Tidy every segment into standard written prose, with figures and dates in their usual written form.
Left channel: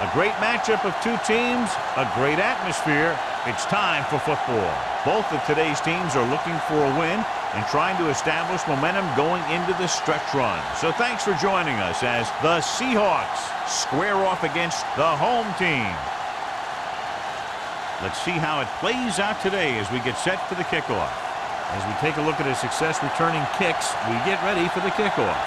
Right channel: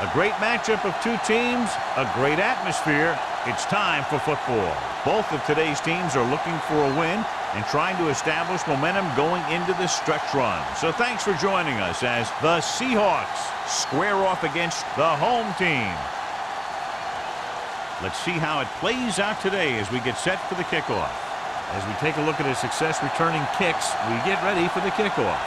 A great matchup of two teams, a great atmosphere. It's time for football. Both of today's teams are looking for a win and trying to establish momentum going into the stretch run. So thanks for joining us as the Seahawks square off against the home team. Let's see how it plays out today as we get set for the kickoff. As we take a look at his success returning kicks, we get ready for the kickoff.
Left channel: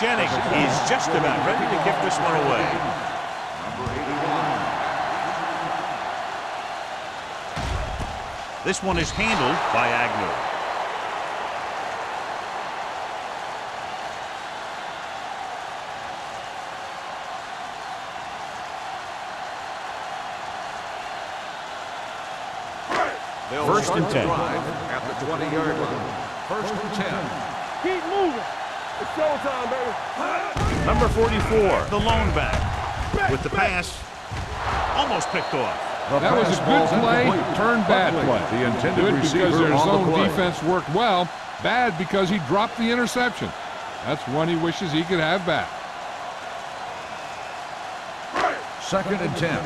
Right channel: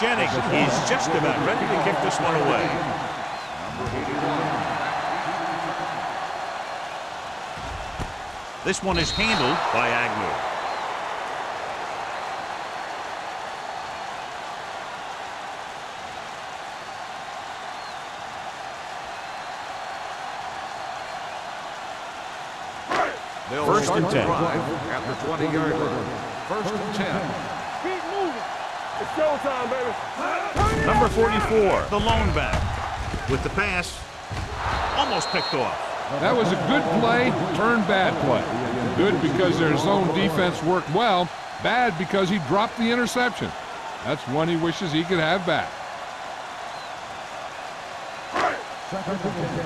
Jennings is just about ready to kick this one away. Number 81. This one is handled by Agnew. First and 10. At the 20-yard line. First and 10. Keep moving. It's showtime, baby. Number 44, the lone back. With the pass, almost picked off. That was a good play, turned bad play. Good because their zone defense worked well. Bad because he dropped the interception. That's one he wishes he could have back. Second and 10.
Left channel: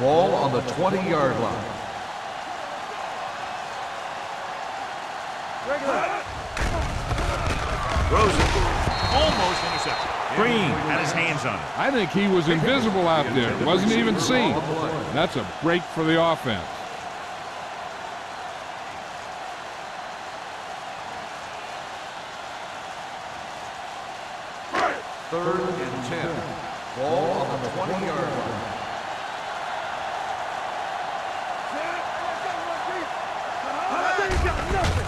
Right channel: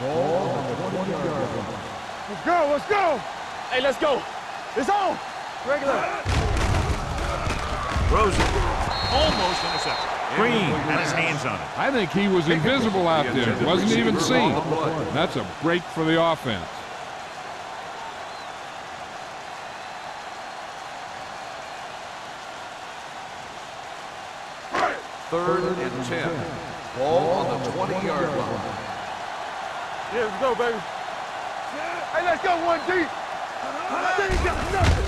Ball on the 20-yard line. Let's go, let's go. Hey, let's go. It's on. Regular. Throws it. Almost intercepted. Green had his hands on it. I think he was invisible out there. Wasn't even seen. That's a break for the offense. Third and 10. Ball on the 20-yard line. Yeah, let's go, baby. Hey, let's go one deep. They ain't got nothing.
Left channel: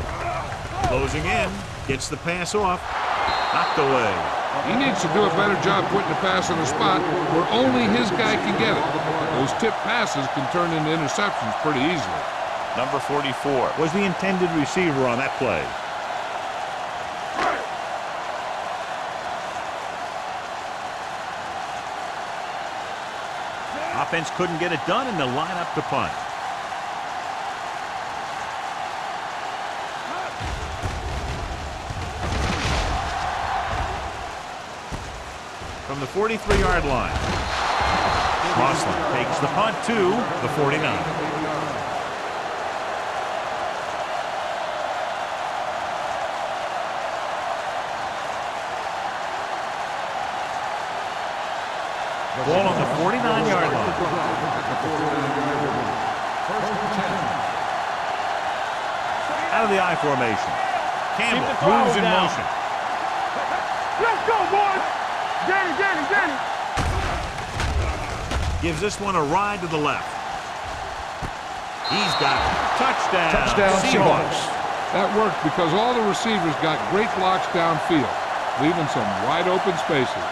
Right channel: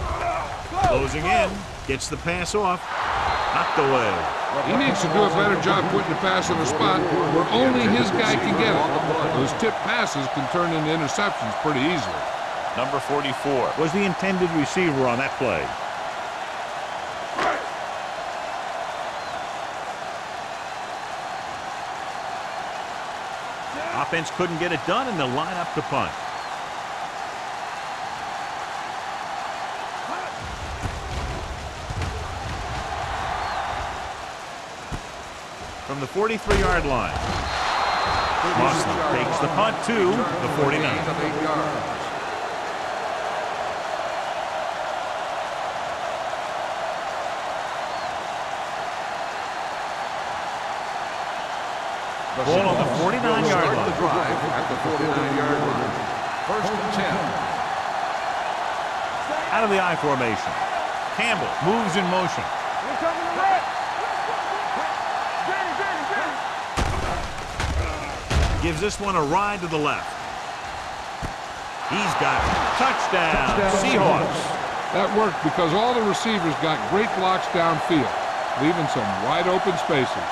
Closing in. Gets the pass off. Knocked away. He needs to do a better job putting the pass in a spot where only his guy can get it. Those tip passes can turn into interceptions pretty easily. Number 44 was the intended receiver on that play. Offense couldn't get it done, and they'll line up to punt. From the 43-yard line, Moslin takes the punt to the 49. Ball on the 49-yard line. The drive at the 49-yard line. First and 10. Out of the I formation. Campbell moves in motion. Let's go, boys. Danny. Gives this one a ride to the left. He's got it. Touchdown Seahawks. That worked because all the receivers got great blocks downfield, leaving some wide open spaces.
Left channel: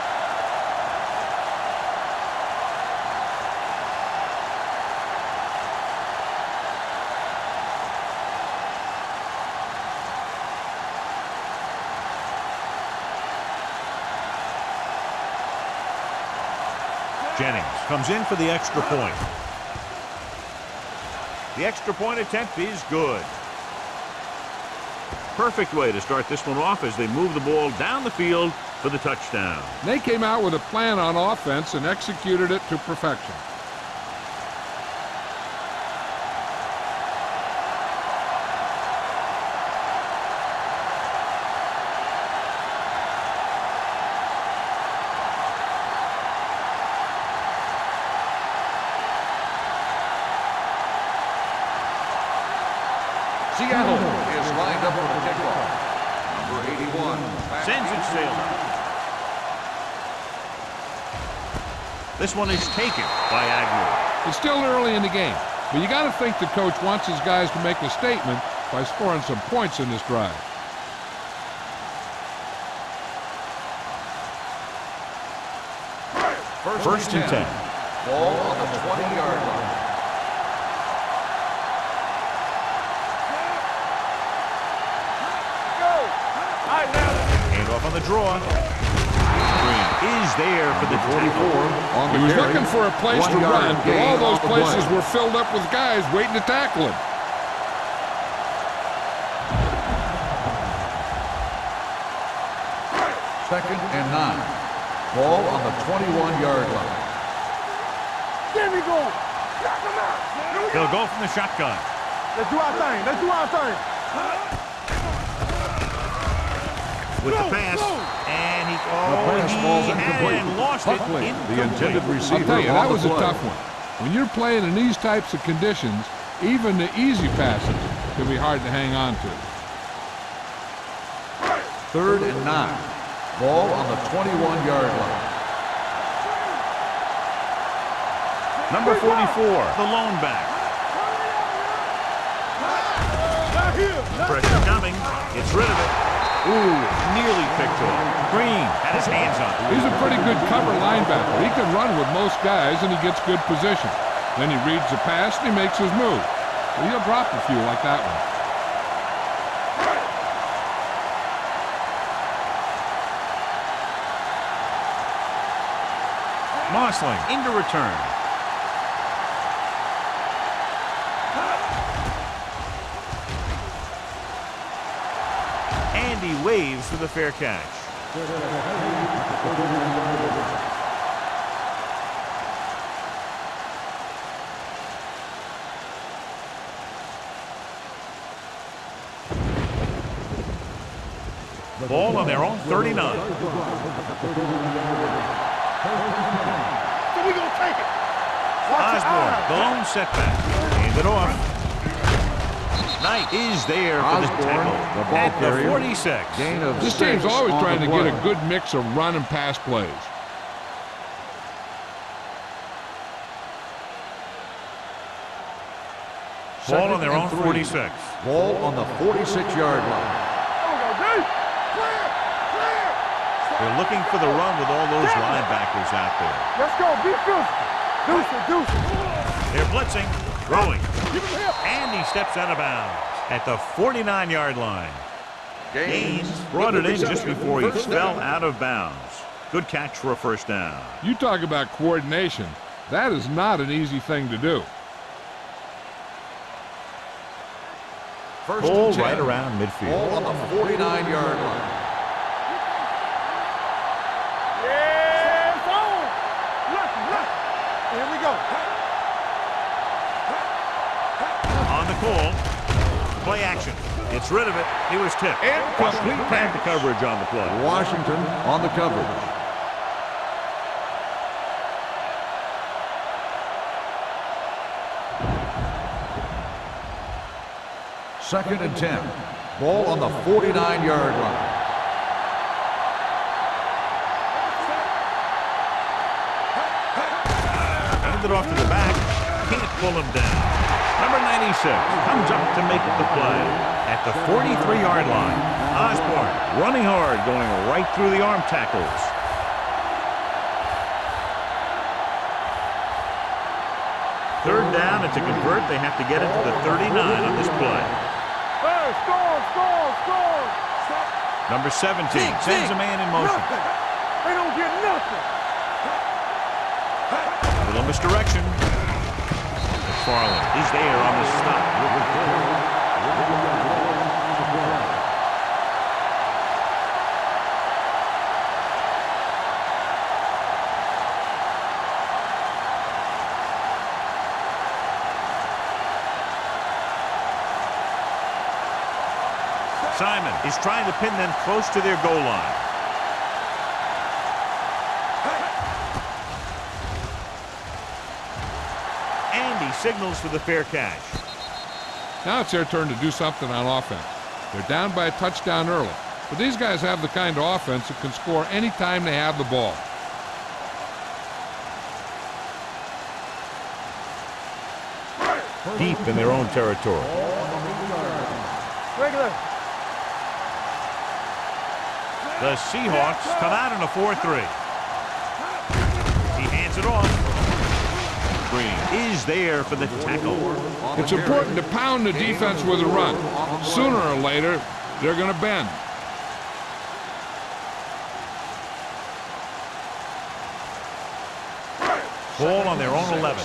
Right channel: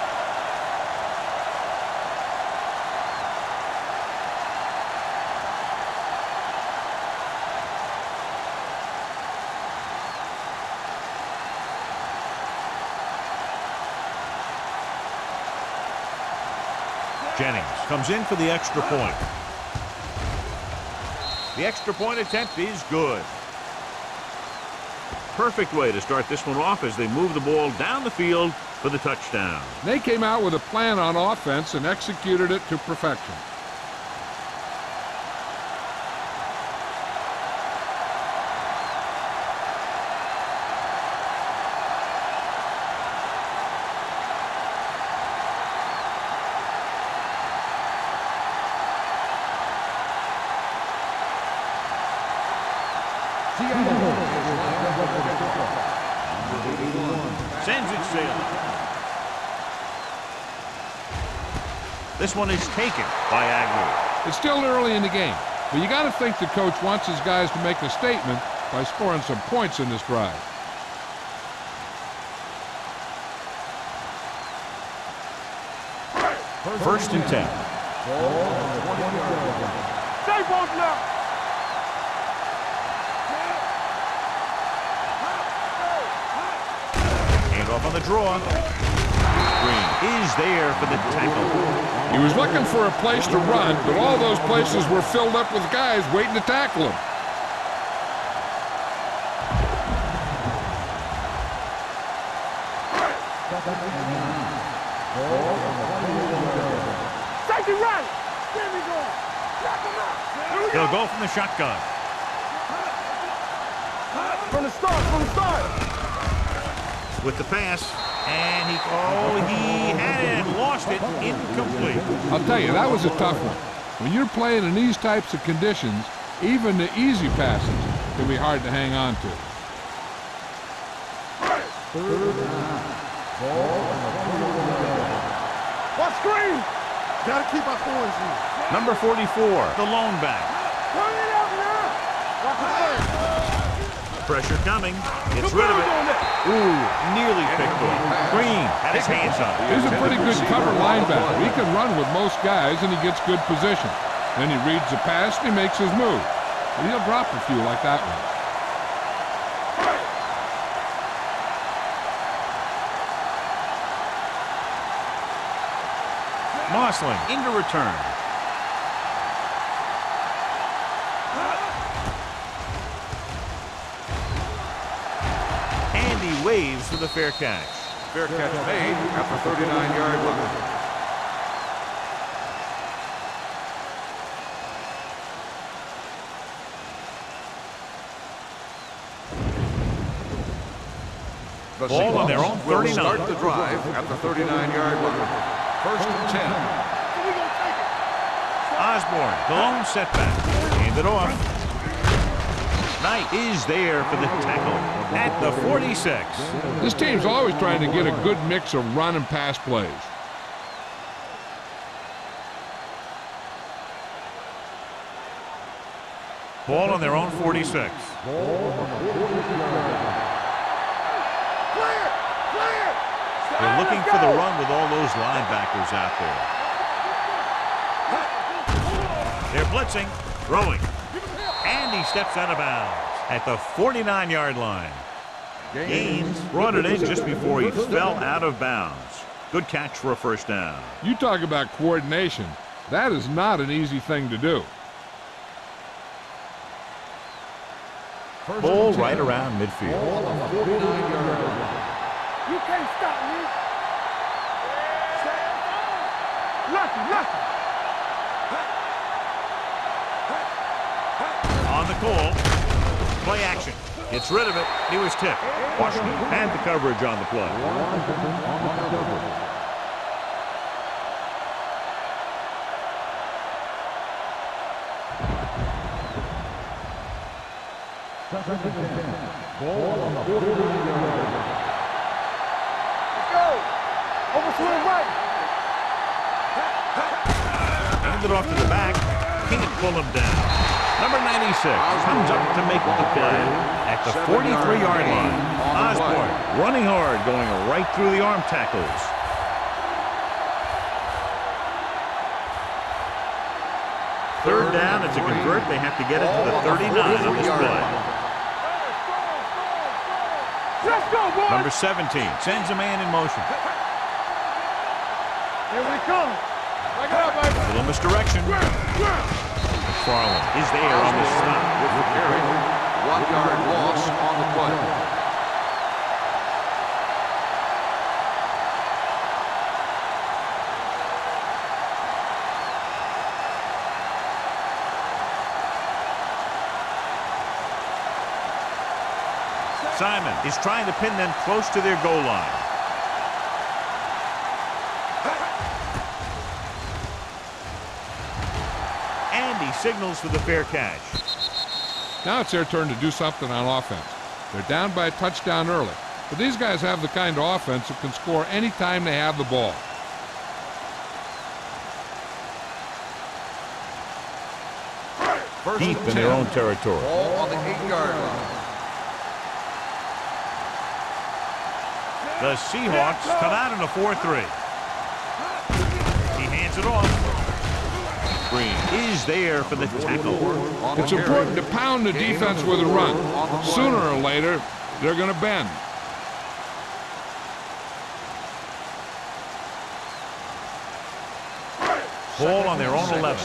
Jennings comes in for the extra point. The extra point attempt is good. Perfect way to start this one off as they move the ball down the field for the touchdown. They came out with a plan on offense and executed it to perfection. Seattle is lined up for the kickoff. Number 81. Sends it sailing. This one is taken by Agnew. It's still early in the game, but you got to think the coach wants his guys to make a statement by scoring some points in this drive. First and 10. Ball on the 20-yard line. Stay both left. Hand off on the draw. Green is there for the tackle. He was looking for a place to run, but all those places were filled up with guys waiting to tackle him. Second and 9. Ball on the 21-yard line. Safety right. There we go. Knock him out. They'll go from the shotgun. Let's do our thing. Let's do our thing. From the start. With the pass, and he had it and lost it, incomplete. I'll tell you, that was a tough one. When you're playing in these types of conditions, even the easy passes can be hard to hang on to. Third and 9. Ball on the 21-yard line. What screen? Gotta keep our points in. Number 44, the lone back. Turn it up now. Pressure coming, gets rid of it. Ooh, nearly picked off. Green had his hands on it. He's a pretty good cover linebacker. He can run with most guys, and he gets good position. Then he reads the pass, and he makes his move. But he'll drop a few like that one. Mossling into return. And he waves for the fair catch. Fair catch made at the 39-yard line. Ball on their own 39. Start the drive at the 39-yard line. First and 10. So we gonna take it. Osborne, the lone setback. Hand it off. Knight is there for the tackle at the 46. This team's always trying to get a good mix of run and pass plays. Ball on their own 46. Ball on the 46-yard line. Clear. They're looking for the run with all those linebackers out there. Let's go. Deuce. They're blitzing, throwing, Give him help. and he steps out of bounds at the 49-yard line. Gaines brought it in just before he fell out of bounds. Good catch for a first down. You talk about coordination. That is not an easy thing to do. First Ball and 10. right around midfield. Ball on the 49-yard line. You can't stop me. Yeah. It's on. Lucky. Here we go. On the call. Play action. Gets rid of it. He was tipped. Washington had the coverage on the play. Washington on the coverage. Second and 10. Ball on the 49-yard line. Hand it off to the back. Can't pull him down. Number 96 comes up to make the play at the 43-yard line. Osborne running hard, going right through the arm tackles. Third down, and to convert, they have to get it to the 39 on this play. Hey, score. Let's go, boys. Number 17 sends a man in motion. They don't get nothing. Here they come. A little misdirection. McFarland is there on the stop. 1-yard loss on the play. Simon is trying to pin them close to their goal line. And he signals for the fair catch. Now it's their turn to do something on offense. They're down by a touchdown early, but these guys have the kind of offense that can score any time they have the ball. Deep in their own territory. Ball on the 8-yard line. Regular. The Seahawks come out in a 4-3. He hands it off. Green is there for the tackle. It's important to pound the defense with a run. Sooner or later, they're going to bend. Ball on their own 11.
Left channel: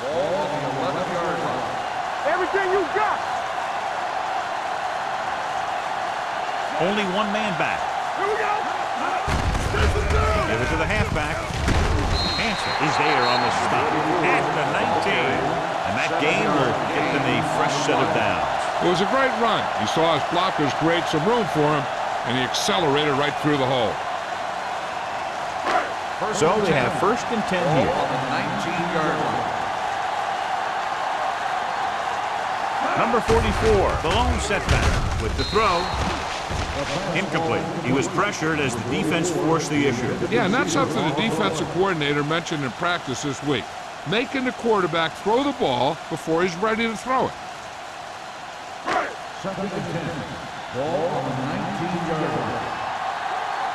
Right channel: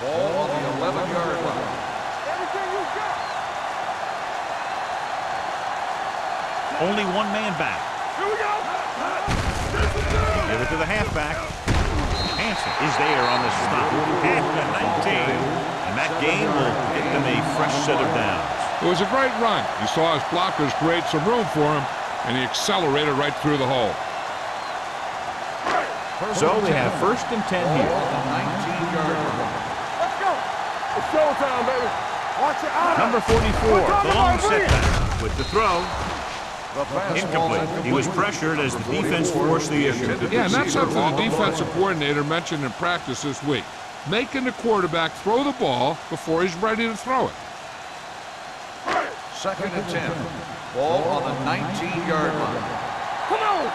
Ball on the 11-yard line. Everything you got. Only one man back. Here we go. Give it to the halfback. Hansen is there on the stop at the 19. And that game will get them a fresh set of downs. It was a great run. He saw his blockers create some room for him, and he accelerated right through the hole. So they have 1st and 10 Ball here. on the 19-yard line. It's showtime, baby. Watch your eyes. Number 44, the lone setback with the throw. Incomplete. He was pressured as the defense forced the issue. Yeah, and that's something the defensive coordinator mentioned in practice this week. Making the quarterback throw the ball before he's ready to throw it. 2nd and 10. Ball on the 19-yard line. Come on.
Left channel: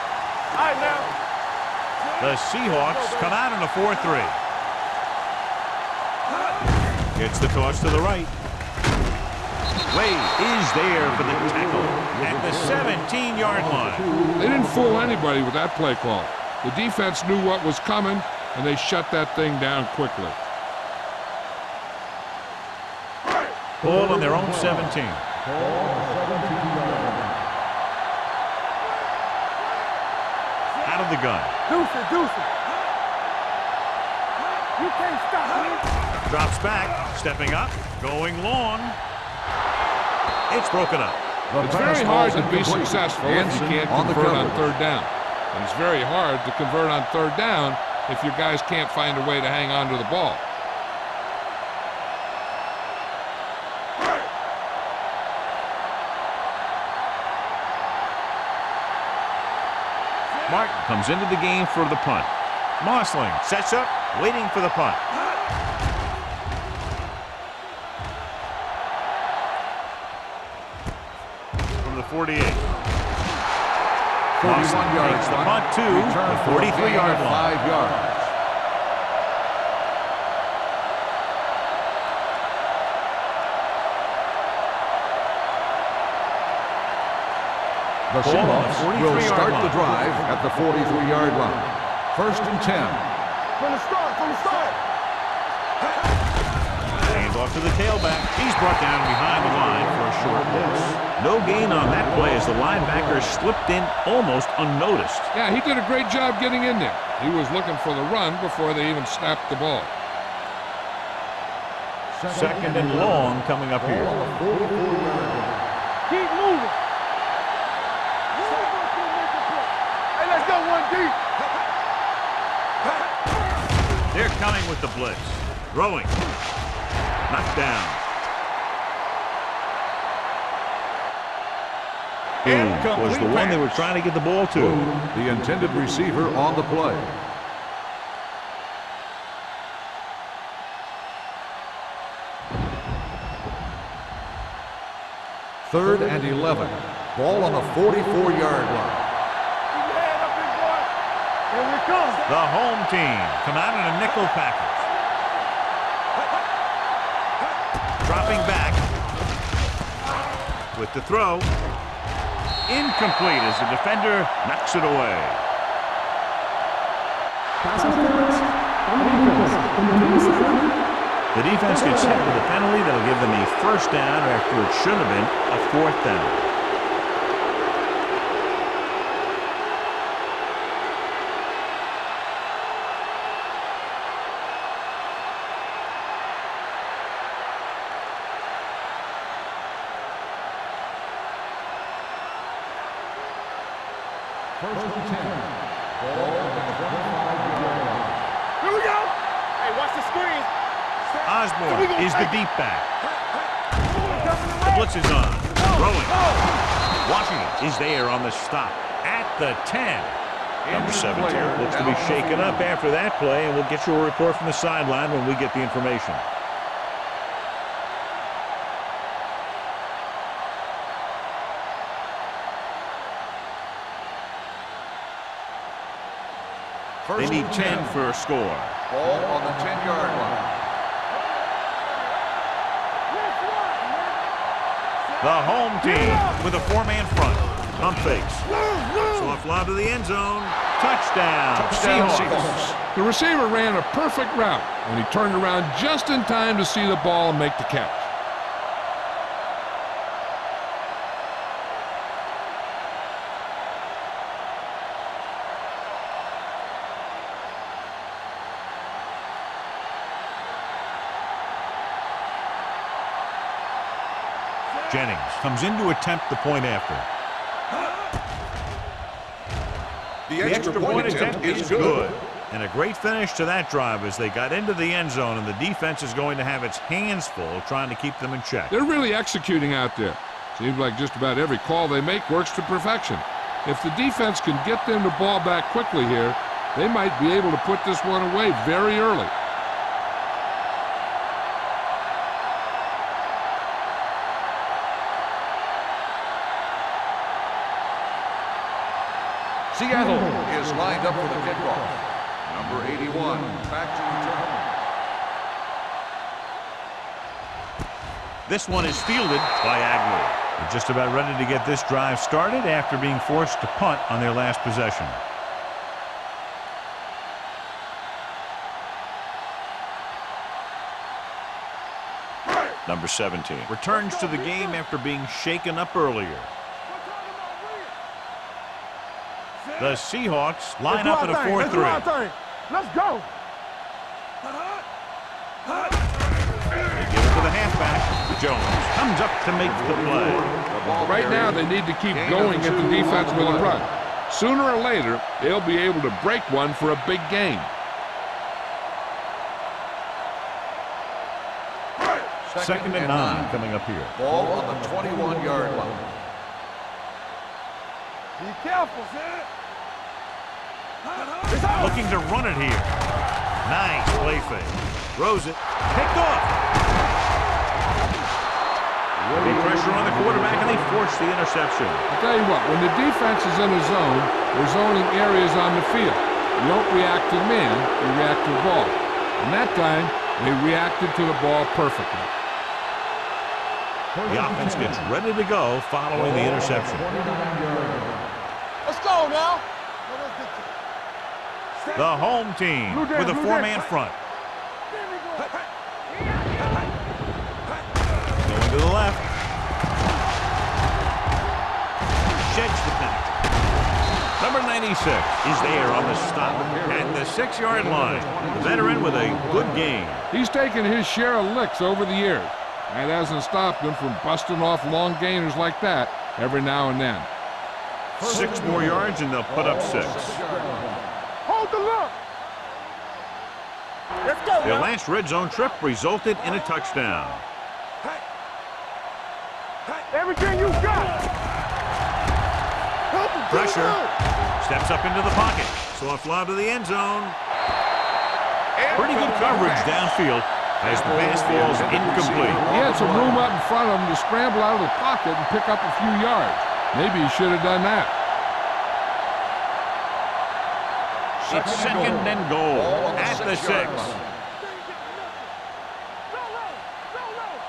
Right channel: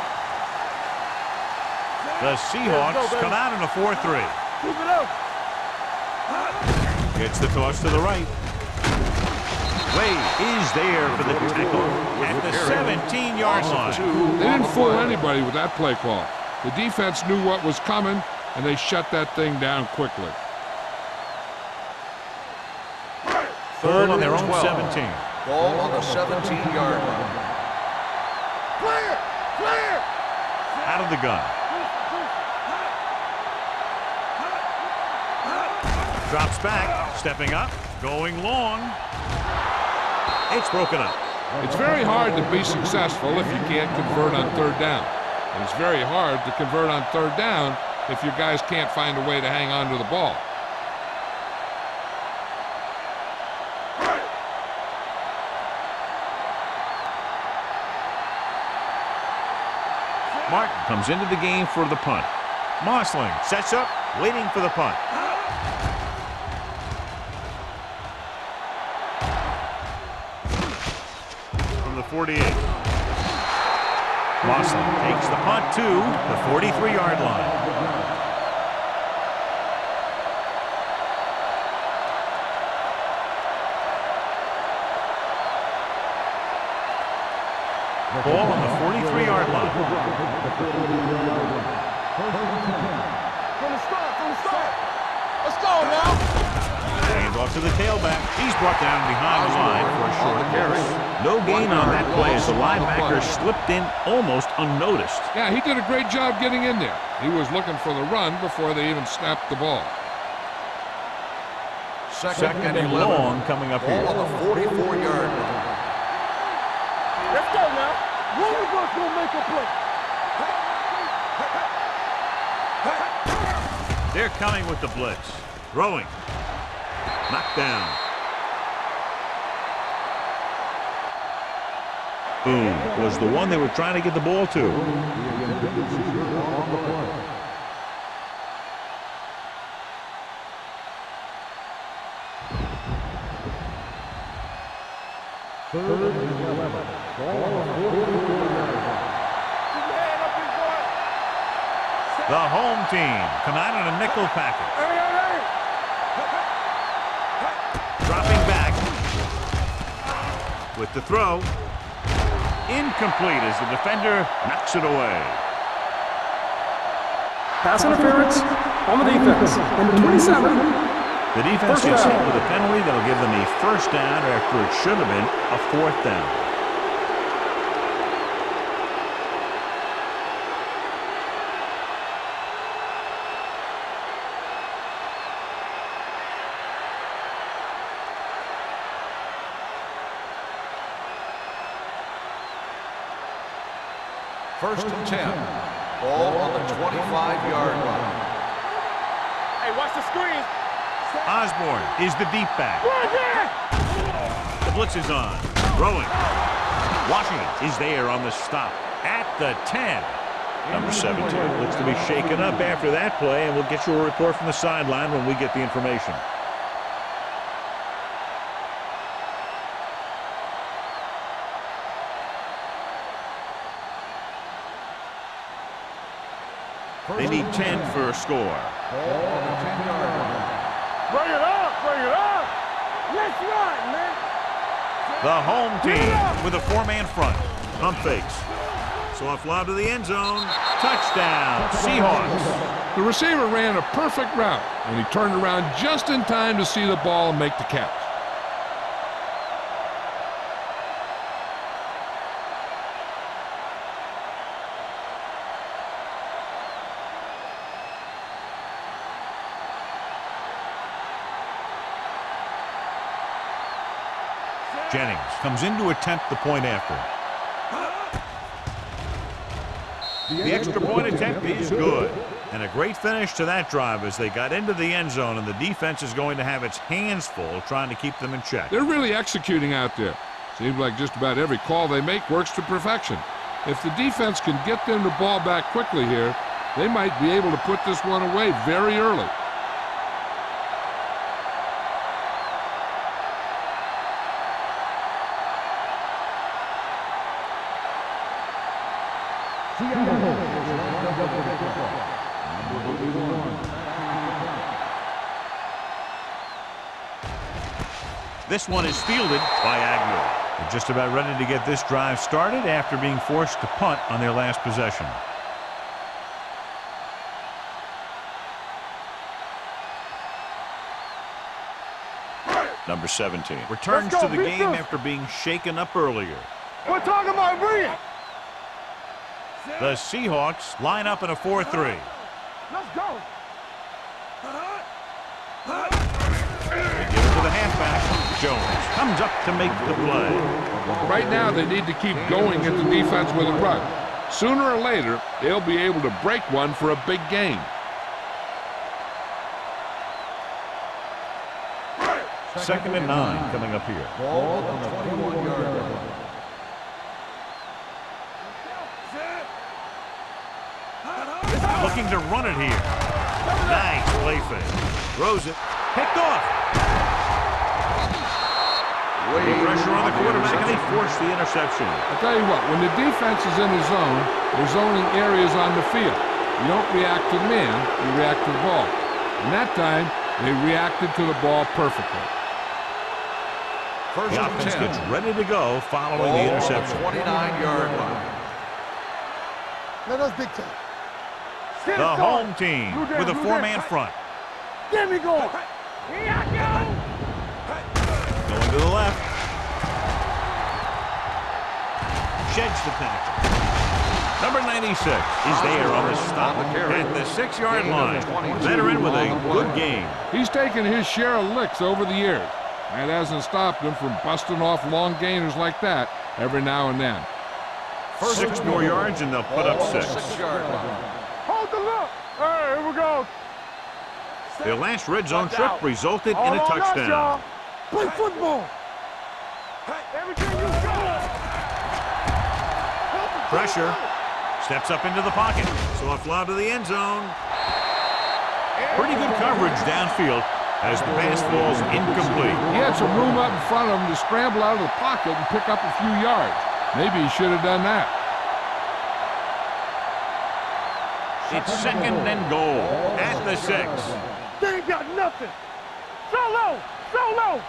All right, now. The Seahawks come out in a 4-3. Keep it up. Gets the toss to the right. Wade is there for the tackle at the 17-yard line. They didn't fool anybody with that play call. The defense knew what was coming, and they shut that thing down quickly. Ball on their own 17. Ball on the 17-yard line. Clear. Clear. Out of the gun. Deuce it. You can't stop. Drops back. Stepping up. Going long. It's broken up. It's very hard to be successful if you can't convert on 3rd down. And it's very hard to convert on 3rd down if your guys can't find a way to hang on to the ball. Martin comes into the game for the punt. Mossling sets up, waiting for the punt. From the 48. Mossling takes the punt to the 43-yard line. 5 yards. The Ball on the Seahawks 43-yard will start line. the drive at the 43-yard line. 1st and 10. From the start. Let's go. Hands off to the tailback. He's brought down behind the line for a short loss. No gain on that play as the linebacker slipped in almost unnoticed. Yeah, he did a great job getting in there. He was looking for the run before they even snapped the ball. 2nd and long coming up here. Ball on the 44-yard line. Keep moving. Let's go now. One of us gonna make a play. And let's go one deep. They're coming with the blitz. Throwing. Knocked down. Boom was the one they were trying to get the ball to. The intended receiver on the play. Third and 11. Ball on the 44-yard line. Keep your head up, big boy. Here we come. The home team come out in a nickel package. Hey. Dropping back with the throw. Incomplete as the defender knocks it away. Pass interference on the defense. Number 27. The defense gets hit with a penalty that'll give them a 1st down after it should have been a 4th down. First and 10. Ball on the 25-yard line. Here we go. Hey, watch the screen. Osborne is the deep back. The blitz is on. Throwing. Washington is there on the stop at the 10. Number 17 looks to be shaken up after that play, and we'll get you a report from the sideline when we get the information. They need 10 for a score. Ball on the 10-yard line. Bring it up. Let's run, man. The home team with a 4-man front. Pump fakes. Soft lob to the end zone. Touchdown, Seahawks. The receiver ran a perfect route, and he turned around just in time to see the ball and make the catch. Jennings comes in to attempt the point after. The extra point attempt is good. And a great finish to that drive as they got into the end zone, and the defense is going to have its hands full trying to keep them in check. They're really executing out there. Seems like just about every call they make works to perfection. If the defense can get them the ball back quickly here, they might be able to put this one away very early. Seattle is lined up for the kickoff. Number 81, back to return. This one is fielded by Agnew. They're just about ready to get this drive started after being forced to punt on their last possession. Number 17 returns to the game after being shaken up earlier. We're talking about Bree. The Seahawks line up in a 4-3. Let's go. They give it to the halfback. Jones comes up to make the play. Right now, they need to keep going at the defense with a run. Sooner or later, they'll be able to break one for a big gain. Second and 9 coming up here. Ball on the 21-yard line. Be careful, Zed. Looking to run it here. Nice play fake. Throws it. Picked off. Heavy pressure on the quarterback, and they force the interception. I'll tell you what, when the defense is in a zone, they're zoning areas on the field. You don't react to the man, you react to the ball. And that time, they reacted to the ball perfectly. The offense gets ready to go following the interception. 29-yard line. Let's go now. Let us dictate. The home team with a four-man front. There we go. Going to the left. Sheds the penalty. Number 96 is there on the stop at the 6-yard line. The veteran with a good game. He's taken his share of licks over the years. That hasn't stopped him from busting off long gainers like that every now and then. 6 more yards and they'll put up 6. 6-yard line. Hold the look. All right, here we go. Let's go. Their last red zone trip resulted in a touchdown. Play football. Everything you got. Pressure. Steps up into the pocket. Soft lob to the end zone. Pretty good coverage downfield as the pass falls incomplete. He had some room up in front of him to scramble out of the pocket and pick up a few yards. Maybe he should have done that. It's second and goal at the 6. They ain't got nothing. So low. So low.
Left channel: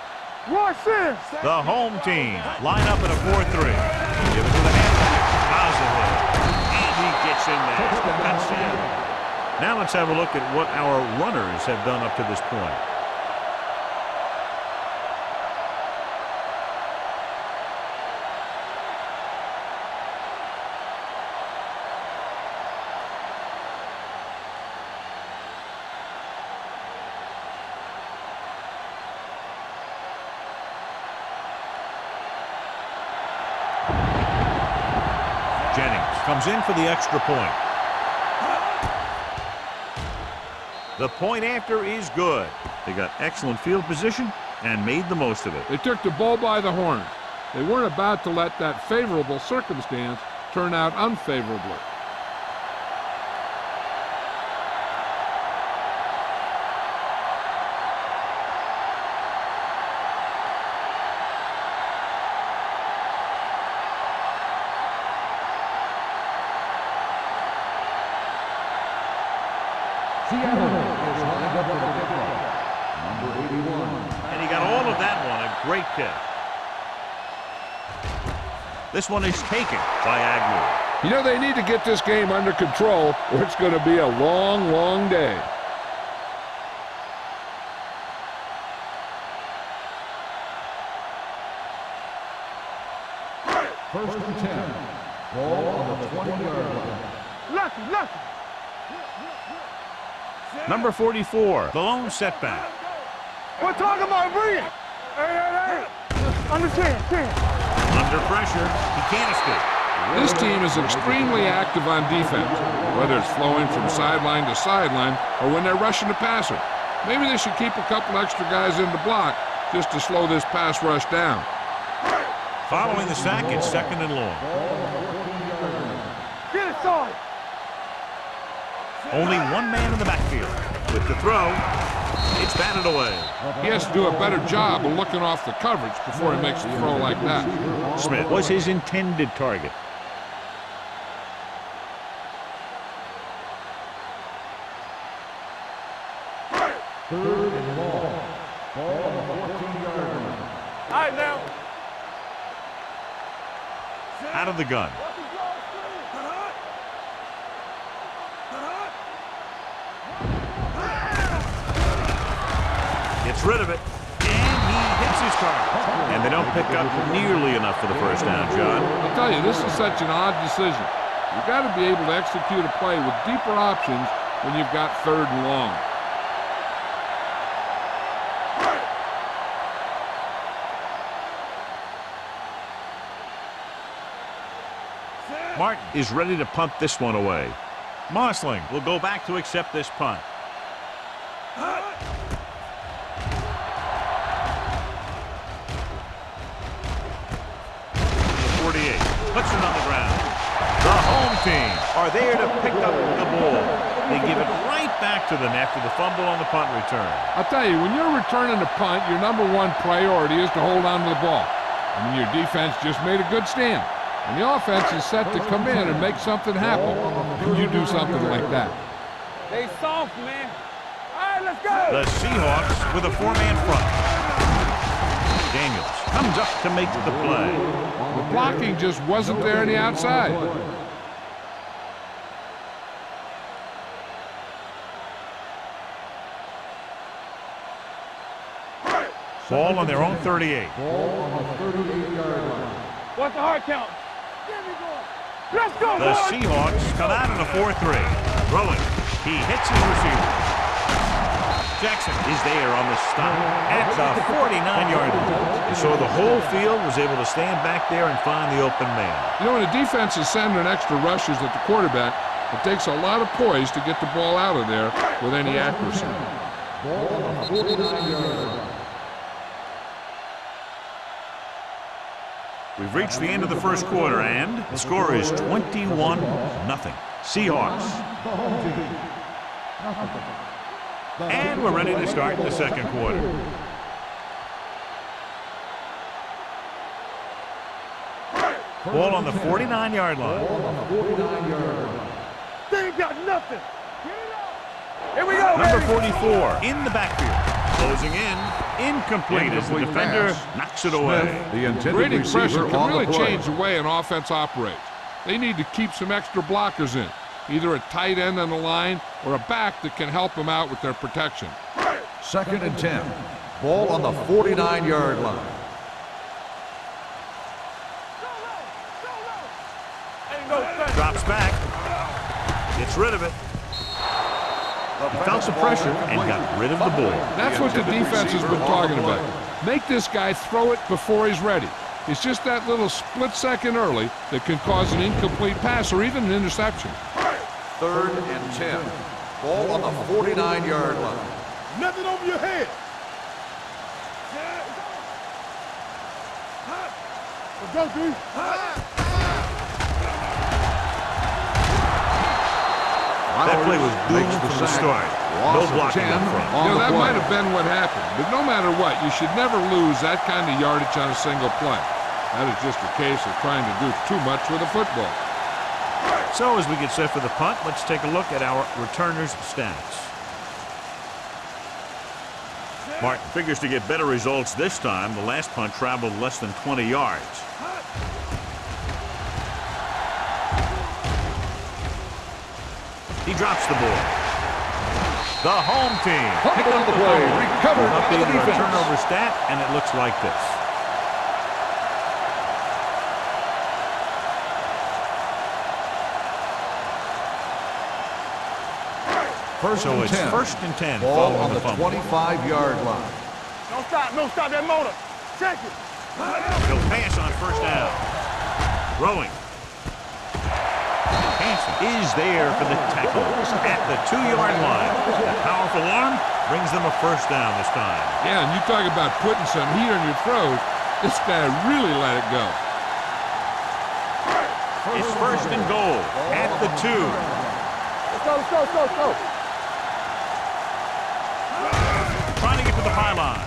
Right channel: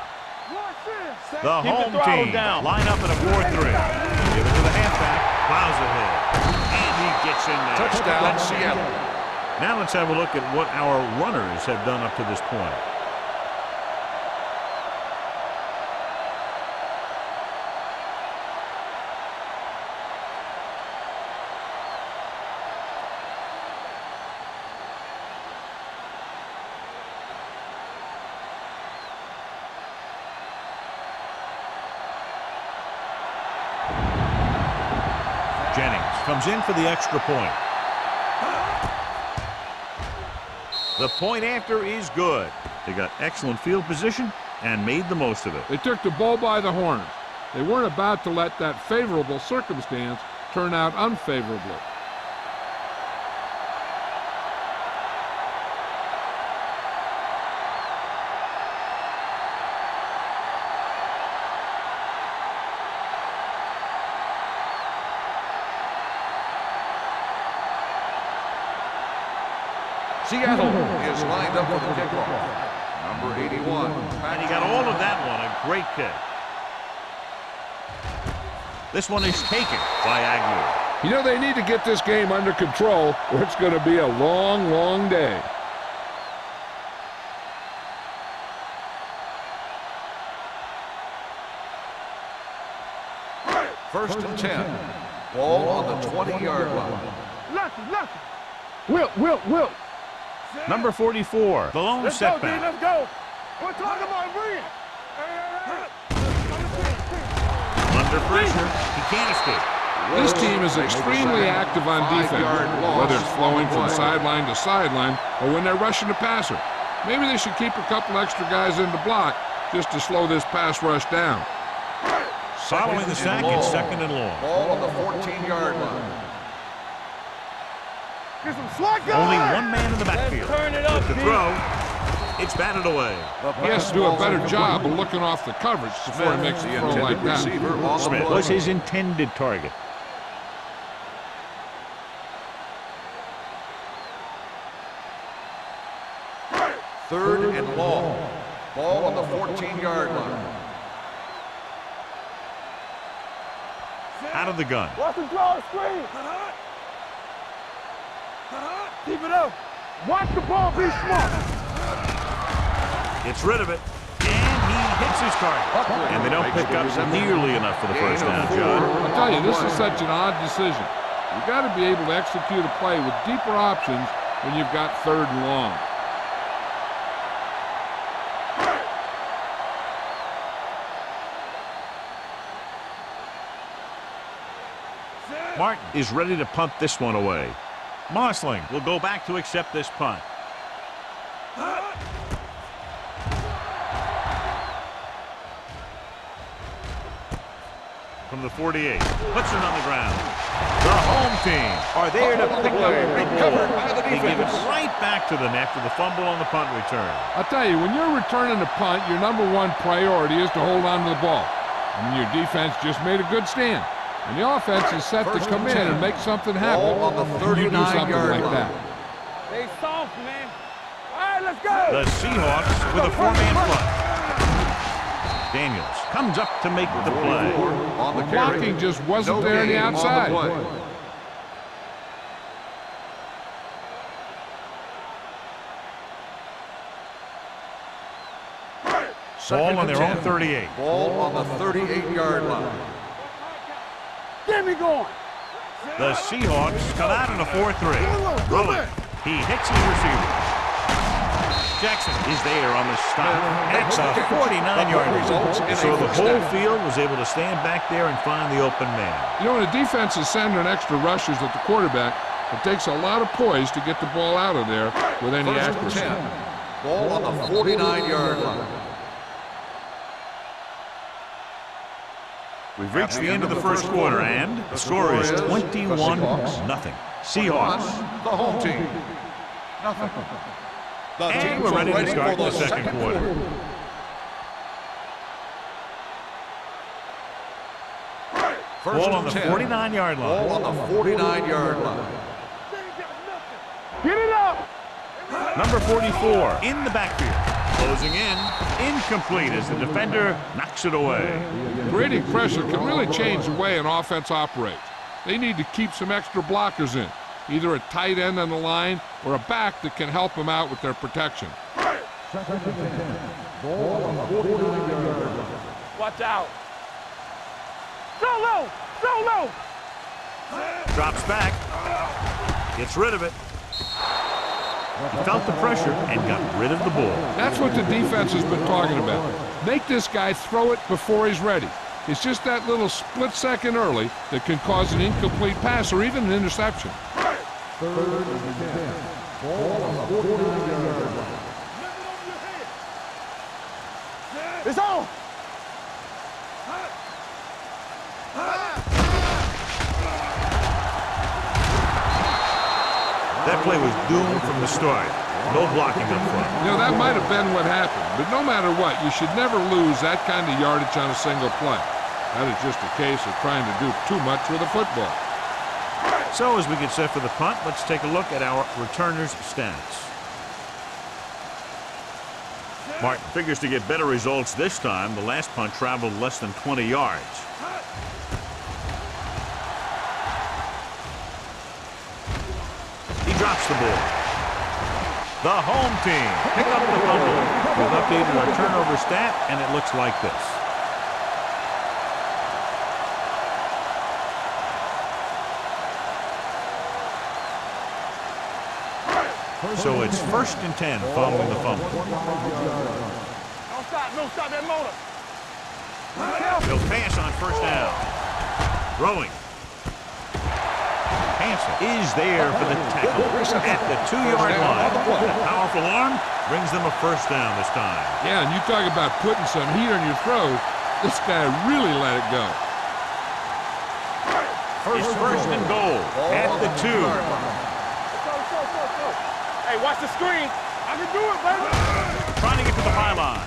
Watch this. The home team line up in a 4-3. Give it to the halfback. Plows ahead. And he gets in there. Touchdown. Now let's have a look at what our runners have done up to this point. Jennings comes in for the extra point. The point after is good. They got excellent field position and made the most of it. They took the bull by the horns. They weren't about to let that favorable circumstance turn out unfavorably. Seattle is lined up for the kickoff. Number 81. And he got all of that one, a great kick. This one is taken by Agnew. You know, they need to get this game under control, or it's going to be a long, long day. First and 10. Ball on the 20-yard line. Lucky. Wilt. Number 44, the lone setback. Let's go. We're talking about bringing. Hey. Under pressure, he can't escape. This team is extremely active on defense, whether it's flowing from sideline to sideline or when they're rushing the passer. Maybe they should keep a couple extra guys in the block just to slow this pass rush down. Following the sack, it's second and long. Ball on the 14-yard line. Get it, son. Get some slack. Only one man in the backfield. With the throw, it's batted away. He has to do a better job of looking off the coverage before he makes a throw like that. Smith was his intended target. Third and long. Ball on the 14-yard line. All right, now. Out of the gun. Watch him draw a screen. Keep it up. Watch the ball. Gets rid of it. And he hits his target. And they don't pick up nearly enough for the first down, John. I'll tell you, this is such an odd decision. You've got to be able to execute a play with deeper options when you've got third and long. Martin is ready to punt this one away. Mossling will go back to accept this punt. From the 48, puts it on the ground. The home team are there to pick up the ball. They give it right back to them after the fumble on the punt return. I'll tell you, when you're returning a punt, your number one priority is to hold on to the ball. I mean, your defense just made a good stand. And the offense is set to come in and make something happen. And you do something like that. They soft, man. All right, let's go. The Seahawks with a four-man front. Daniels comes up to make the play. The blocking just wasn't there on the outside. Ball on their own 38. Ball on the 38-yard line. What's the hard count? Get me going. Let's go. The Seahawks come out in a 4-3. Rolling. He hits his receiver. Jackson is there on the stop. That's a 49-yard line. So the whole field was able to stand back there and find the open man. You know, when a defense is sending extra rushers at the quarterback, it takes a lot of poise to get the ball out of there with any accuracy. Ball on the 49-yard line. We've reached the end of the first quarter, and the score is 21-0. Seahawks. The home team. Nothing. And we're ready to start the second quarter. Ball on the 49-yard line. Ball on the 49-yard line. They ain't got nothing. Get it up. Here we go. Number 44 in the backfield. Closing in. Incomplete as the defender knocks it away. Creating pressure can really change the way an offense operates. They need to keep some extra blockers in, either a tight end on the line or a back that can help them out with their protection. Second and 10. Ball on the 49-yard line. Watch out. Go low. Drops back. Gets rid of it. He felt the pressure and got rid of the ball. That's what the defense has been talking about. Make this guy throw it before he's ready. It's just that little split second early that can cause an incomplete pass or even an interception. Third and 10. Ball on the 49-yard line. Nothing over your head. It's on. Let's go, D. That play was doomed from the start. No blocking up front. You know, that might have been what happened, but no matter what, you should never lose that kind of yardage on a single play. That is just a case of trying to do too much with a football. So as we get set for the punt, let's take a look at our returners' stats. Martin figures to get better results this time. The last punt traveled less than 20 yards. drops the ball. The home team pick up the fumble. We've updated our turnover stat, and it looks like this. So it's 1st and 10 following the fumble. 25-yard line. No stop that motor. Check it. He'll pass on 1st down. Throwing. Hansen is there for the tackle at the 2-yard line. That powerful arm brings them a 1st down this time. Yeah, and you talk about putting some heat on your throws. This guy really let it go. It's 1st and goal at the 2. Let's go. Hey, watch the screen. I can do it, baby. Trying to get to the pylon.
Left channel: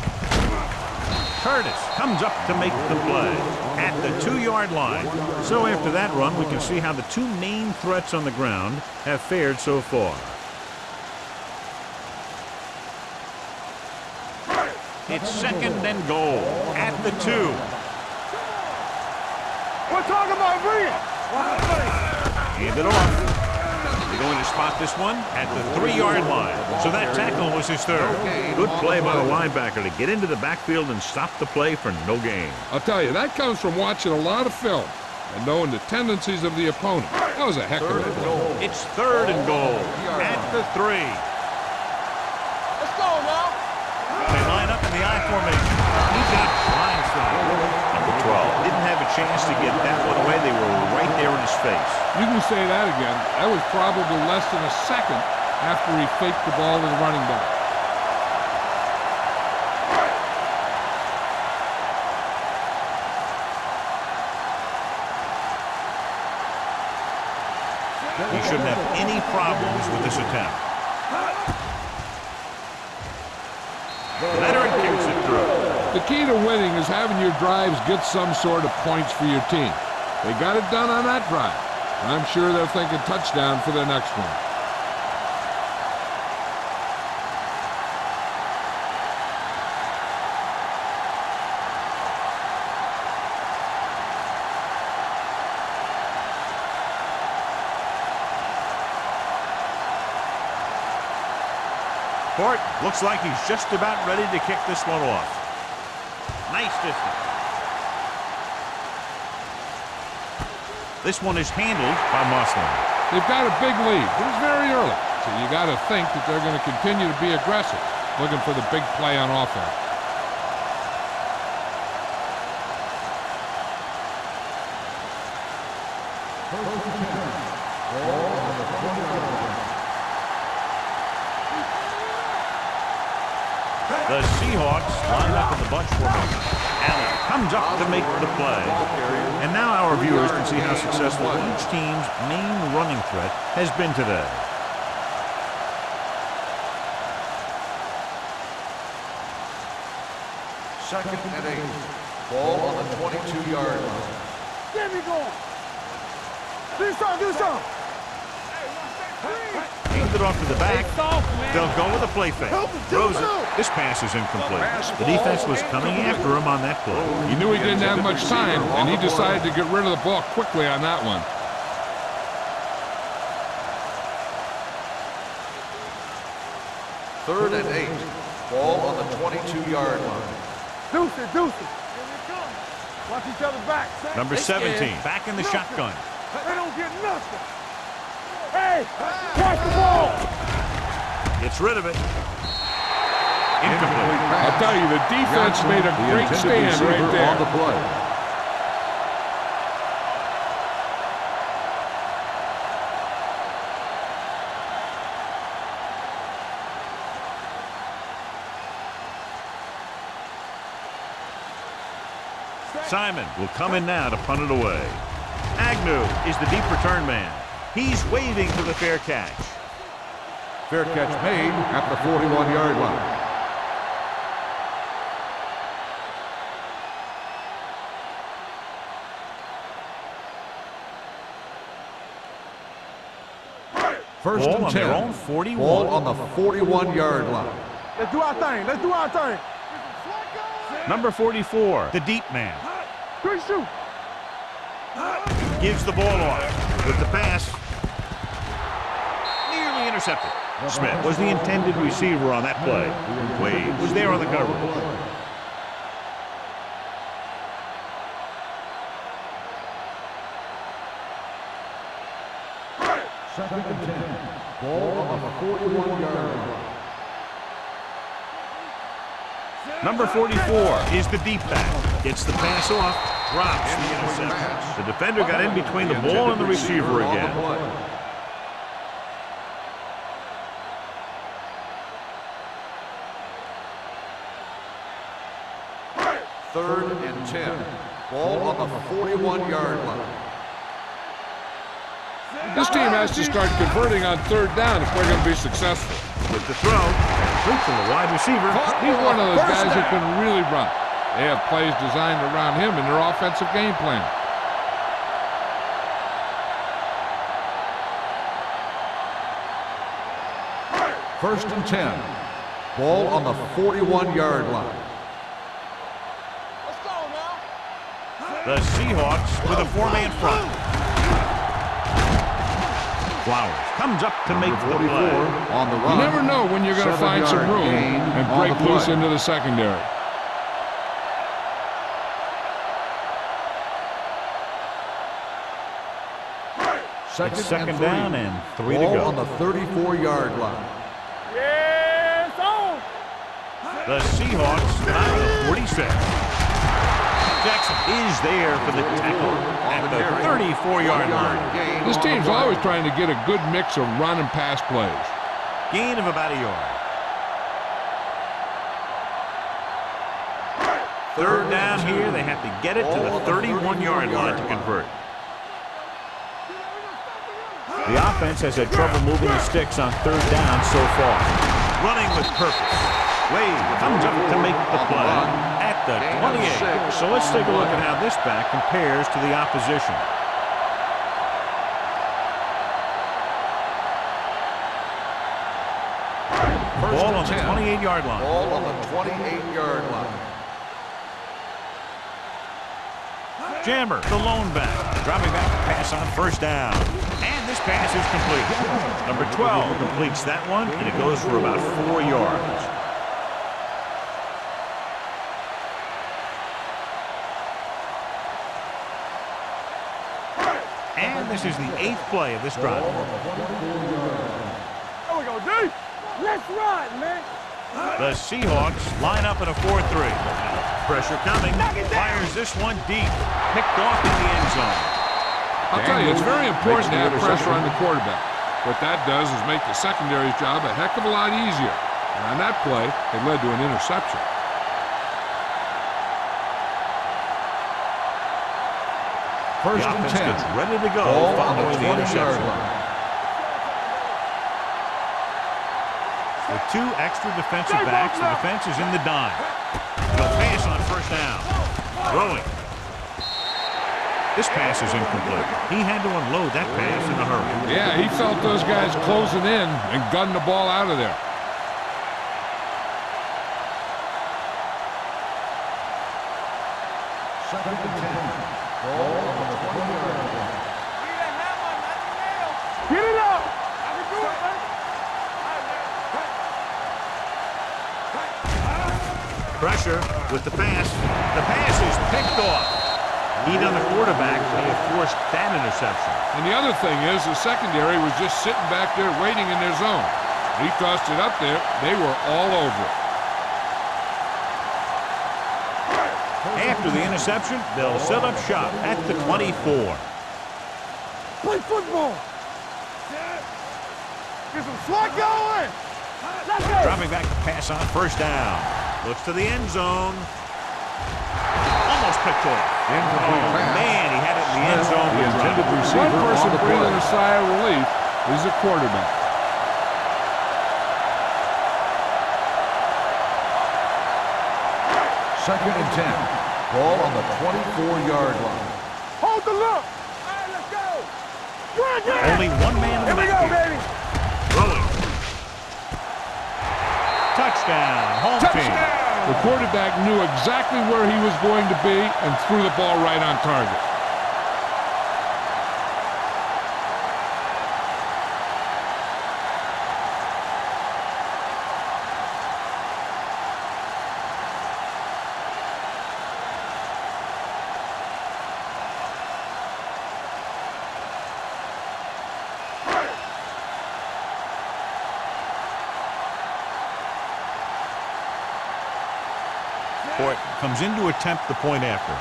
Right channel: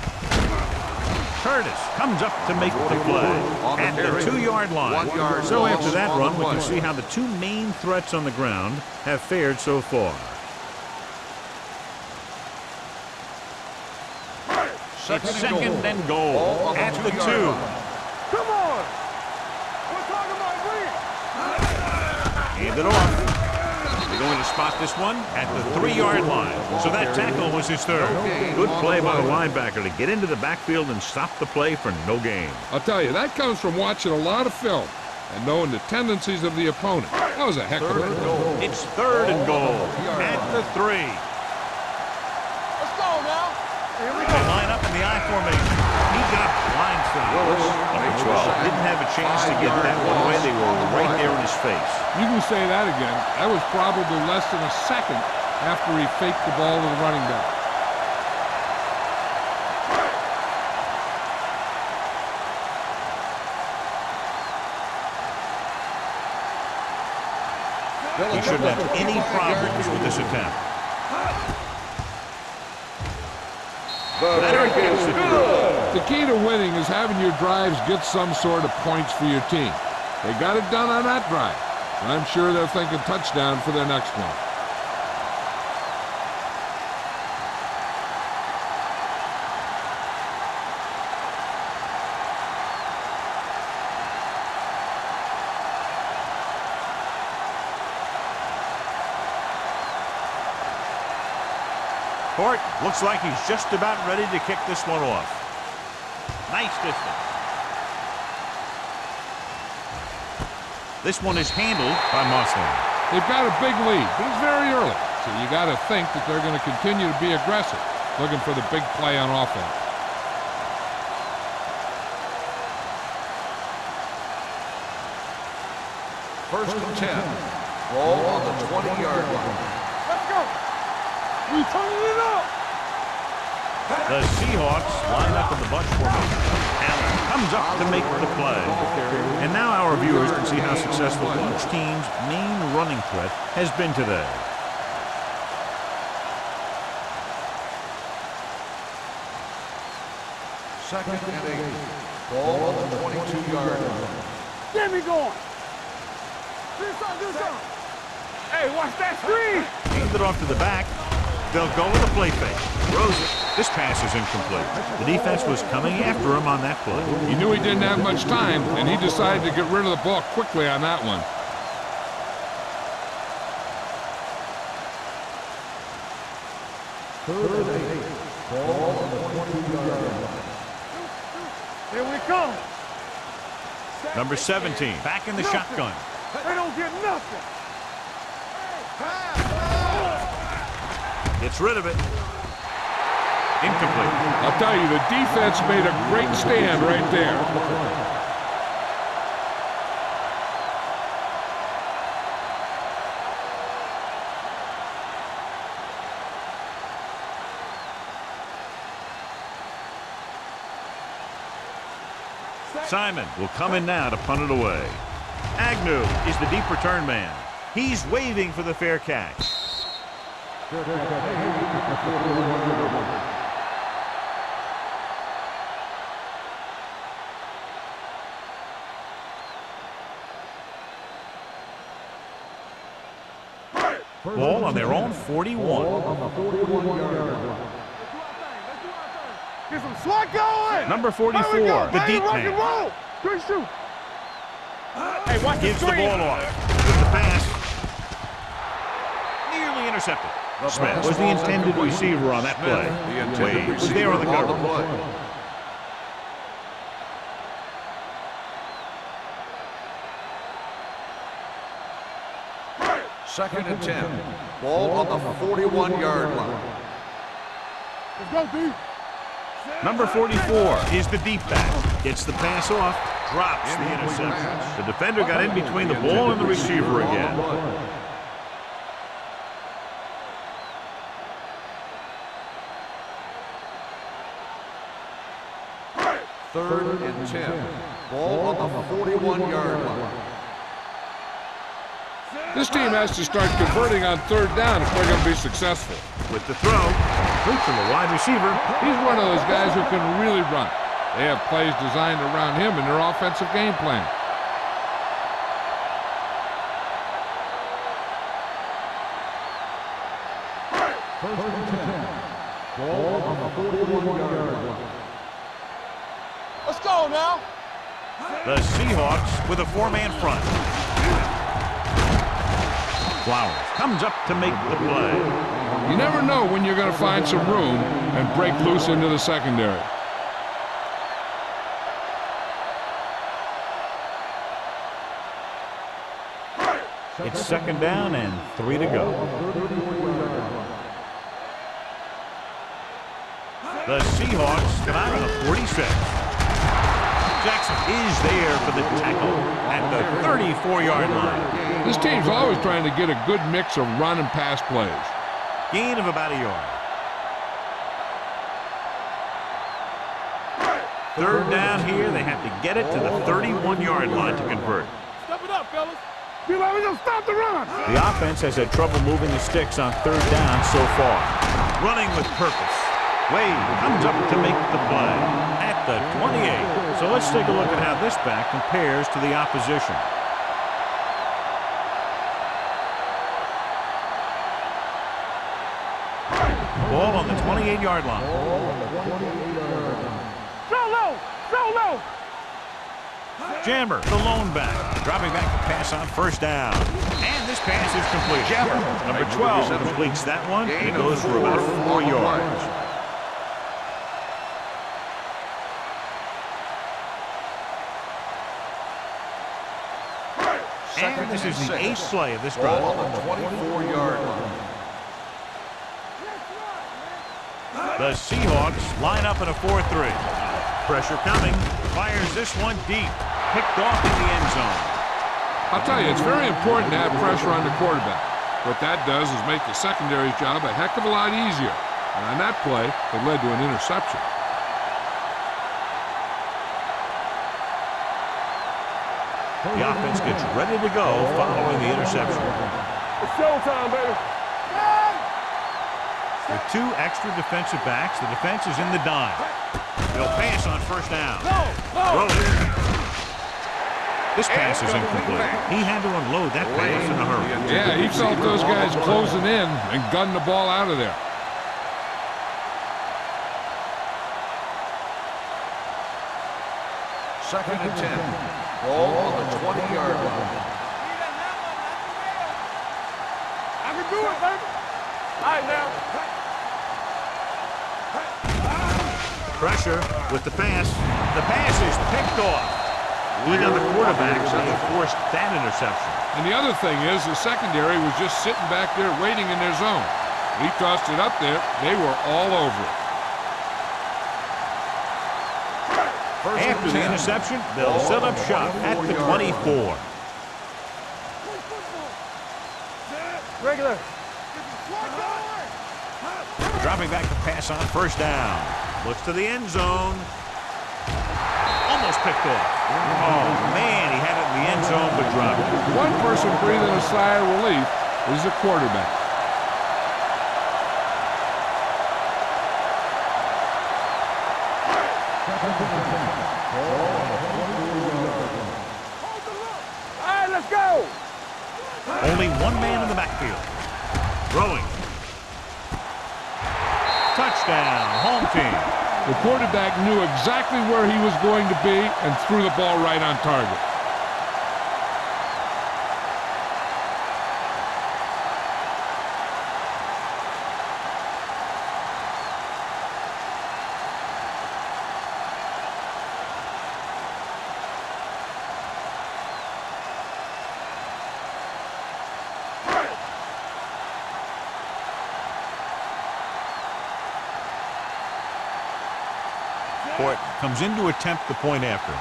Curtis comes up to make the play at the 2-yard line. So after that run, we can see how the two main threats on the ground have fared so far. It's 2nd and goal at the 2. Come on. We're talking about bringing. Hand it off. They're going to spot this one at the 3-yard line. So that tackle was his 3rd. Good play by the linebacker to get into the backfield and stop the play for no gain. I'll tell you, that comes from watching a lot of film and knowing the tendencies of the opponent. That was a heck of a play. It's 3rd and goal at the 3. Let's go now. They line up in the I formation. He got blindsided. Number 12 didn't have a chance to get that one away. They were right there in his face. You can say that again. That was probably less than a second after he faked the ball to the running back. He shouldn't have any problems with this attempt. Leonard gets it through. The key to winning is having your drives get some sort of points for your team. They got it done on that drive. And I'm sure they're thinking touchdown for their next one. Horton looks like he's just about ready to kick this one off. Nice distance. This one is handled by Moslin. They've got a big lead, but it's very early. So you got to think that they're going to continue to be aggressive, looking for the big play on offense. First and 10. Ball on the 20-yard line. Let's go. We turning it up. The Seahawks line up in the bunch formation. Allen comes up to make the play. And now our viewers can see how successful each team's main running threat has been today. Second and 8. Ball on the 22-yard line. Get me going. Do something. Hey, watch that screen. Hand it off to the back. They'll go with a play fake. Throws it. This pass is incomplete. The defense was coming after him on that play. He knew he didn't have much time, and he decided to get rid of the ball quickly on that one. Third and 8. Ball on the 22-yard line. Deuce it. Here we come. Watch each other back. Set. Number 17, back in the shotgun. They don't get nothing. Hey. Gets rid of it. Incomplete. I'll tell you, the defense made a great stand right there. Simon will come in now to punt it away. Agnew is the deep return man. He's waving for the fair catch. Fair catch made at the 41-yard line. Ball on their own 41. Ball on the 41-yard line. Let's do our thing. Get some swat going. Number 44, the deep man. Good shoot. Gives the ball off with the pass. Nearly Nearly intercepted. Smith was the intended receiver on that play. Wade was there on the coverage. Second and 10. Ball on the 41-yard line. Let's go, D. Number 44 is the deep back. Gets the pass off, drops the interception. The defender got in between the ball and the receiver again. Third and 10. Ball on the 41-yard line. This team has to start converting on third down if they're going to be successful. With the throw, complete to the wide receiver. He's one of those guys who can really run. They have plays designed around him in their offensive game plan. First and 10. Ball on the 41-yard line. Let's go now. The Seahawks with a four-man front. Flowers comes up to make the play. You never know when you're going to find some room and break loose into the secondary. It's second down and 3 to Ball on go. the 34-yard line. Yes, on. The Seahawks come out of the 46. Jackson is there for the tackle at the 34-yard line. This team's always trying to get a good mix of run and pass plays. Gain of about a yard. Third down here. They have to get it to the 31-yard line to convert. Step it up, fellas. Be like, we gonna stop the runner. The offense has had trouble moving the sticks on third down so far. Running with purpose. Wade comes up to make the play at the 28. So let's take a look at how this back compares to the opposition. Ball on the 28-yard line. Ball on the 28-yard line. Go low. Go low. Jammer, the lone back, dropping back to pass on first down. And this pass is completed. Number 12 completes that one, and it goes for about 4 yards. And this is the 8th play of this drive. Ball on the 24-yard line. There we go, D. Let's run, man. The Seahawks line up in a 4-3. Pressure coming. Fires this one deep. Picked off in the end zone. I'll tell you, it's very important to have pressure on the quarterback. What that does is make the secondary's job a heck of a lot easier. And on that play, it led to an interception. The offense gets ready to go following the interception. It's showtime, baby. With 2 extra defensive backs, the defense is in the dime. They'll pass on first down. Rolling. This pass is incomplete. He had to unload that pass in a hurry. Yeah, he felt those guys closing in and gunned the ball out of there. Second and 10. Ball on the 20-yard line. Need a hammer, not the nail. Get it up. I can do it, baby. All right, now. Pressure with the pass. The pass is picked off. Heat on the quarterback may have forced that interception. And the other thing is the secondary was just sitting back there waiting in their zone. When he tossed it up there, they were all over it. After the interception, they'll set up shop at the 24. Play football. Regular. Get some swat going. Dropping back to pass on first down. Looks to the end zone. Almost picked off. Oh, man, he had it in the end zone, but dropped it. One person breathing a sigh of relief is the quarterback. Second and 10. Ball on the 24-yard line. Hold the look. All right, let's go. Only one man in the backfield. Throwing. Touchdown, home team. The quarterback knew exactly where he was going to be and threw the ball right on target. comes in to attempt the point after.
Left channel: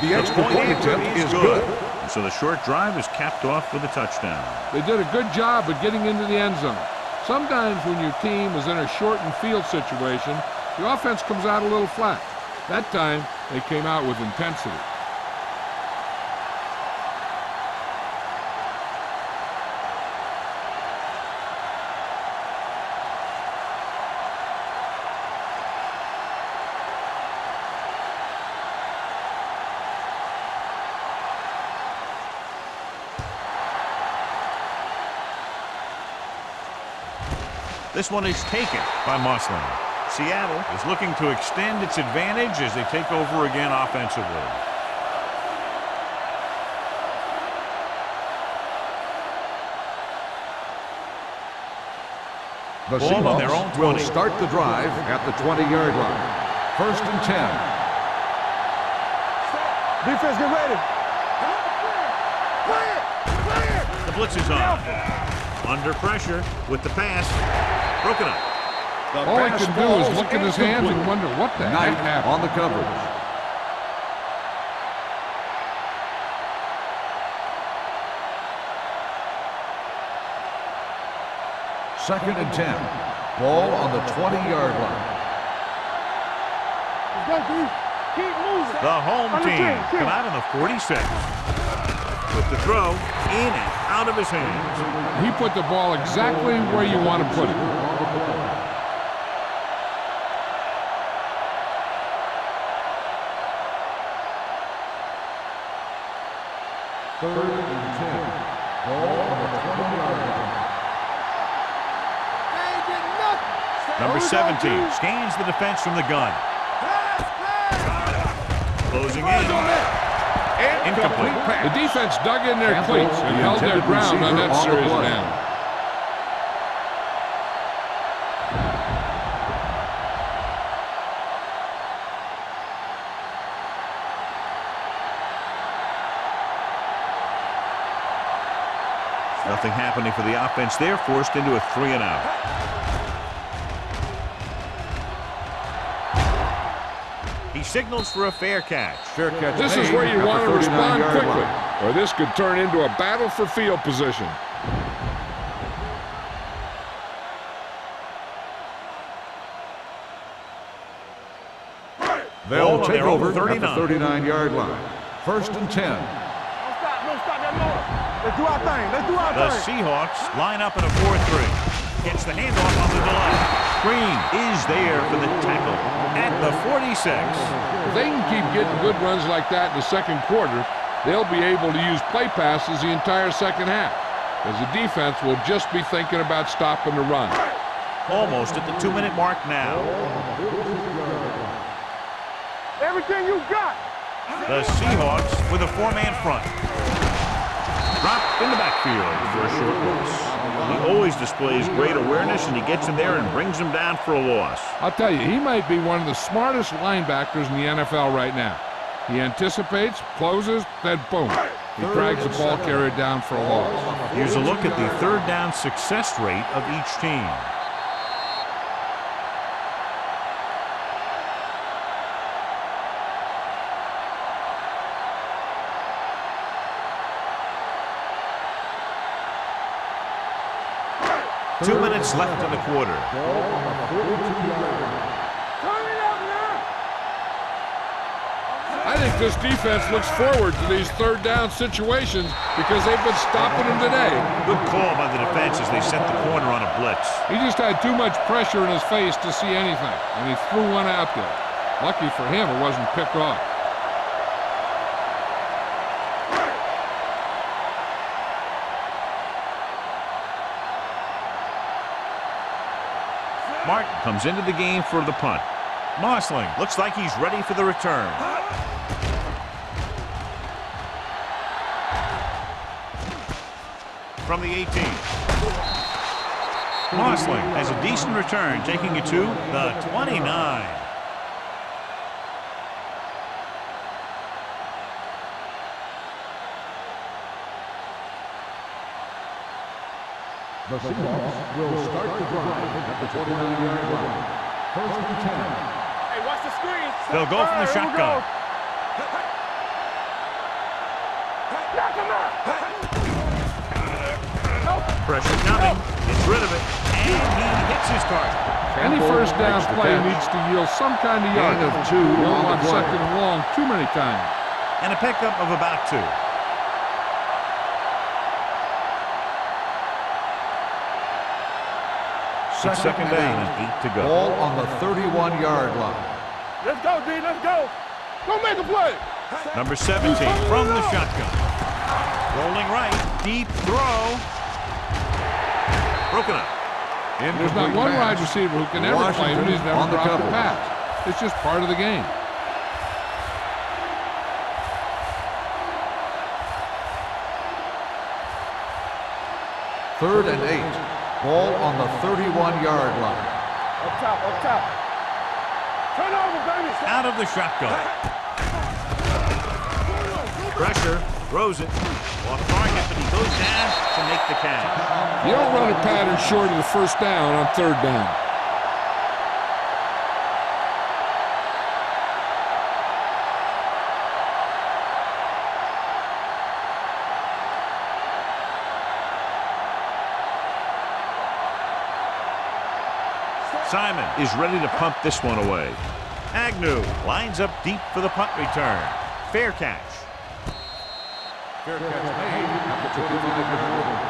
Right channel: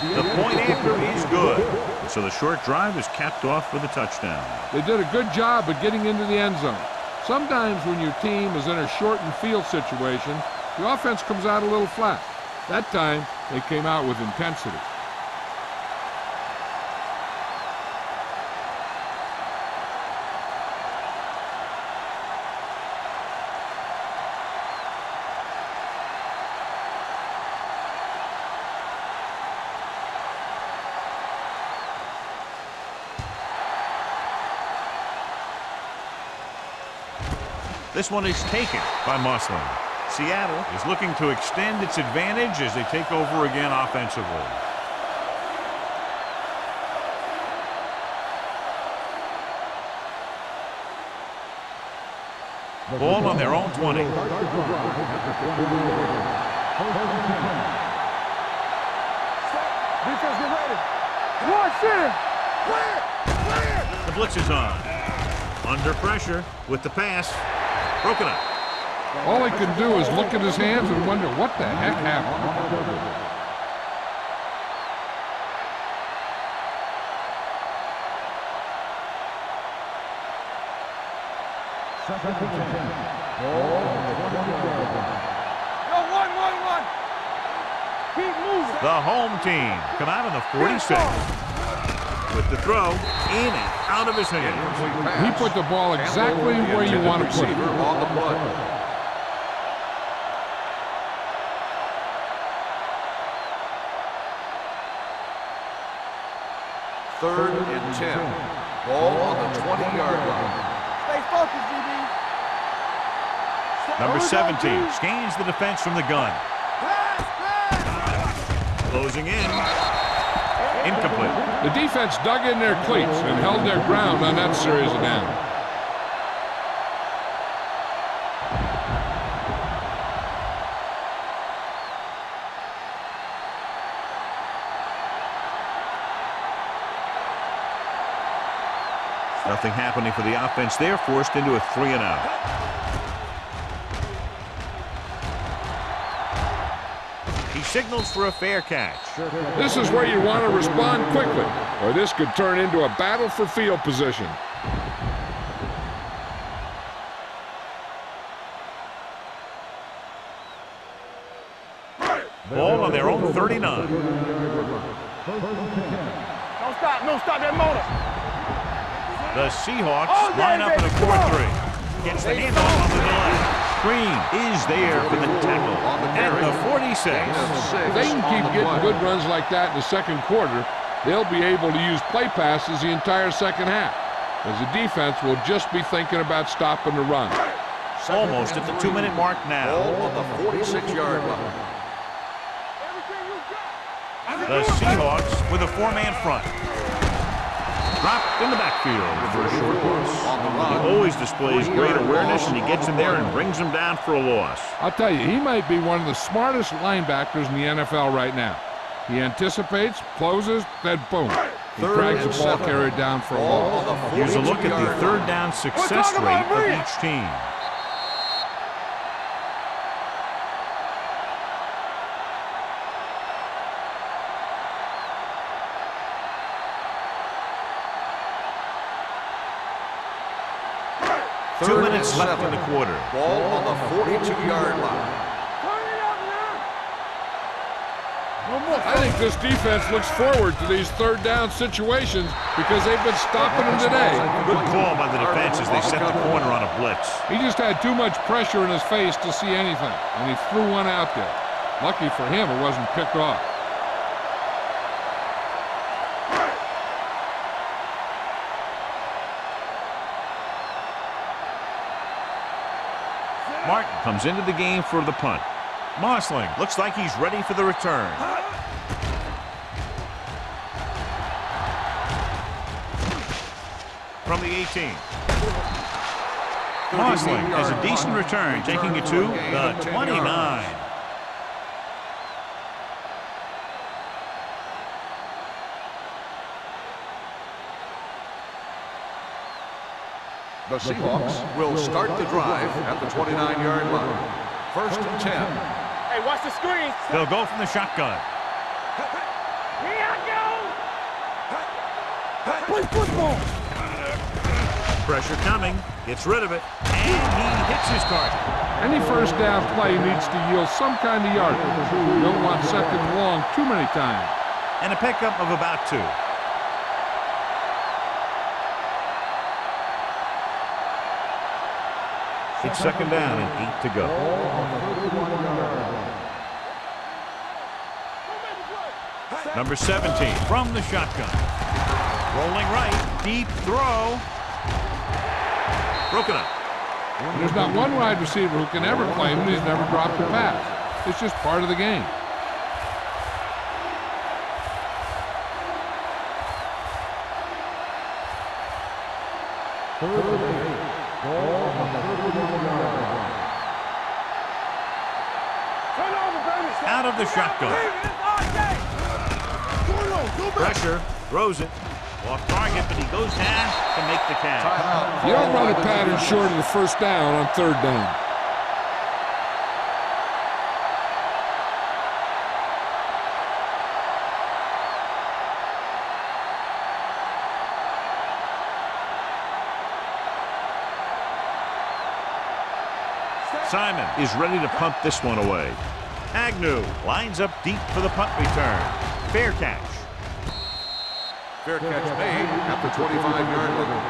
The point after is good. So the short drive is capped off with a touchdown. They did a good job of getting into the end zone. Sometimes when your team is in a shortened field situation, the offense comes out a little flat. That time, they came out with intensity. This one is taken by Musling. Seattle is looking to extend its advantage as they take over again offensively. The Ball on their own Seahawks 20. will start the drive at the 20-yard line. 1st and 10. Set. Defense, get ready. Come on, center. Play it. Play it. The blitz is on. Under pressure with the pass. Broken up. All he can do is look at his hands and wonder what the heck happened. On the coverage. Second and 10. Ball on the 20-yard line. Let's go, D. Keep moving. The home team come out in the 46. With the throw in and out of his hands. He put the ball exactly where you want to put it. Third and 10. Ball on the 20-yard line. Stay focused, DB. They ain't getting nothing. Number Here we go, 17 D. scans the defense from the gun. Pass, pass. Closing in. Incomplete. The defense dug in their cleats and held their ground on that series of downs. Nothing happening for the offense there, forced into a 3-and-out. He signals for a fair catch. This is where you want to respond quickly, or this could turn into a battle for field position. Ball on their own 39. 39-yard line. 1st and 10. Don't stop that motor. Let's do our thing. Let's do our The thing. Seahawks line up in a 4-3. Gets the handoff on the delay. Green is there for the tackle at the 46. If they can keep getting good runs like that in the second quarter, they'll be able to use play passes the entire second half, as the defense will just be thinking about stopping the run. Almost at the 2-minute mark now. Ball on the 46-yard line. Everything you got. The Seahawks with a 4-man front. Dropped in the backfield for a short loss. He always displays great awareness, and he gets in there and brings him down for a loss. I'll tell you, he might be one of the smartest linebackers in the NFL right now. He anticipates, closes, then boom. He drags the ball carrier down for a loss. Here's a look at the third down success rate of each team. Two minutes left in the quarter. Ball on the 42-yard line. Turn it up now. I think this defense looks forward to these third down situations because they've been stopping them today. Good call by the defense as they set the corner on a blitz. He just had too much pressure in his face to see anything, and he threw one out there. Lucky for him, it wasn't picked off. Martin comes into the game for the punt. Mosling looks like he's ready for the return. From the 18. Mosling has a decent return, taking it to the 29. The Seahawks will start the drive at the 29-yard line. First and 10. Hey, watch the screen. They'll go from the shotgun. Pressure coming, gets rid of it, and he hits his target. Any first down play needs to yield some kind of yardage. You don't want second and long too many times. And a pickup of about 2. It's second down and 8 to go. Ball on the 31-yard line. Let's go, D. Let's go. Go make a play. Number 17 from the shotgun. Rolling right, deep throw. Broken up. There's not one wide receiver who can ever claim that he's never dropped a pass. It's just part of the game. Third and 8. Ball on the 31-yard line. Up top, up top. Turn over, baby. Out of the shotgun. Pressure, throws it. Off target, but he goes down to make the catch. You don't run a pattern short of the first down on third down. Simon is ready to punt this one away. Agnew lines up deep for the punt return. Fair catch. Fair catch made at the 25-yard line.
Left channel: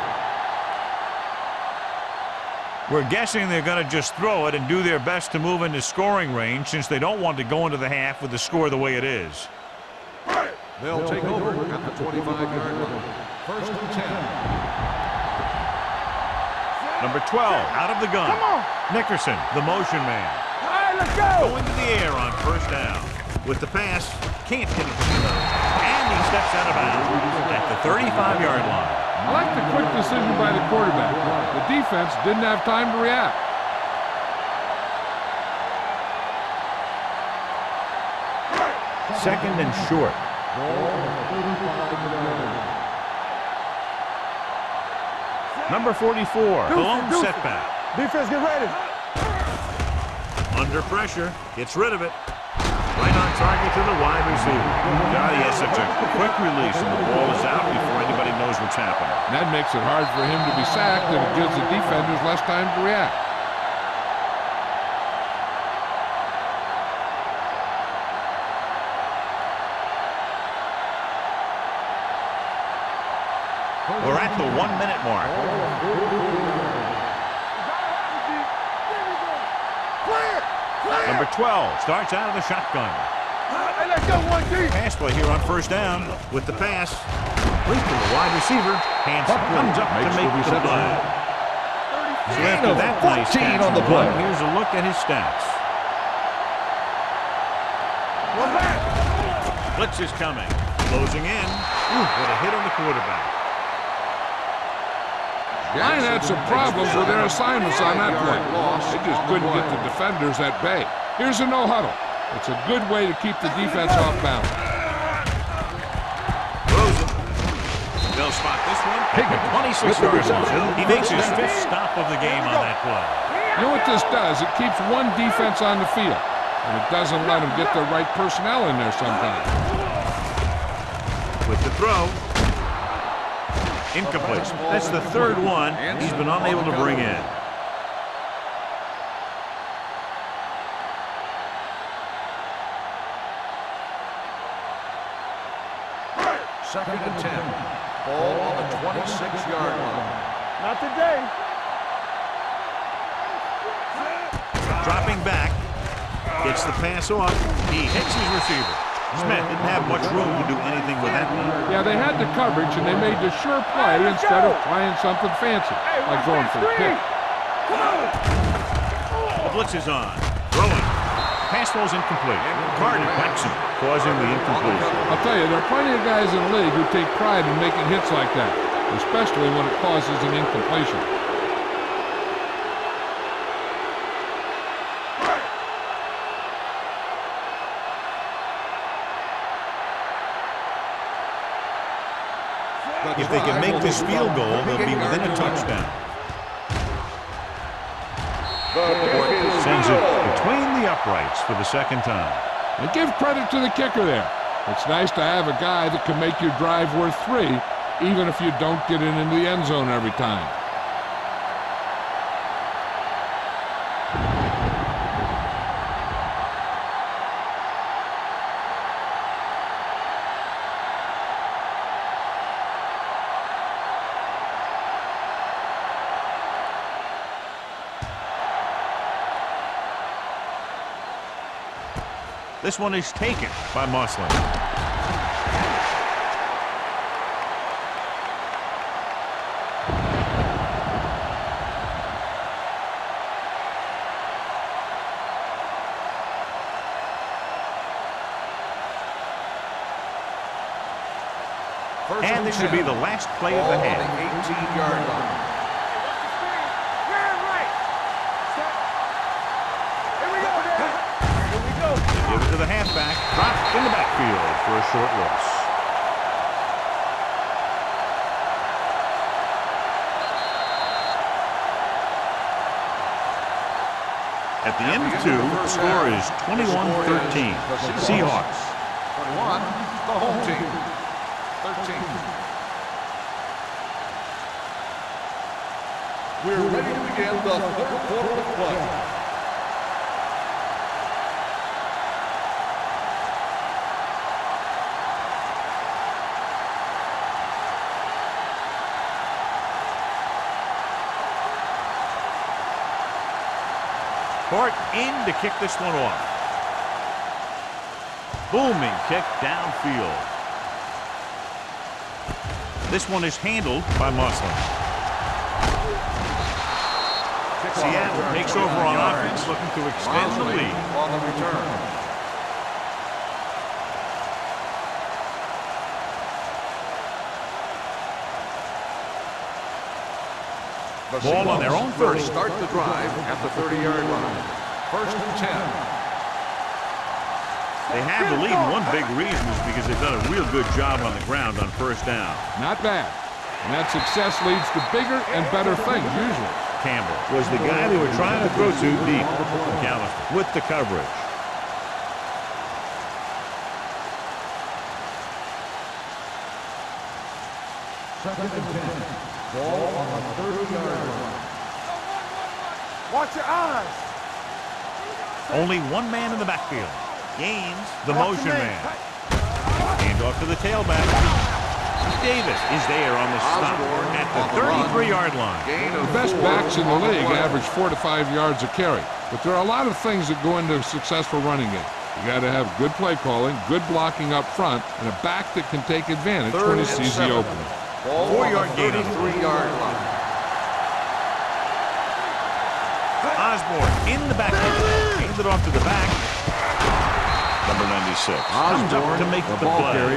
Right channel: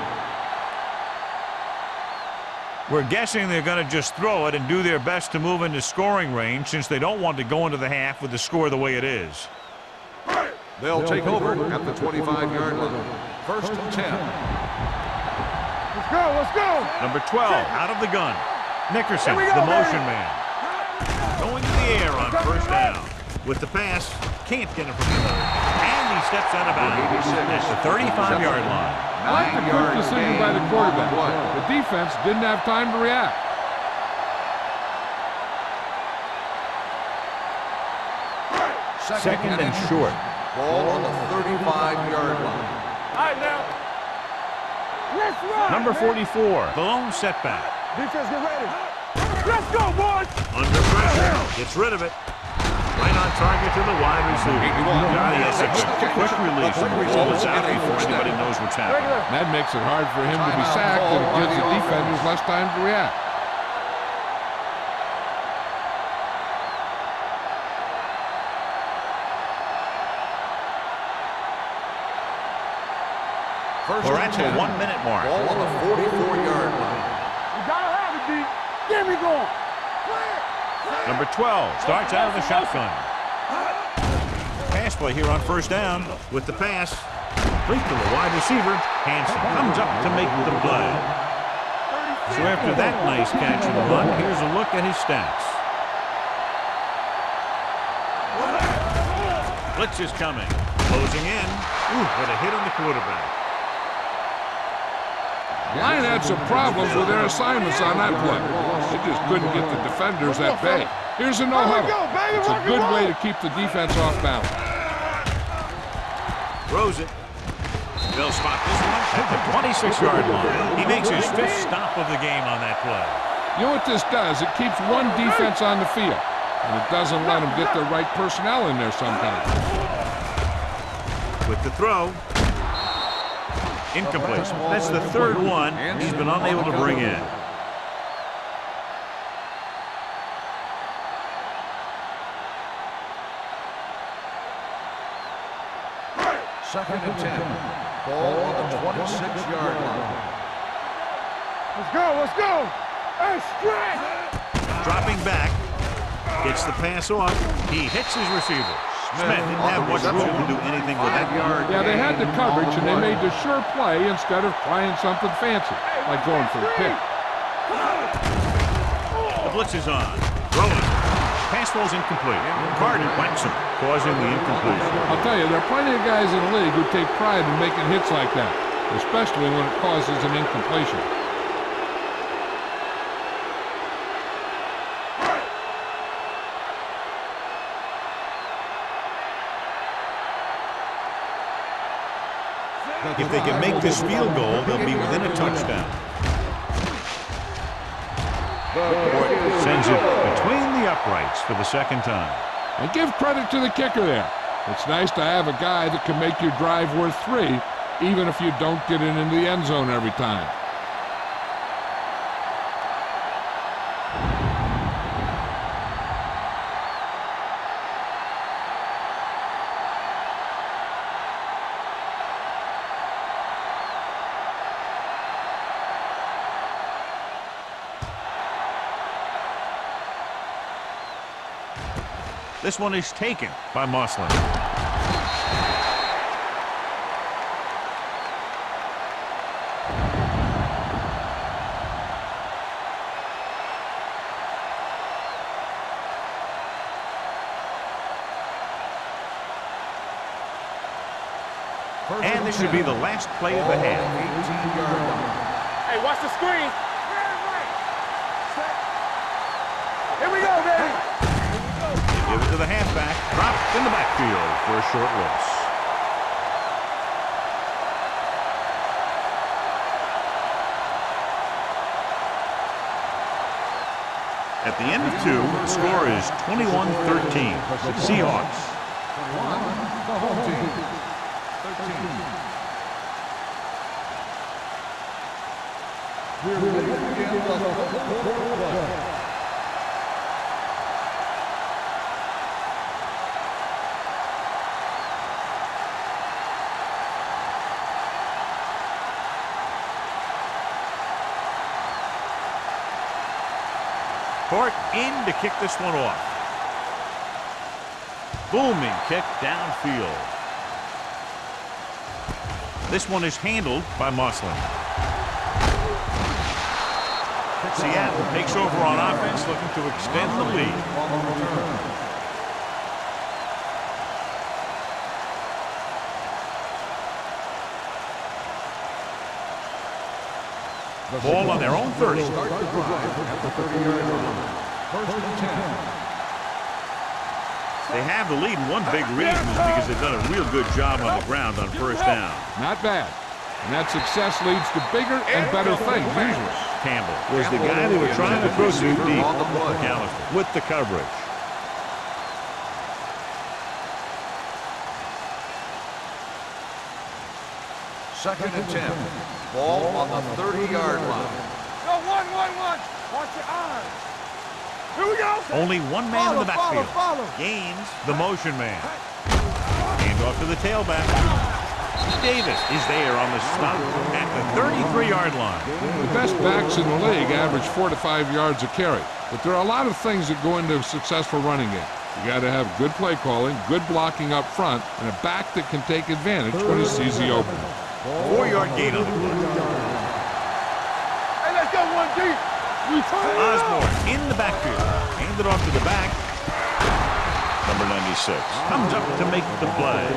We're guessing they're going to just throw it and do their best to move into scoring range since they don't want to go into the half with the score the way it is. They'll take over at the 25-yard line. First and 10. Let's go, let's go. Number 12 out of the gun. Nickerson, the motion man. Going to the air on first down. With the pass, can't get it from the nose. And he steps out of bounds at the 35-yard line. I like the quick decision by the quarterback. The defense didn't have time to react. Second and short. Ball on the 35-yard line. All right, now. Number 44, the lone setback. Defense, get ready. Let's go, boys. Under pressure, gets rid of it. Right on target to the wide receiver. God, he has such a quick release, and the ball is out before anybody knows what's happening. That makes it hard for him to be sacked, and it gives the defenders less time to react. We're at the 1-minute mark. Ball on the 44-yard line. You gotta have it, D. Get me going. Clear. Clear. Number 12 starts out of the shotgun. Hey, let's go, 1D. Pass play here on first down with the pass. Leap to the wide receiver. Hanson comes up to make the play. So after that nice catch and run, here's a look at his stats. Blitz is coming. Closing in. With a hit on the quarterback. Line had some problems with their assignments on that play. They just couldn't get the defenders at bay. Here's a no-huddle. It's a good way to keep the defense off balance. Throws it. They'll spot this one at the 26-yard line. He makes his 5th stop of the game on that play. You know what this does? It keeps one defense on the field, and it doesn't let them get the right personnel in there sometimes. With the throw. Incomplete. That's the 3rd one he's been unable to bring in. Second and 10. Ball on the 26-yard line. Not today. Let's go, let's go. Hey, Dropping back. Gets the pass off. He hits his receiver. Smith didn't have much room to do anything with that one. Yeah, they had the coverage, and they made the sure play instead of trying something fancy, like going for the pick. The blitz is on. Throwing. Pass ball's incomplete. Carter whacks him, causing the incompletion. I'll tell you, there are plenty of guys in the league who take pride in making hits like that, especially when it causes an incompletion. If they can make this field goal, they'll be within a touchdown. Sends it between the uprights for the second time. And give credit to the kicker there. It's nice to have a guy that can make your drive worth 3, even if you don't get it into the end zone every time. This one is taken by Moslin. And this should be the last play of the half. 18-yard line. Hey, watch the screen. Man, right. Set. Here we go, baby. Here we go. They give it to the halfback. Dropped in the backfield for a short loss. At the end of 2, the score is 21-13. Seahawks. 21, the home team. 13. We're ready to begin the third quarter of play. Hort in to kick this one off. Booming kick downfield. This one is handled by Moslin. Seattle takes over on offense, looking to extend the lead. On the return. The Ball on their own 30. will start the drive at the 30-yard line. 1st and 10. They have the lead, and one big reason is because they've done a real good job on the ground on first down. Not bad. And that success leads to bigger and better things, usually. Campbell was the guy they were trying to throw to deep. McAllister with the coverage. Second and 10. Ball on the 30-yard line. No, one. Watch your eyes. Here we go. Only one man in the backfield. Gaines, the motion man. Hand off to the tailback. Davis is there on the stop at the 33-yard line. The best backs in the league average 4 to 5 yards a carry. But there are a lot of things that go into a successful running game. You got to have good play calling, good blocking up front, and a back that can take advantage when he sees the opening. 4-yard gain on the play. Osborne in the backfield. Handed off to the back. Number 96 comes up to make the play.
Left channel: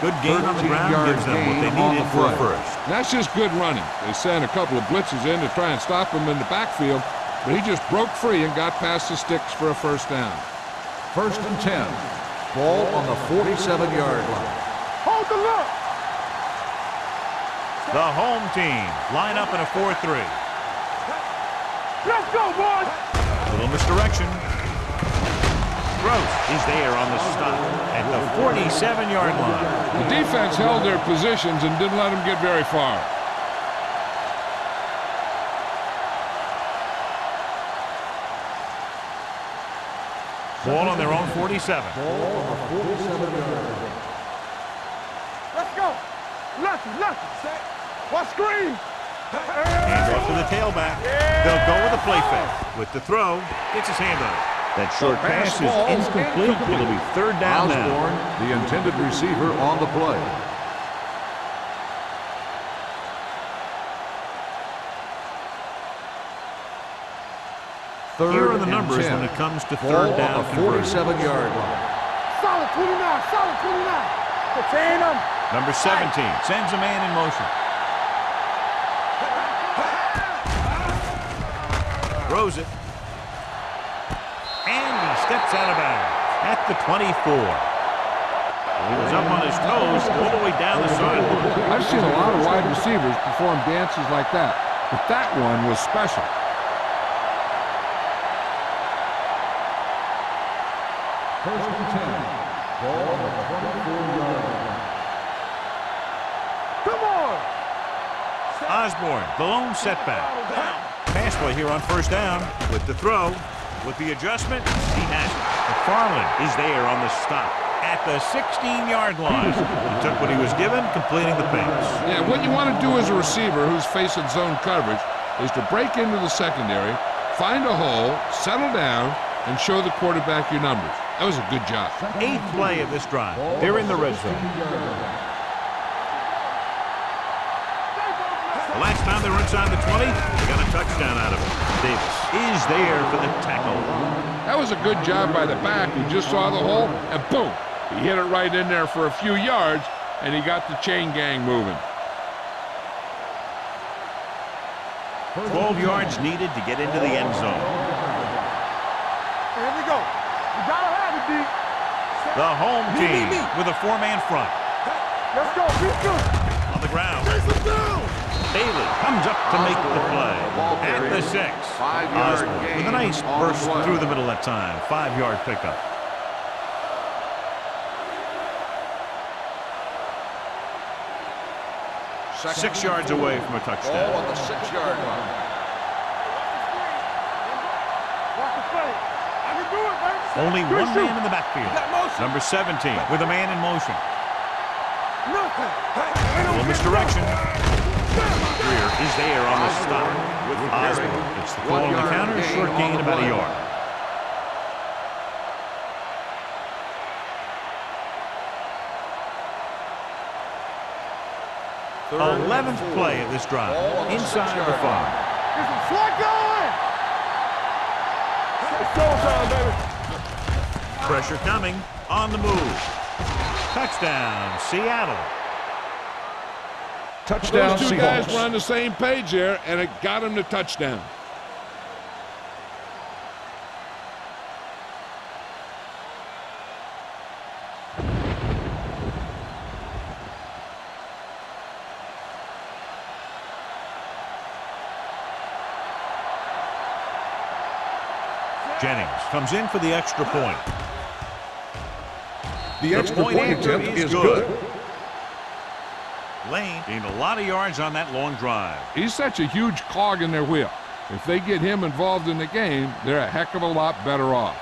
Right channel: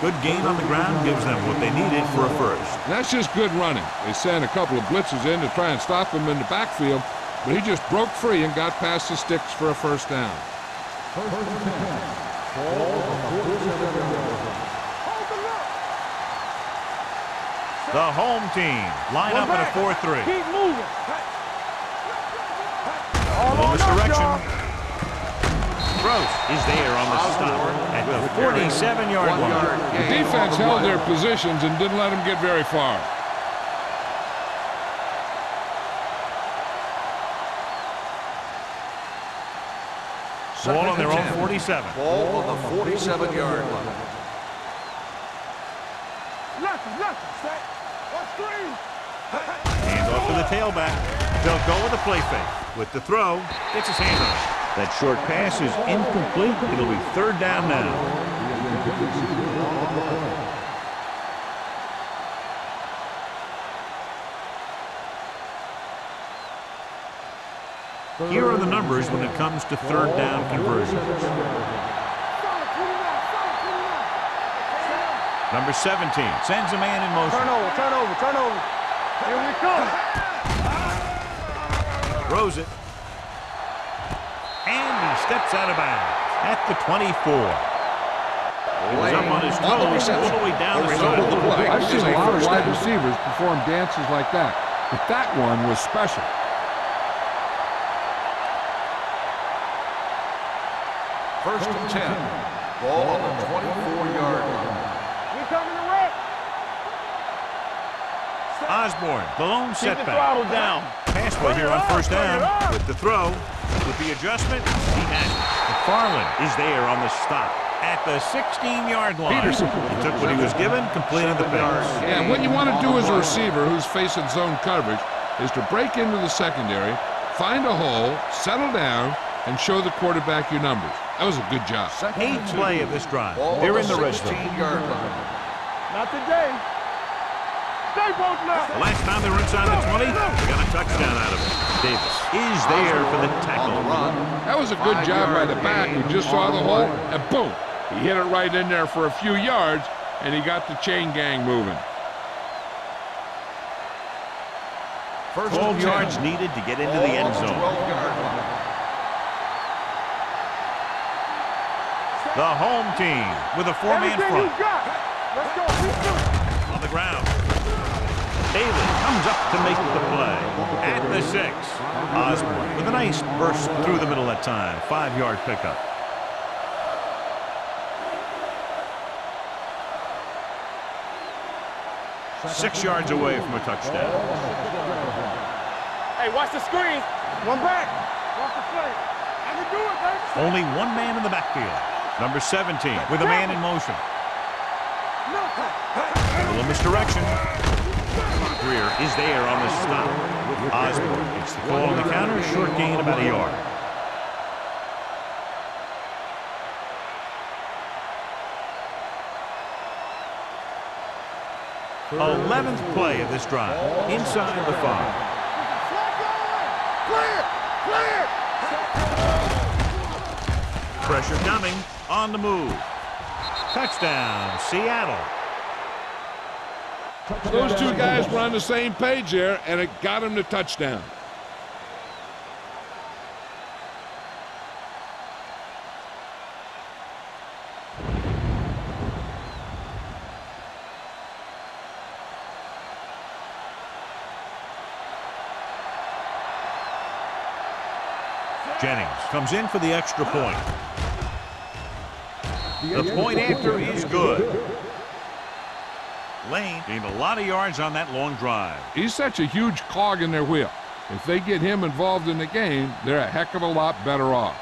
Good gain on the ground gives them what they needed for a first. And that's just good running. They sent a couple of blitzes in to try and stop him in the backfield, but he just broke free and got past the sticks for a first down. 1st and 10. Ball on the 47-yard line. Hold the look. The home team line up in a 4-3. Keep moving. Let's go, boys. Little misdirection. Gross is there on the stop at the 47-yard line. The defense held their positions and didn't let them get very far. Ball on their own 47. Ball on the 47-yard line. Let's go. Lucky. Set. Watch screen. Hand off to the tailback. They'll go with a play fake. With the throw, gets his hand on it. That short pass is incomplete. It'll be 3rd down now. The intended receiver on the play. Here are the numbers when it comes to 3rd down conversion. 47-yard line. Solid 29. Solid 29. Number 17 sends a man in motion. Turn over. Throws it. And he steps out of bounds at the 24. He was up on his toes all the way down the sideline. I've seen a lot of wide receivers perform dances like that, but that one was special. First and 10. Ball on the 24-yard line. We're coming to wreck. Come on. Osborne, the lone Keep the setback. throttle down. Pass play here on first down. With the throw, with the adjustment, he has it. McFarland is there on the stop at the 16-yard line. He took what he was given, completing the pass. Yeah, and what you want to do as a receiver who's facing zone coverage is to break into the secondary, find a hole, settle down, and show the quarterback your numbers. That was a good job. Eighth play of this drive. They're in the red zone. Not today. Stay both left. The last time they were inside the 20, they got a touchdown out of it. Davis is there for the tackle. That was a good job by the back who just saw the hole, and boom, he hit it right in there for a few yards, and he got the chain gang moving. 12 yards needed to get into the end zone. Here we go. You gotta have it, D. The home team with a four-man front. Let's go. Be good. On the ground. Bailey comes up to make the play. At the 6. Osborne with a nice burst through the middle that time. 5-yard pickup. Six yards away from a touchdown. Ball on the 6-yard line. Hey, watch the screen. One back. Watch the play. I can do it, baby. Only one man in the backfield. Number 17 with a man in motion. Nothing. A little misdirection. Greer is there on the stop with Osborne. It's the call on the counter. Short gain about a yard. Third 11th play of this drive. Inside the 5. Get some slot going. Clear. Pressure coming. On the move. Touchdown, Seattle. Touchdown, Those two Seahawks. guys were on the same page there, and it got him the touchdown. Jennings comes in for the extra point. The extra point after attempt is good. Lane gained a lot of yards on that long drive. He's such a huge cog in their wheel. If they get him involved in the game, they're a heck of a lot better off.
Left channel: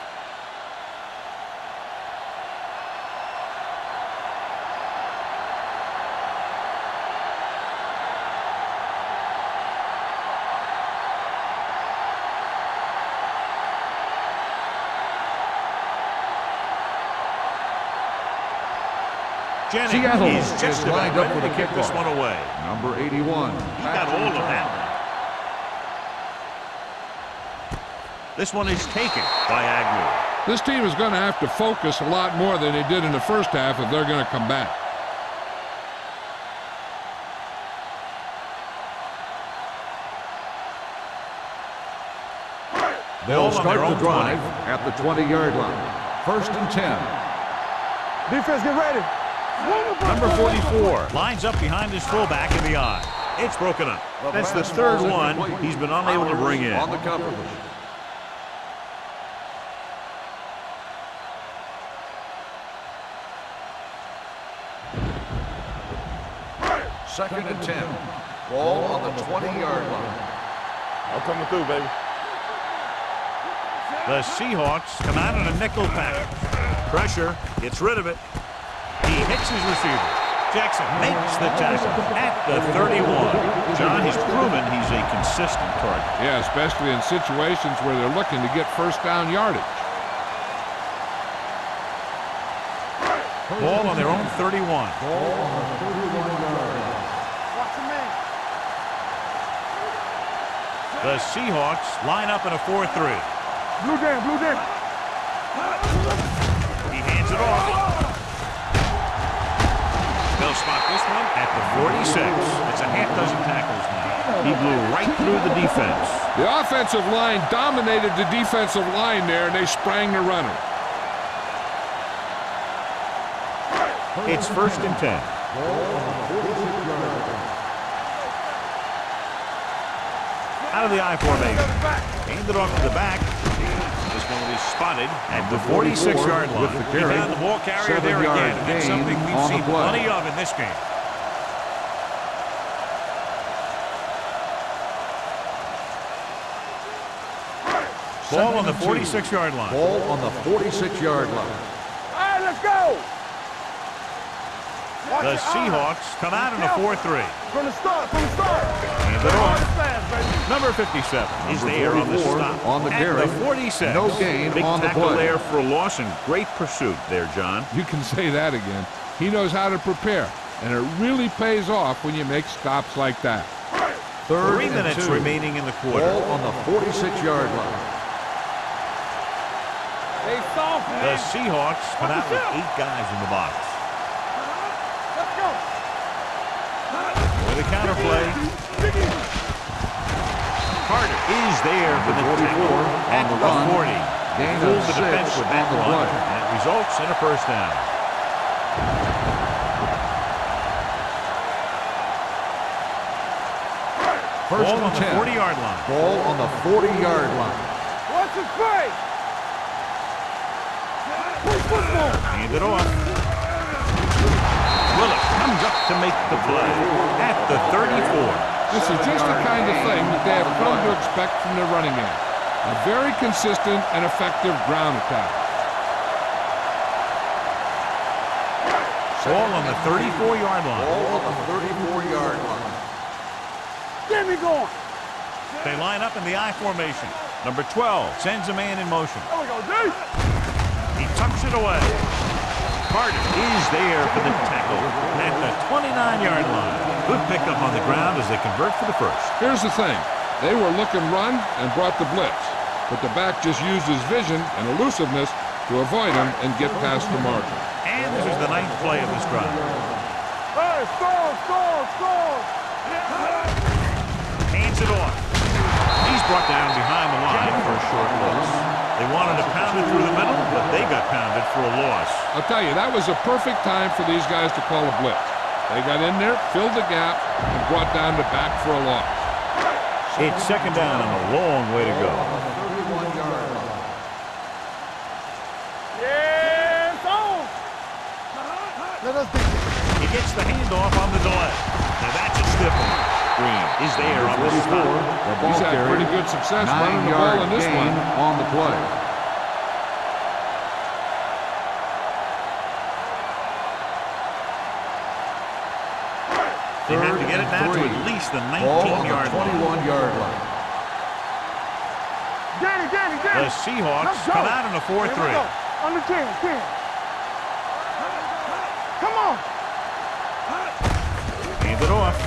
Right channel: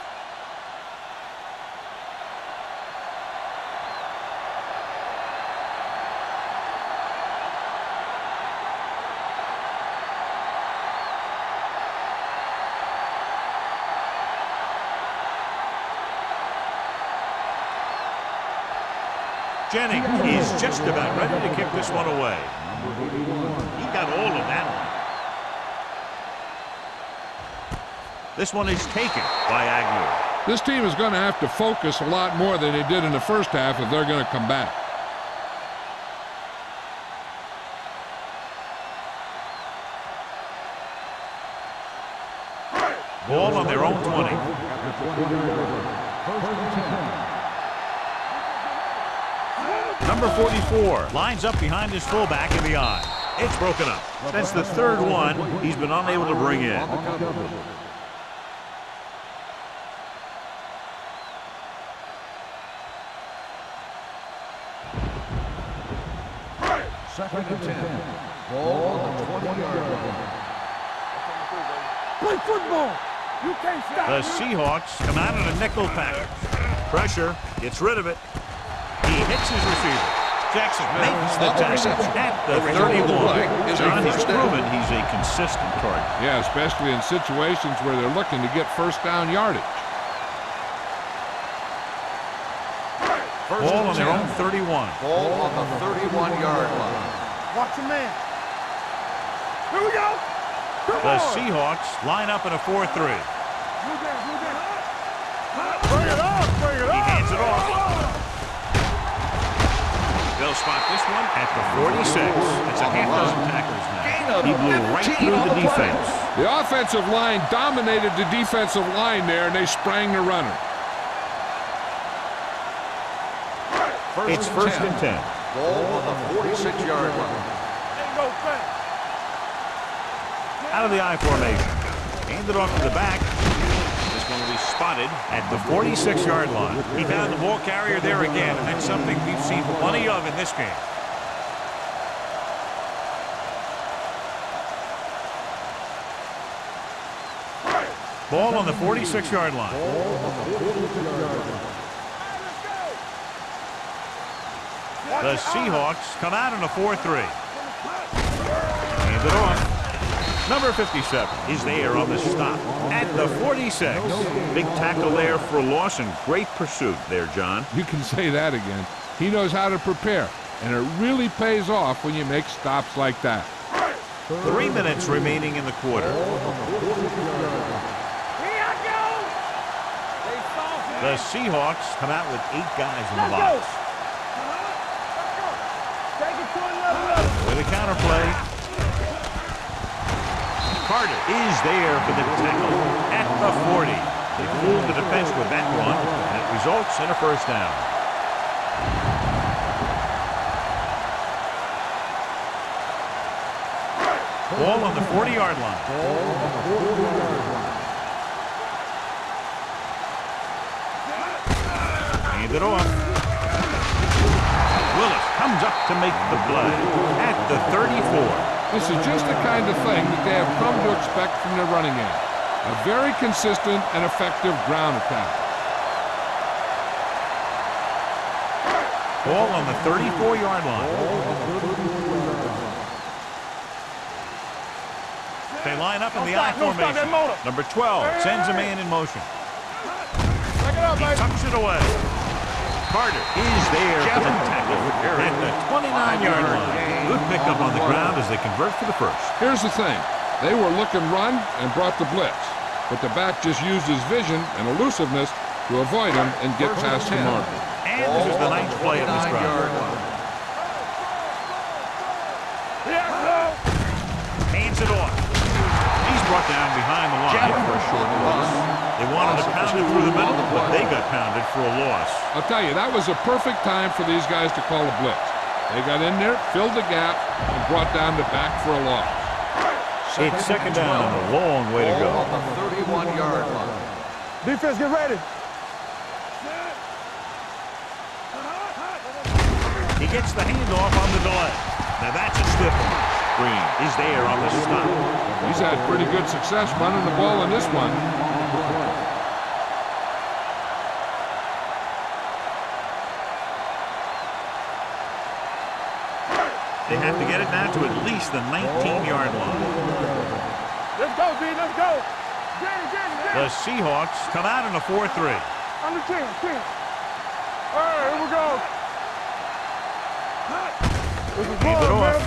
Jennings is just about ready to kick this one away. Number 81. He got all of that one. This one is taken by Agnew. This team is going to have to focus a lot more than they did in the first half if they're going to come back. Ball on their own 20. At the 20-yard line. First and 10. Defense, get ready. Number 44 lines up behind his fullback in the eye. It's broken up. That's the third one he's been unable to bring in. On the coverage. Second and 10. Ball on the 20-yard line. I'm coming through, baby. Play football. You can't say The Seahawks come out in a nickel package. Pressure, gets rid of it. He hits his receiver. Jackson makes the tackle at the 31. John, he's proven he's a consistent target. Yeah, especially in situations where they're looking to get first down yardage. Ball on their own 31. Ball on the 31-yard line. Watch your man. Here we go. The Seahawks line up in a 4-3. Blue down, blue down. He hands it off. They'll spot this one at the 46. That's a half dozen tackles now. He blew right through the defense. The offensive line dominated the defensive line there, and they sprang the runner. It's first and 10. Ball on the 46-yard line. Ain't no thing. Out of the I formation. Hand it off to the back. The This one will be spotted at the 46-yard line. He found the ball carrier there again, and that's something we've seen plenty of in this game. Ball on the 46-yard line. Ball on the 46-yard line. All right, let's go. The Seahawks come out in a 4-3. From the start, from the start. Hand it off. Number 57 is there on the stop at the 46. Big tackle there for a loss and great pursuit there, John. You can say that again. He knows how to prepare, and it really pays off when you make stops like that. 3 minutes remaining in the quarter. Ball on the 46-yard line. They soft, man. The Seahawks come out with 8 guys in the box. Let's go. With a counter play. Carter is there for the tackle at the 40. They fooled the defense with that run, and it results in a first down. Ball on the 40-yard line. Ball on the 40-yard line. What's the play? Hand it off. Willis comes up to make the play at the 34. This is just the kind of thing that they have come to expect from their running game. A very consistent and effective ground attack. Ball on the 34-yard line. Ball on the 34-yard line. Get me going. They line up in the I formation. Number 12 sends a man in motion. There we go, dude. Check it out, He baby. tucks it away. Carter is there for the tackle at the 29-yard line. Good pickup on the ground as they convert for the first. Here's the thing. They were looking run and brought the blitz, but the back just used his vision and elusiveness to avoid him and get past the marker. And this is the 9th play of this drive. Hey, score. Yeah, Hands it off. He's brought down behind the line for a short loss. They wanted to pound it through the middle, but they got pounded for a loss. I'll tell you, that was a perfect time for these guys to call a blitz. They got in there, filled the gap, and brought down the back for a loss. It's second down and a long way to go. Ball on the 31-yard line. defense, get ready. Yeah, it's on. He gets the handoff on the delay. Now that's a stiff one. Green is there on the stop. He's had pretty good success running the ball in this one. On the play. They have to get it now to at least the 19-yard line. Let's go, B, let's go. Get it. The Seahawks come out in a 4-3. Under 10. Here we go. Come on. Hand it off.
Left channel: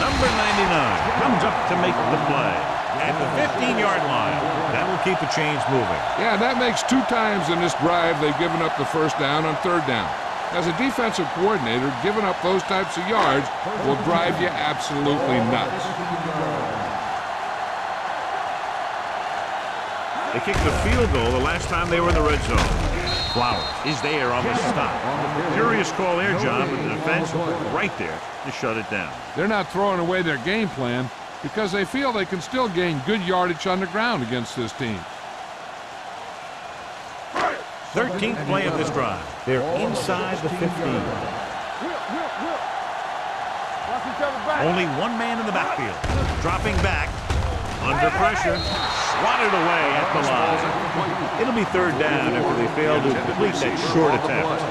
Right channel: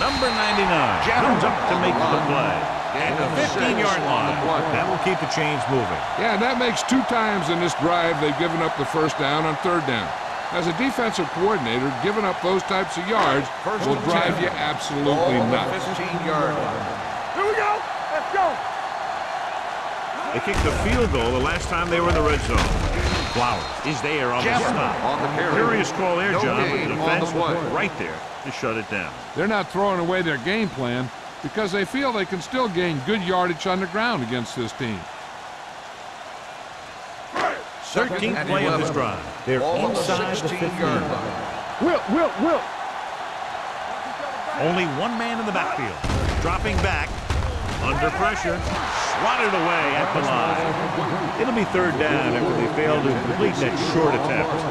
Number 99 comes up to make the play at the 15-yard line. That will keep the chains moving. Yeah, that makes 2 times in this drive they've given up the first down on third down. As a defensive coordinator, giving up those types of yards will drive you absolutely nuts. 15-yard line. Here we go. Let's go. They kicked the field goal the last time they were in the red zone. Flowers is there on the stop. Curious call there, John, but the defense right there to shut it down. They're not throwing away their game plan because they feel they can still gain good yardage on the ground against this team. 13th play of this drive. They're inside the 15. Will. Watch each other back. Only one man in the backfield. Dropping back. Under pressure. Swatted away at the line. It'll be third down after they fail to complete that short attempt.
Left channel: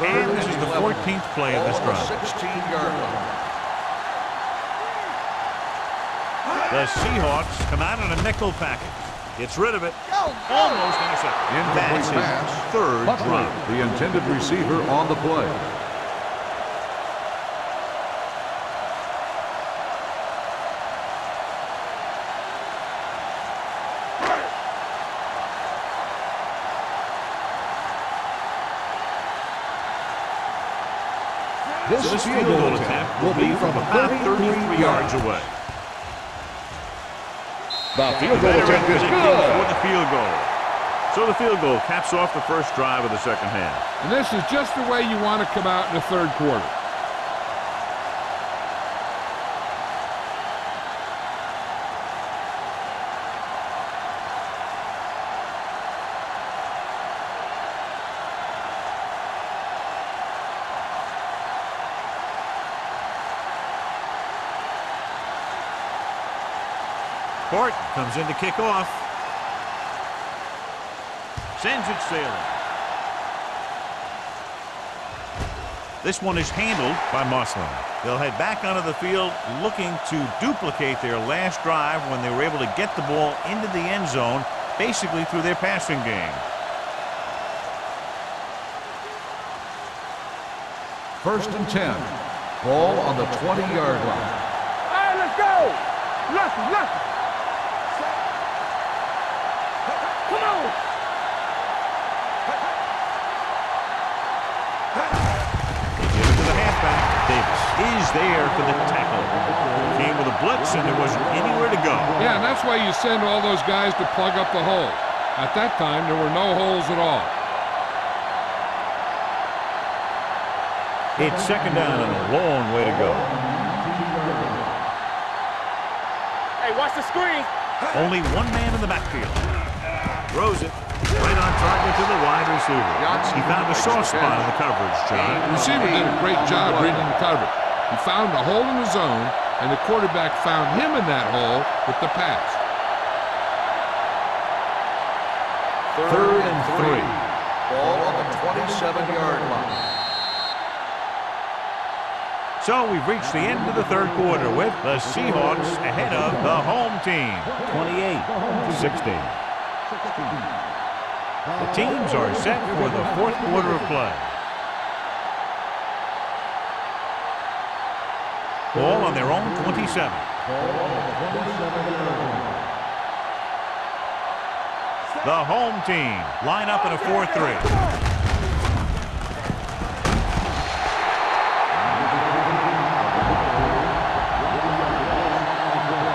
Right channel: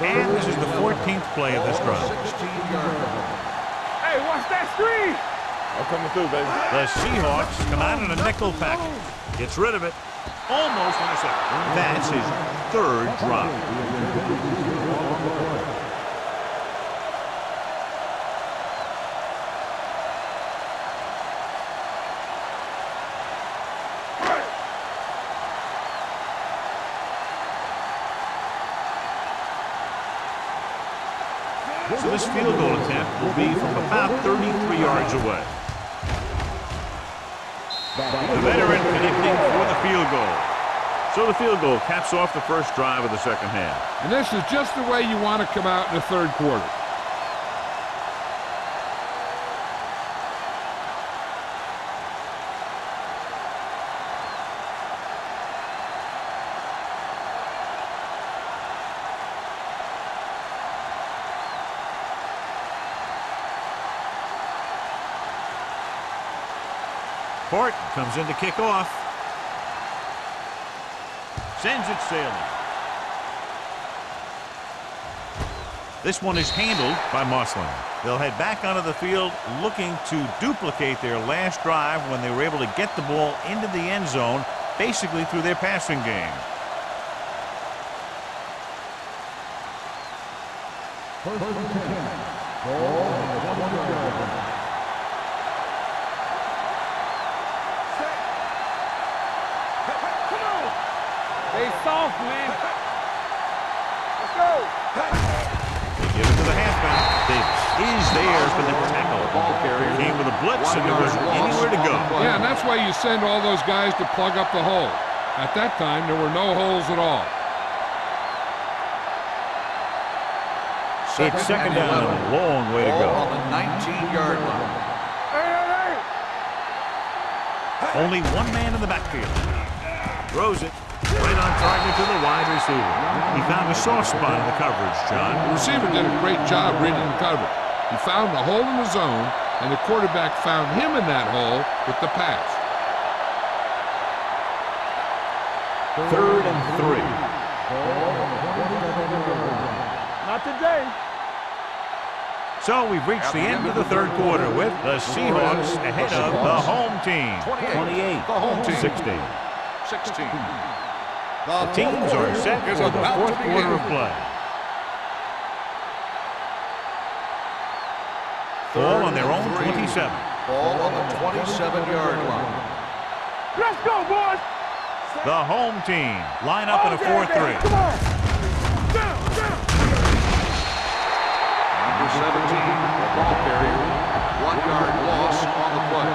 And this is the 14th play of this drive. 16-yard line. Hey, watch that screen. I'm coming through, baby. The Seahawks come out in a nickel package. Gets rid of it. Almost intercepted. That's his third drop. The intended receiver on the play. So this field goal attempt will be from about 33 yards away. The veteran connecting for the field goal. So the field goal caps off the first drive of the second half. And this is just the way you want to come out in the third quarter. Horton comes in to kick off. Sends it sailing. This one is handled by Mossling. They'll head back onto the field looking to duplicate their last drive when they were able to get the ball into the end zone, basically through their passing game. First and 10. Ball on the 20-yard line. All right, let's go. Left. Set. Hey, come on. They soft, man. Let's go. Give it to the halfback. Davis is there for the tackle. Came with a blitz, and there wasn't anywhere to go. Yeah, and that's why you send all those guys to plug up the hole. At that time, there were no holes at all. It's second down and a long way to go. On the 19-yard line. Hey, watch the screen. Only one man in the backfield. Throws it right on target to the wide receiver. He found a soft spot in the coverage, John. The receiver did a great job reading the coverage. He found a hole in the zone, and the quarterback found him in that hole with the pass. Third and 3. Ball on the 27-yard line. Not today. So we've reached the end of the third quarter with the Seahawks ahead of the home team, 28-16. 16. The teams are set for the fourth quarter of play. Ball on their own 27. Ball on the 27-yard line. Let's go, boys. The home team line up in a 4-3. Come on. Number 17, the ball carrier. 1-yard loss on the play.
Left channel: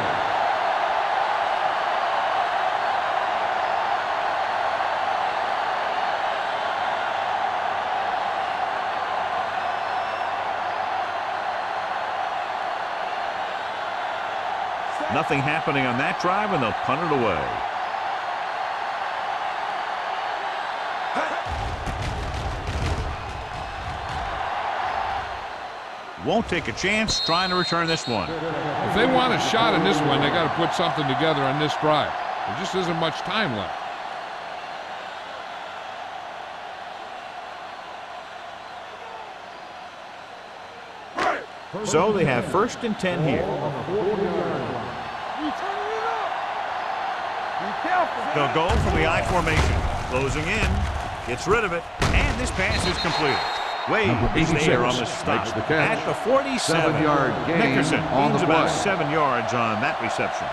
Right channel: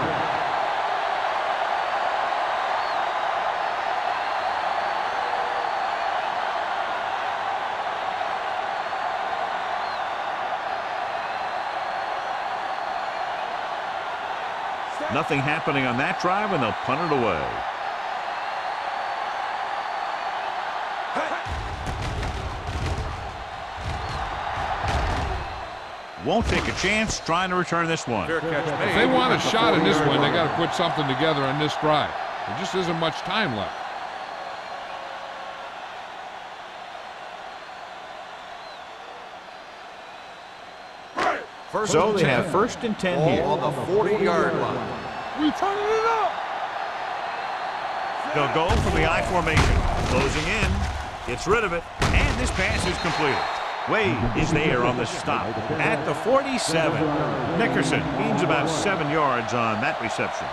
Nothing happening on that drive, and they'll punt it away. Won't take a chance trying to return this one. If they want a shot in this one, they got to put something together on this drive. There just isn't much time left. So they have first and 10 here. Ball on the 40-yard line. We turning it up. Be careful. They'll go from the I formation. Closing in. Gets rid of it. And this pass is completed. Wade is there on the stop at the 47. Nickerson gains about 7 yards on that reception.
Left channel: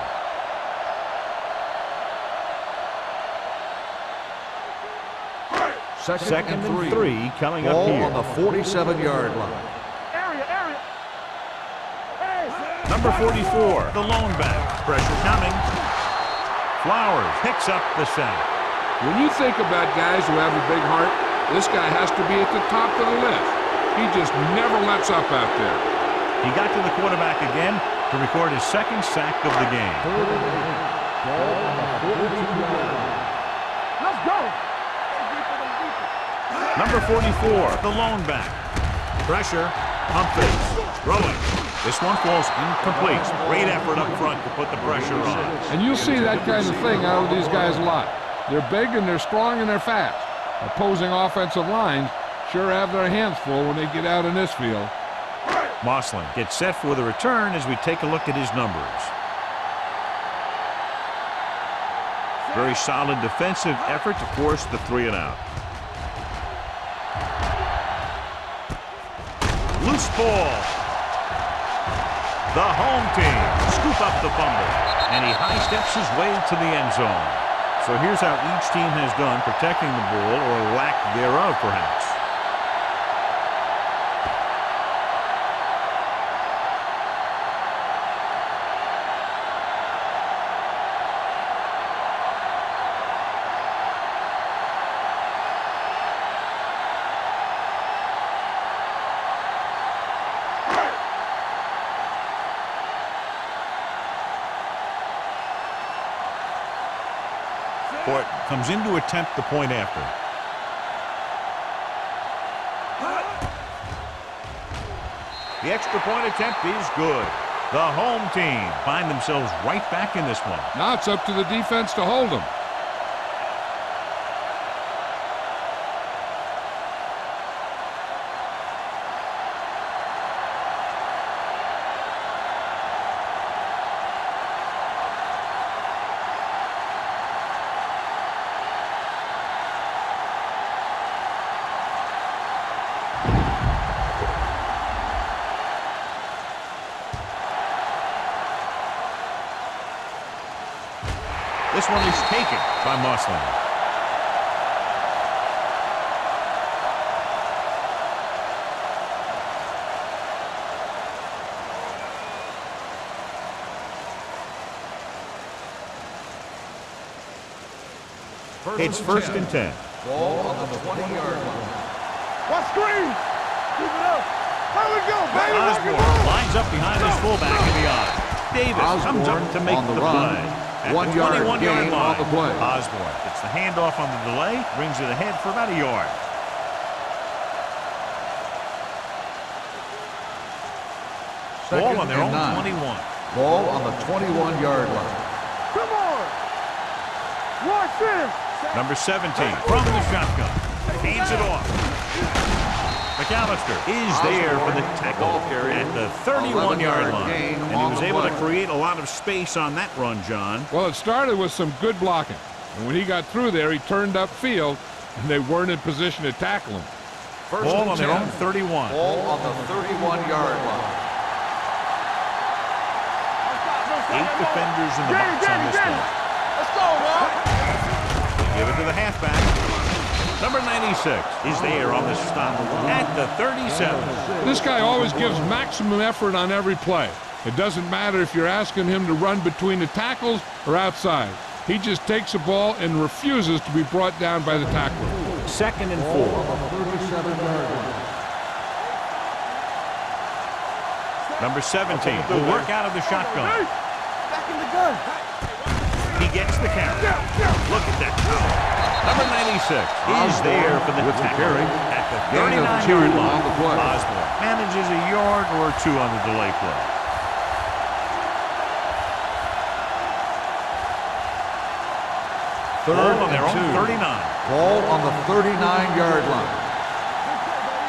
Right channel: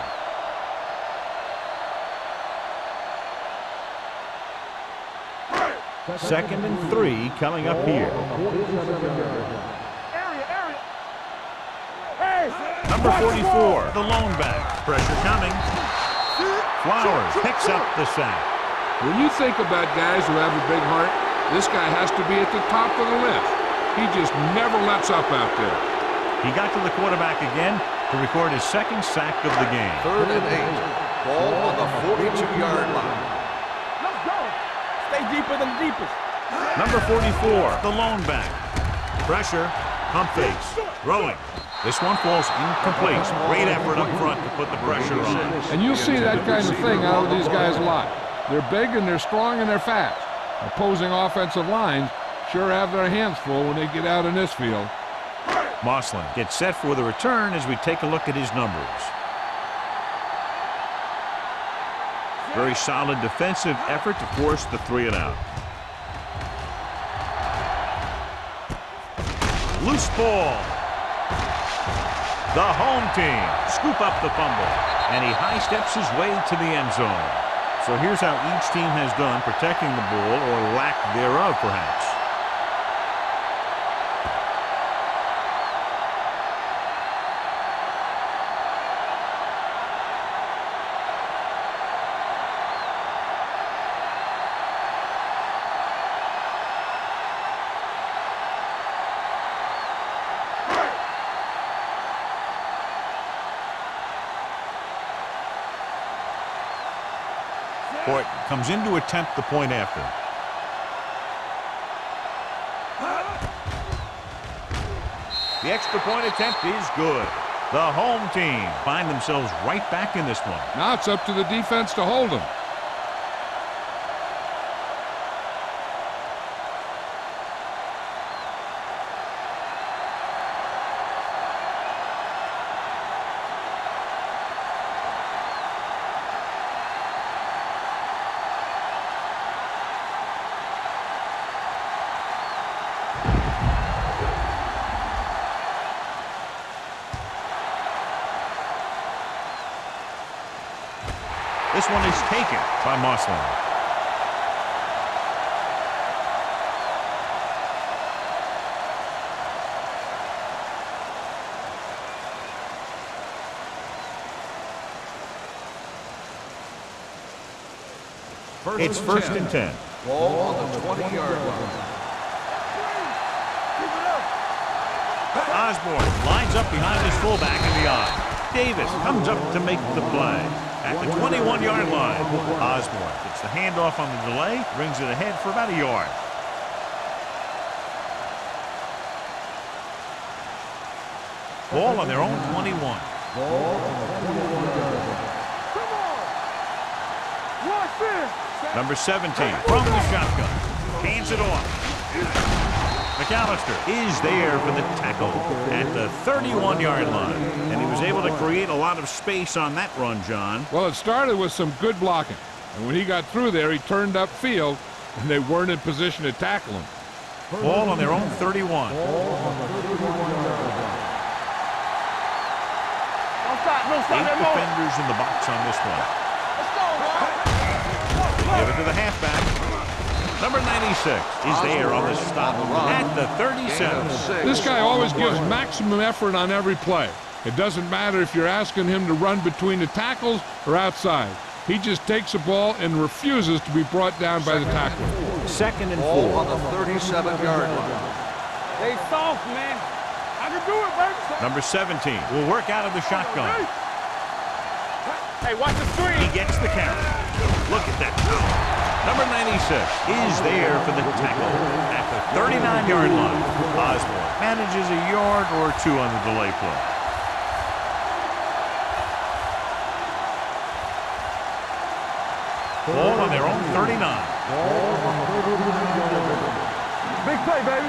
Second and 3 coming up here. On the 47-yard line. Area. Hey. Number 44, the lone back. Pressure coming. Flowers picks up the sack. When you think about guys who have a big heart, this guy has to be at the top of the list. He just never lets up out there. He got to the quarterback again to record his second sack of the game. Third and 8. Ball on the 42-yard line. Let's go. Stay deeper than deepest. Number 44, the lone back. Pressure, pump fakes, throwing. This one falls incomplete. Great effort up front to put the pressure on. And you'll see that kind of thing out of these guys a lot. They're big and they're strong and they're fast. Opposing offensive lines sure have their hands full when they get out in this field. Mossling gets set for the return as we take a look at his numbers. Very solid defensive effort to force the 3 and out. Loose ball. The home team scoop up the fumble, and he high steps his way to the end zone. So here's how each team has done protecting the ball, or lack thereof, perhaps. Horton comes in to attempt the point after. The extra point attempt is good. The home team find themselves right back in this one. Now it's up to the defense to hold them. This one is taken by Mossland. It's first and 10. Ball on the 20-yard line. Watch screen. Keep it up. How we go, baby? Osborne lines up behind his fullback in the I. Davis comes up to make the play. At the 21-yard line, Osborne gets the handoff on the delay, brings it ahead for about a yard. Ball on their own 21. Ball on the 21-yard line. Come on. Watch this. Number 17 from the shotgun. Hands it off. McAllister is there for the tackle at the 31-yard line. And he was able to create a lot of space on that run, John. Well, it started with some good blocking. And when he got through there, he turned upfield, and they weren't in position to tackle him. Ball on their own 31. Ball on the 31-yard line. No stop. 8 defenders in the box on this one. Let's go, bro. They give it to the halfback. Number 96 is there on the stop at the 37. This guy always gives maximum effort on every play. It doesn't matter if you're asking him to run between the tackles or outside. He just takes the ball and refuses to be brought down by the tackler. Second and 4. On the 37-yard line. Hey, soft, man. I can do it, baby. Number 17 will work out of the shotgun. Back in the gun. Hey, watch the screen. He gets the carry. Look at that. Number 96 is there for the tackle at the 39-yard line. Osborne manages a yard or two on the delay play. Ball on their own 39. Ball on the 39-yard line. Big play, baby.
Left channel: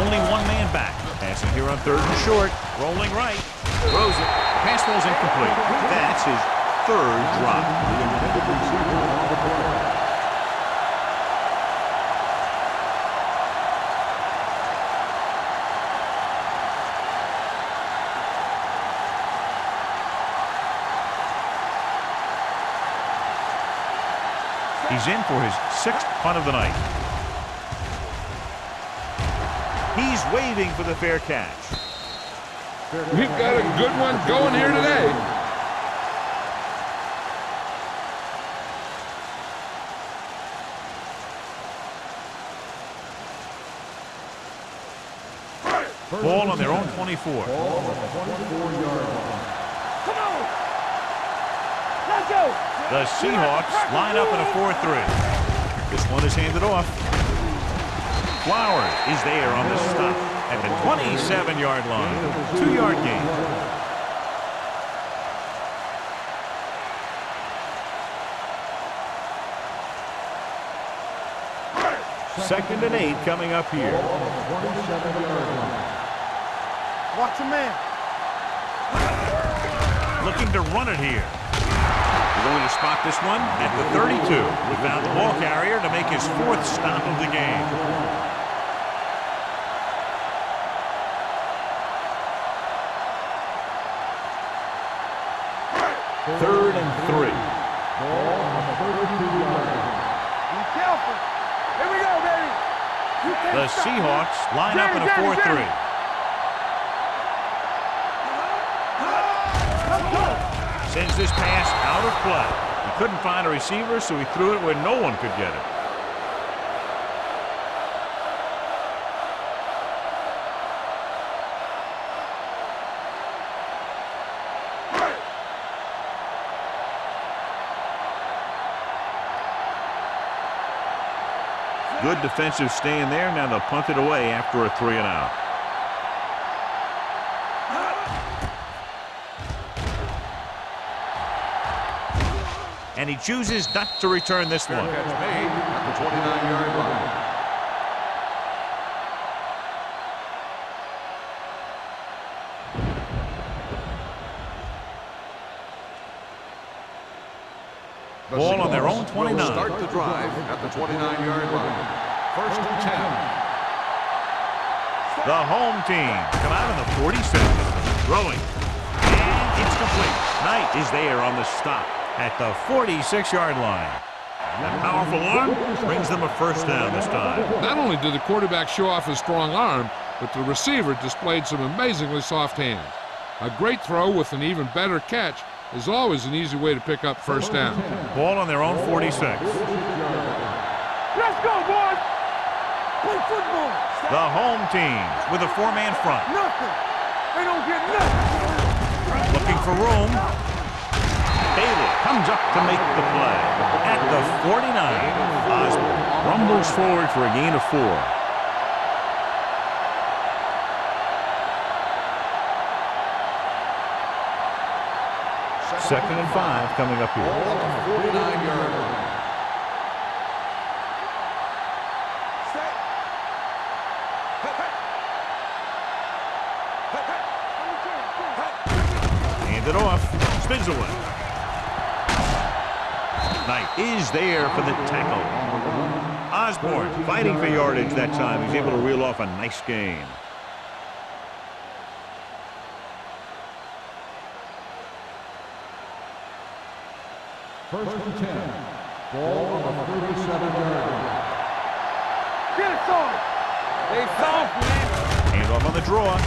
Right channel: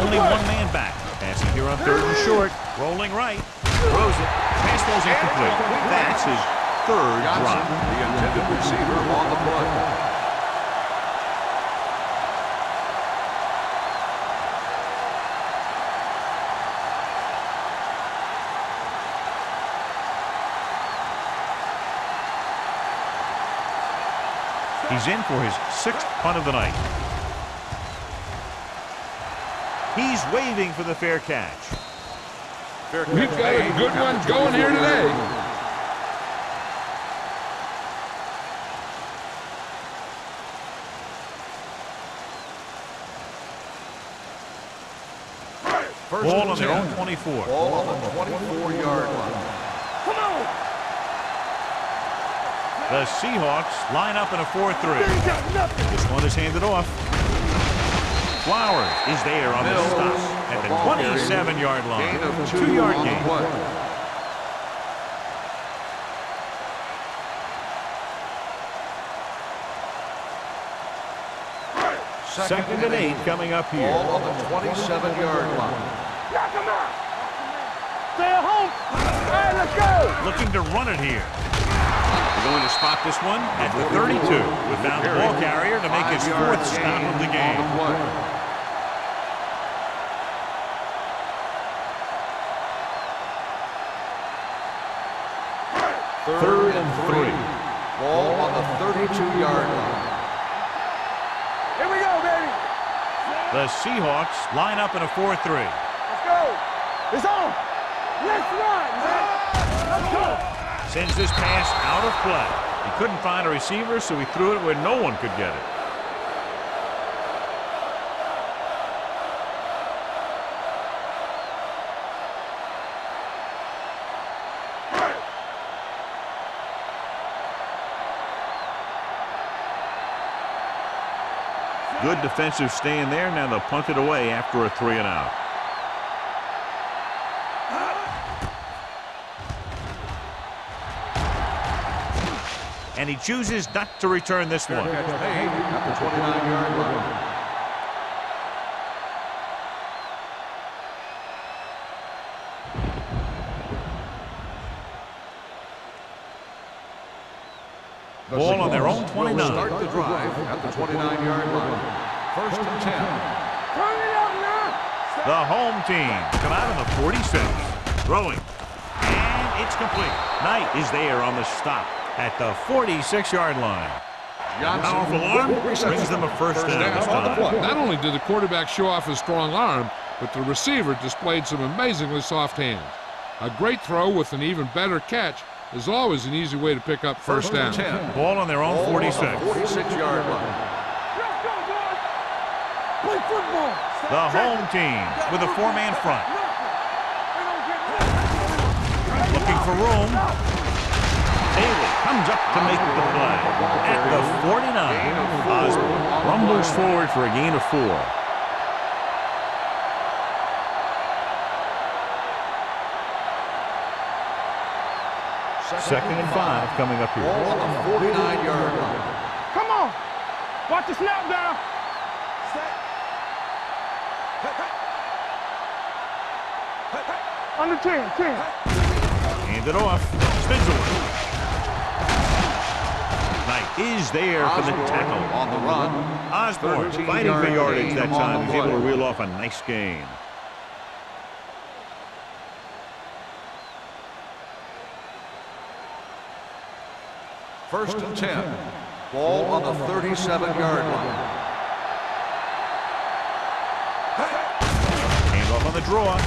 Only one man back. Passing here on third and short. Rolling right. Throws it. Pass ball's incomplete. That's his third drop. The intended receiver on the play. He's in for his 6th punt of the night. He's waving for the fair catch. We've got a good one going here today. Ball on their own 24. Ball on the 24-yard line. Come on. Let's go. The Seahawks line up in a 4-3. This one is handed off. Flowers is there on the stop at the 27-yard line. 2-yard gain. Second and 8 coming up here. Ball on the 27-yard line. Knock him out. Watch him, man. Stay at home. Hey, let's go. Looking to run it here. They're going to spot this one at the 32. We found the ball carrier to make his 4th stop of the game. Third and 3. Ball on the 32-yard line. Here we go, baby. The Seahawks line up in a 4-3. Let's go. It's on. Let's go. Sends this pass out of play. He couldn't find a receiver, so he threw it where no one could get it. Good defensive stand there. Now they'll punt it away after a 3-and-out. and he chooses not to return this Fair one. catch made at the 29-yard line. The Ball on their Seahawks own 29. will start the drive at the 29-yard line. 1st and 10. The home team come out on the 46. Throwing. And it's complete. Knight is there on the stop at the 46-yard line. That powerful arm brings them a first down this time. Not only did the quarterback show off his strong arm, but the receiver displayed some amazingly soft hands. A great throw with an even better catch is always an easy way to pick up first down. Ball on their own 46. 46-yard line. Let's go, boys. Play football. The home team with a four-man front. Nothing. They don't get nothing. Looking for room. Bailey comes up to make the play. At the 49, Osborne rumbles forward for a gain of 4. Second and 5 coming up here. Ball on the 49-yard line. Come on. Watch the snap down. Set. Hey, hey. Hey, hey. Under 10. Hey. Hand it off. Spizzler. Knight is there for the tackle. On the run. Osborne fighting for yardage that time. He's able to reel off a nice gain. First and 10. Ball on the 37-yard line. Get it started. Hand off on the draw.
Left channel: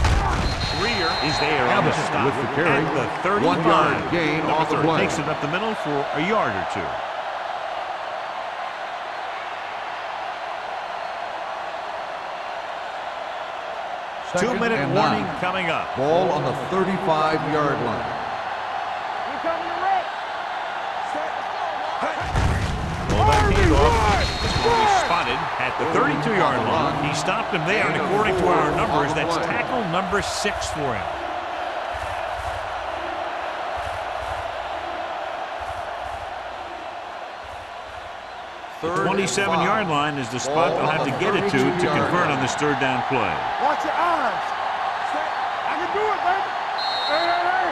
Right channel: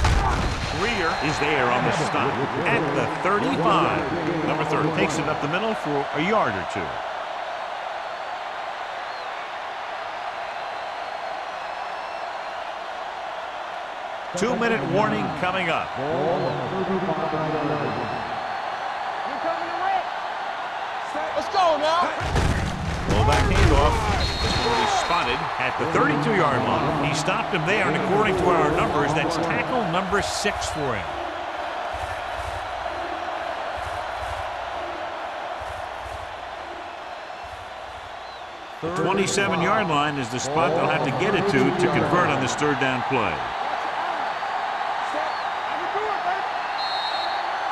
Greer is there on the stop at the 35. Number 30 takes it up the middle for a yard or 2. Two-minute warning coming up. Ball on the 35-yard line. We coming to wreck. Set. Let's go now. Pull that handoff. This one will be spotted at the 32-yard line. He stopped him there, and according to our numbers, that's tackle number 6 for him. The 27-yard line is the spot they'll have to get it to convert on this third down play. Watch your eyes. Set. I can do it, baby. Hey, hey, hey.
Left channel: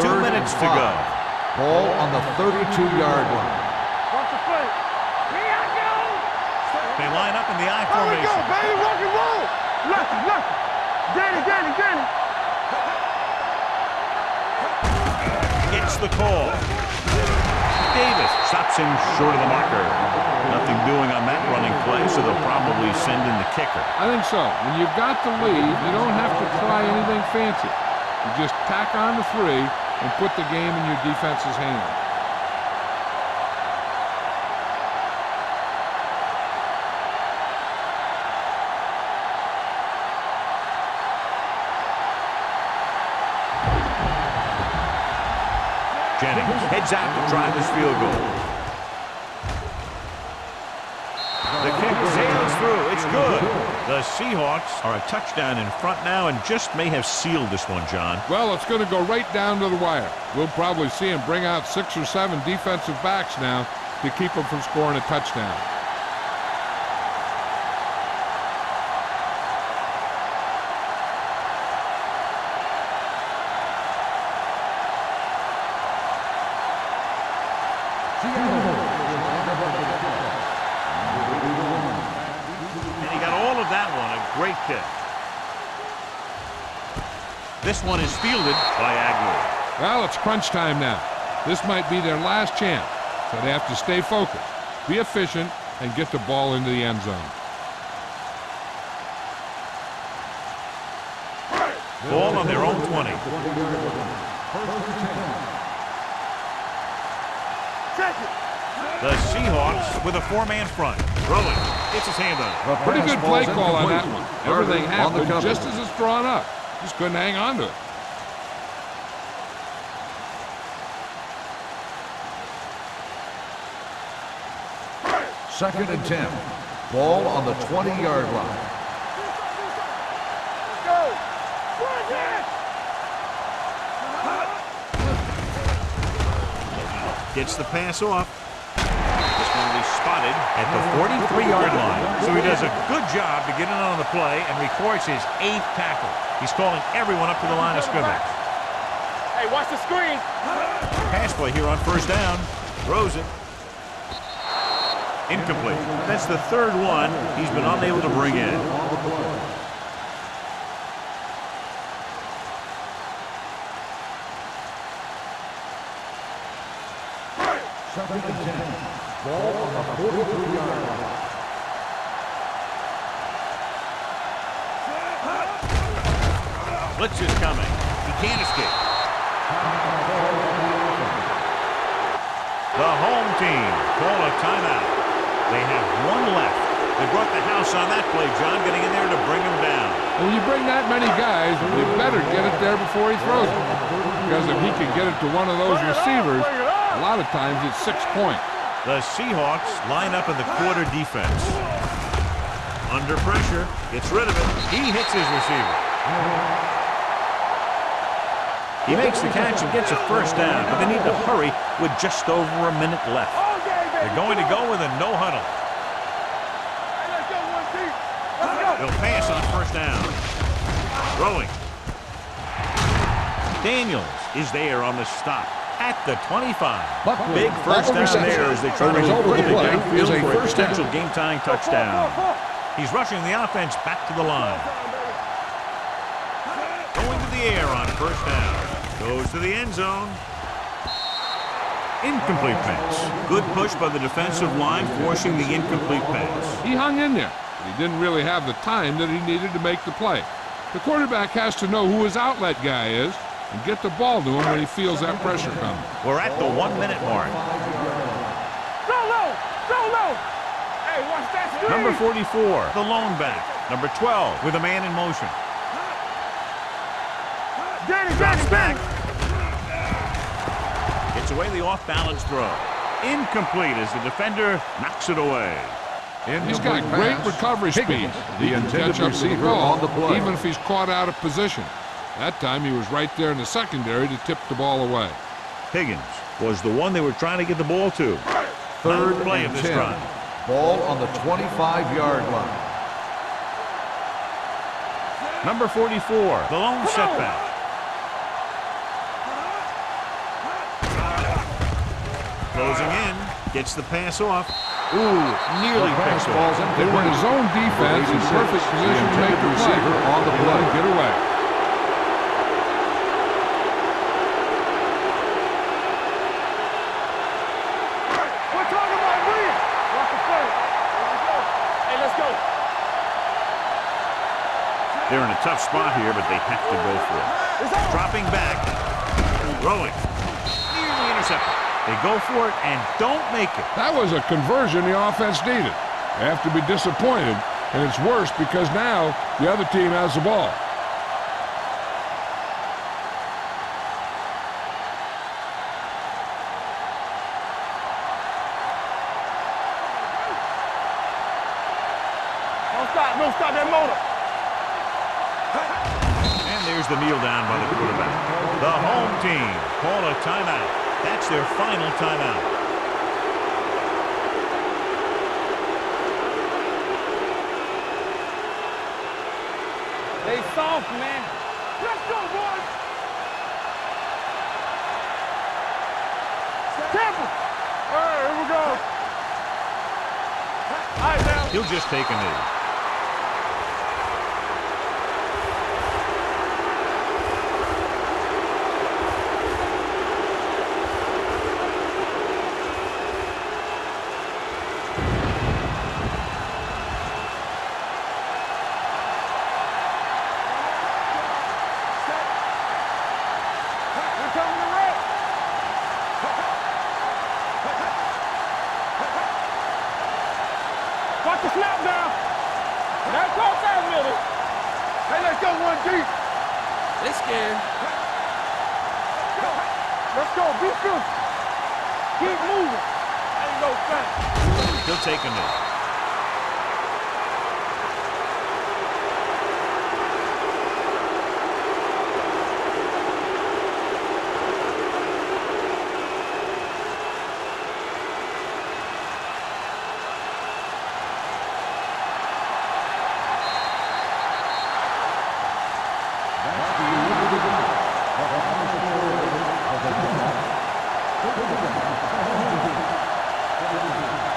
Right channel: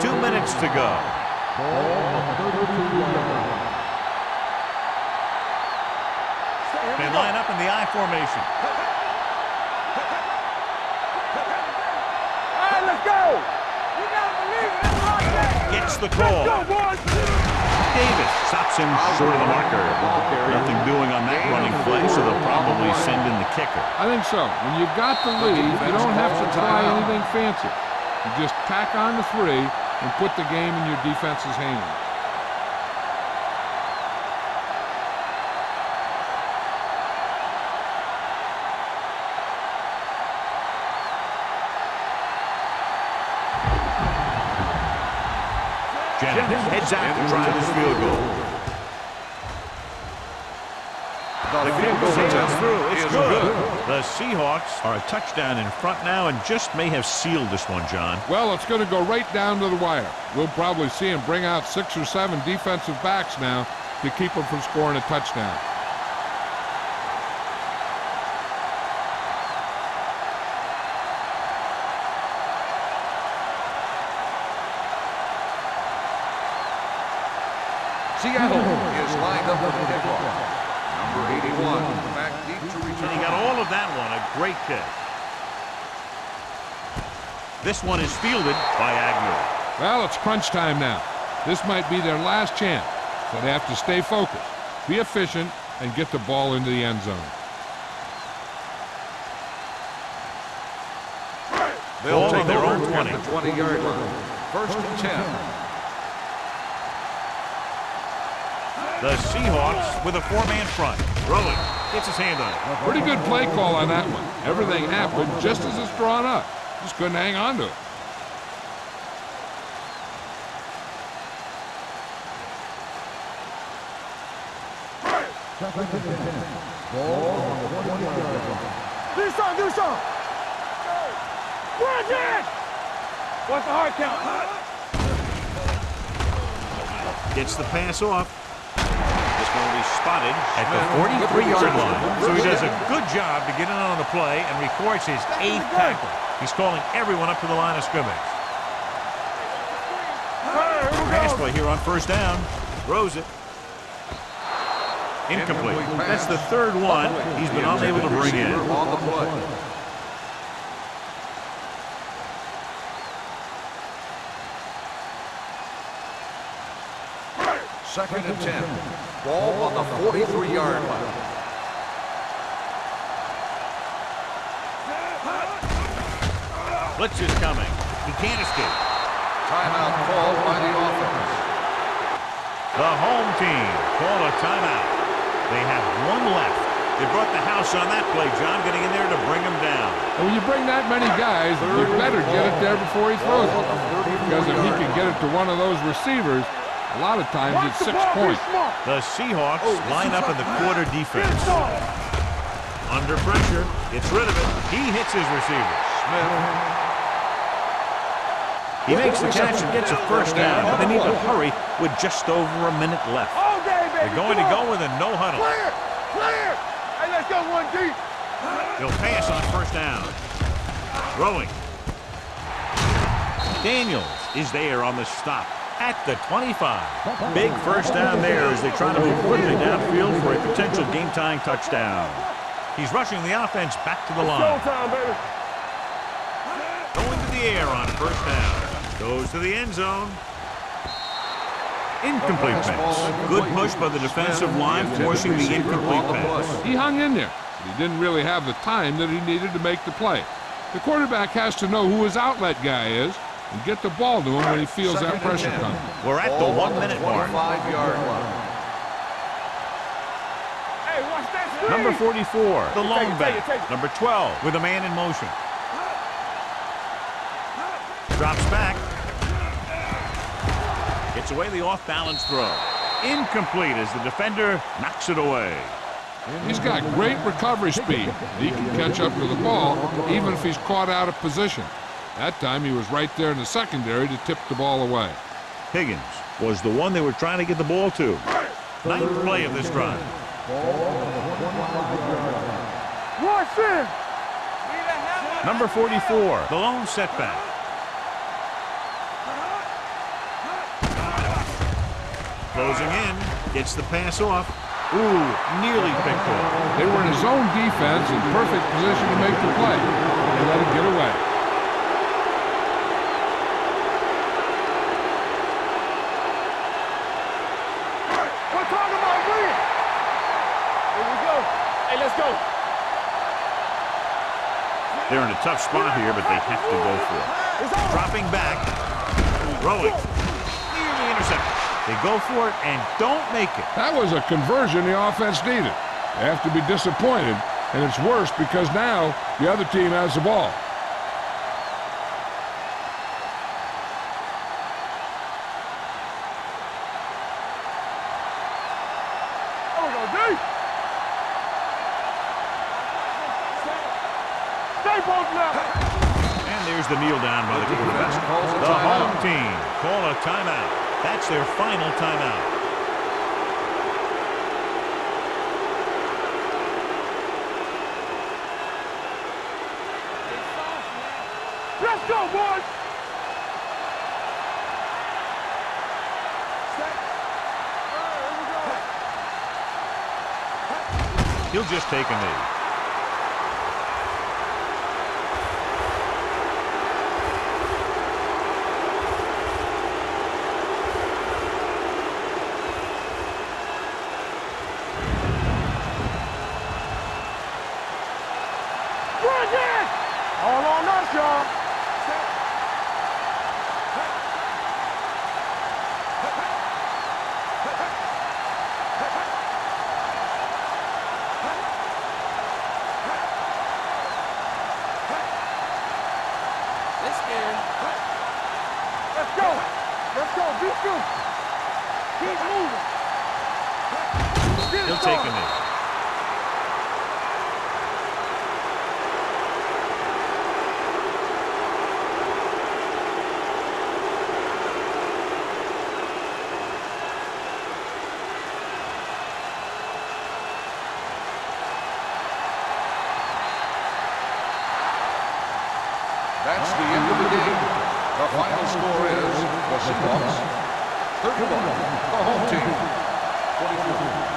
Third 2 minutes to and go. 5. Ball on the 32-yard line. Watch the play. Here I go. Set. They line up in the I formation. Baby, rock and roll. Look. Danny. All right, let's go. You gotta believe it. Let's rock that. Gets the call. Go, boys. Davis stops him short of the marker. Nothing doing on that running play, so they'll probably send in the kicker. I think so. When you've got the lead, you don't have to try anything fancy. You just tack on the 3 and put the game in your defense's hands. Jennings heads out to try this field goal. The kick sails through. It's good. The Seahawks are a touchdown in front now and just may have sealed this one, John. Well, it's going to go right down to the wire. We'll probably see him bring out 6 or 7 defensive backs now to keep them from scoring a touchdown. Seattle is lined up for the kickoff. Number 81, back deep to return. And he got all of that one. A great kick. This one is fielded by Agnew. Well, it's crunch time now. This might be their last chance, so they have to stay focused, be efficient, and get the ball into the end zone. Ball on their own 20. 20-yard line. First and 10. The Seahawks with a 4-man front. Throwing. Gets his hand on it. Pretty good play call on that one. Everything happened just as it's drawn up. Just couldn't hang on to it. 2nd and 10. Ball on the 20-yard line. Do something, do something. Let's go. Bring it! What's the hard count? Gets the pass off. This one will be spotted at the 43-yard line. So he does a good job to get in on the play and records his 8th tackle. He's calling everyone up to the line of scrimmage. Hey, watch the screen. Pass play here on 1st down. Throws it. Incomplete. That's the 3rd one he's been unable to bring in. On the play. Second and 10. Ball on the 43-yard line. Blitz is coming. He can't escape. Timeout called by the offense. The home team call a timeout. They have 1 left. They brought the house on that play, John, getting in there to bring him down. And when you bring that many guys, you better get it there before he throws it. Because if he can get it to one of those receivers, a lot of times it's 6 points. The Seahawks line up in the quarter defense. Under pressure, gets rid of it. He hits his receiver. He makes the catch and gets a 1st down, but they need to hurry with just over a minute left. All day, baby. They're going to go with a no huddle. Clear. Hey, let's go 1 deep. They'll pass on 1st down. Throwing. Daniels is there on the stop at the 25. Big 1st down there as they try to move quickly downfield for a potential game-tying touchdown. He's rushing the offense back to the line. Time, baby. Going to the air on 1st down. Goes to the end zone. Incomplete pass. Good push by the defensive line, forcing the incomplete pass. He hung in there, but he didn't really have the time that he needed to make the play. The quarterback has to know who his outlet guy is and get the ball to him when he feels that pressure coming. We're at the 1-minute mark. 5-yard line. Go low. Go low. Hey, watch that screen. Number 44, the lone back. Number 12, with a man in motion. Drops back. Gets away the off-balance throw. Incomplete as the defender knocks it away. He's got great recovery speed. He can catch up to the ball even if he's caught out of position. That time he was right there in the secondary to tip the ball away. Higgins was the one they were trying to get the ball to. 9th play of this drive. Ball on the 25-yard line. Watch it. Number 44, the lone setback. Closing in, gets the pass off. Ooh, nearly picks off. They were in a zone defense in perfect position to make the play. They let it get away. We're talking about Reed. Here we go. Hey, let's go. They're in a tough spot here, but they have to go for it. It's on. Dropping back, throwing, nearly intercepted. They go for it and don't make it. That was a conversion the offense needed. They have to be disappointed, and it's worse because now the other team has the ball. Don't stop that motor. Stay posted up. And there's the kneel down by the quarterback. The home team call a timeout. That's their final timeout. They soft, man. Let's go, boys. Tampa. All right, here we go. All right, man. He'll just take a knee. All on us, y'all. Set. Hey, we're coming to red. Hey, hey. Hey, hey. Hey, hey. Watch the snap down. Hey, go back, nigga. Hey, let's go 1 deep. They scared. Hey. Let's go. Let's go. Be physical. Keep moving. There you go, Frank. He'll take a knee. That's the end of the game. The final score is the Seahawks 31, the home team 23.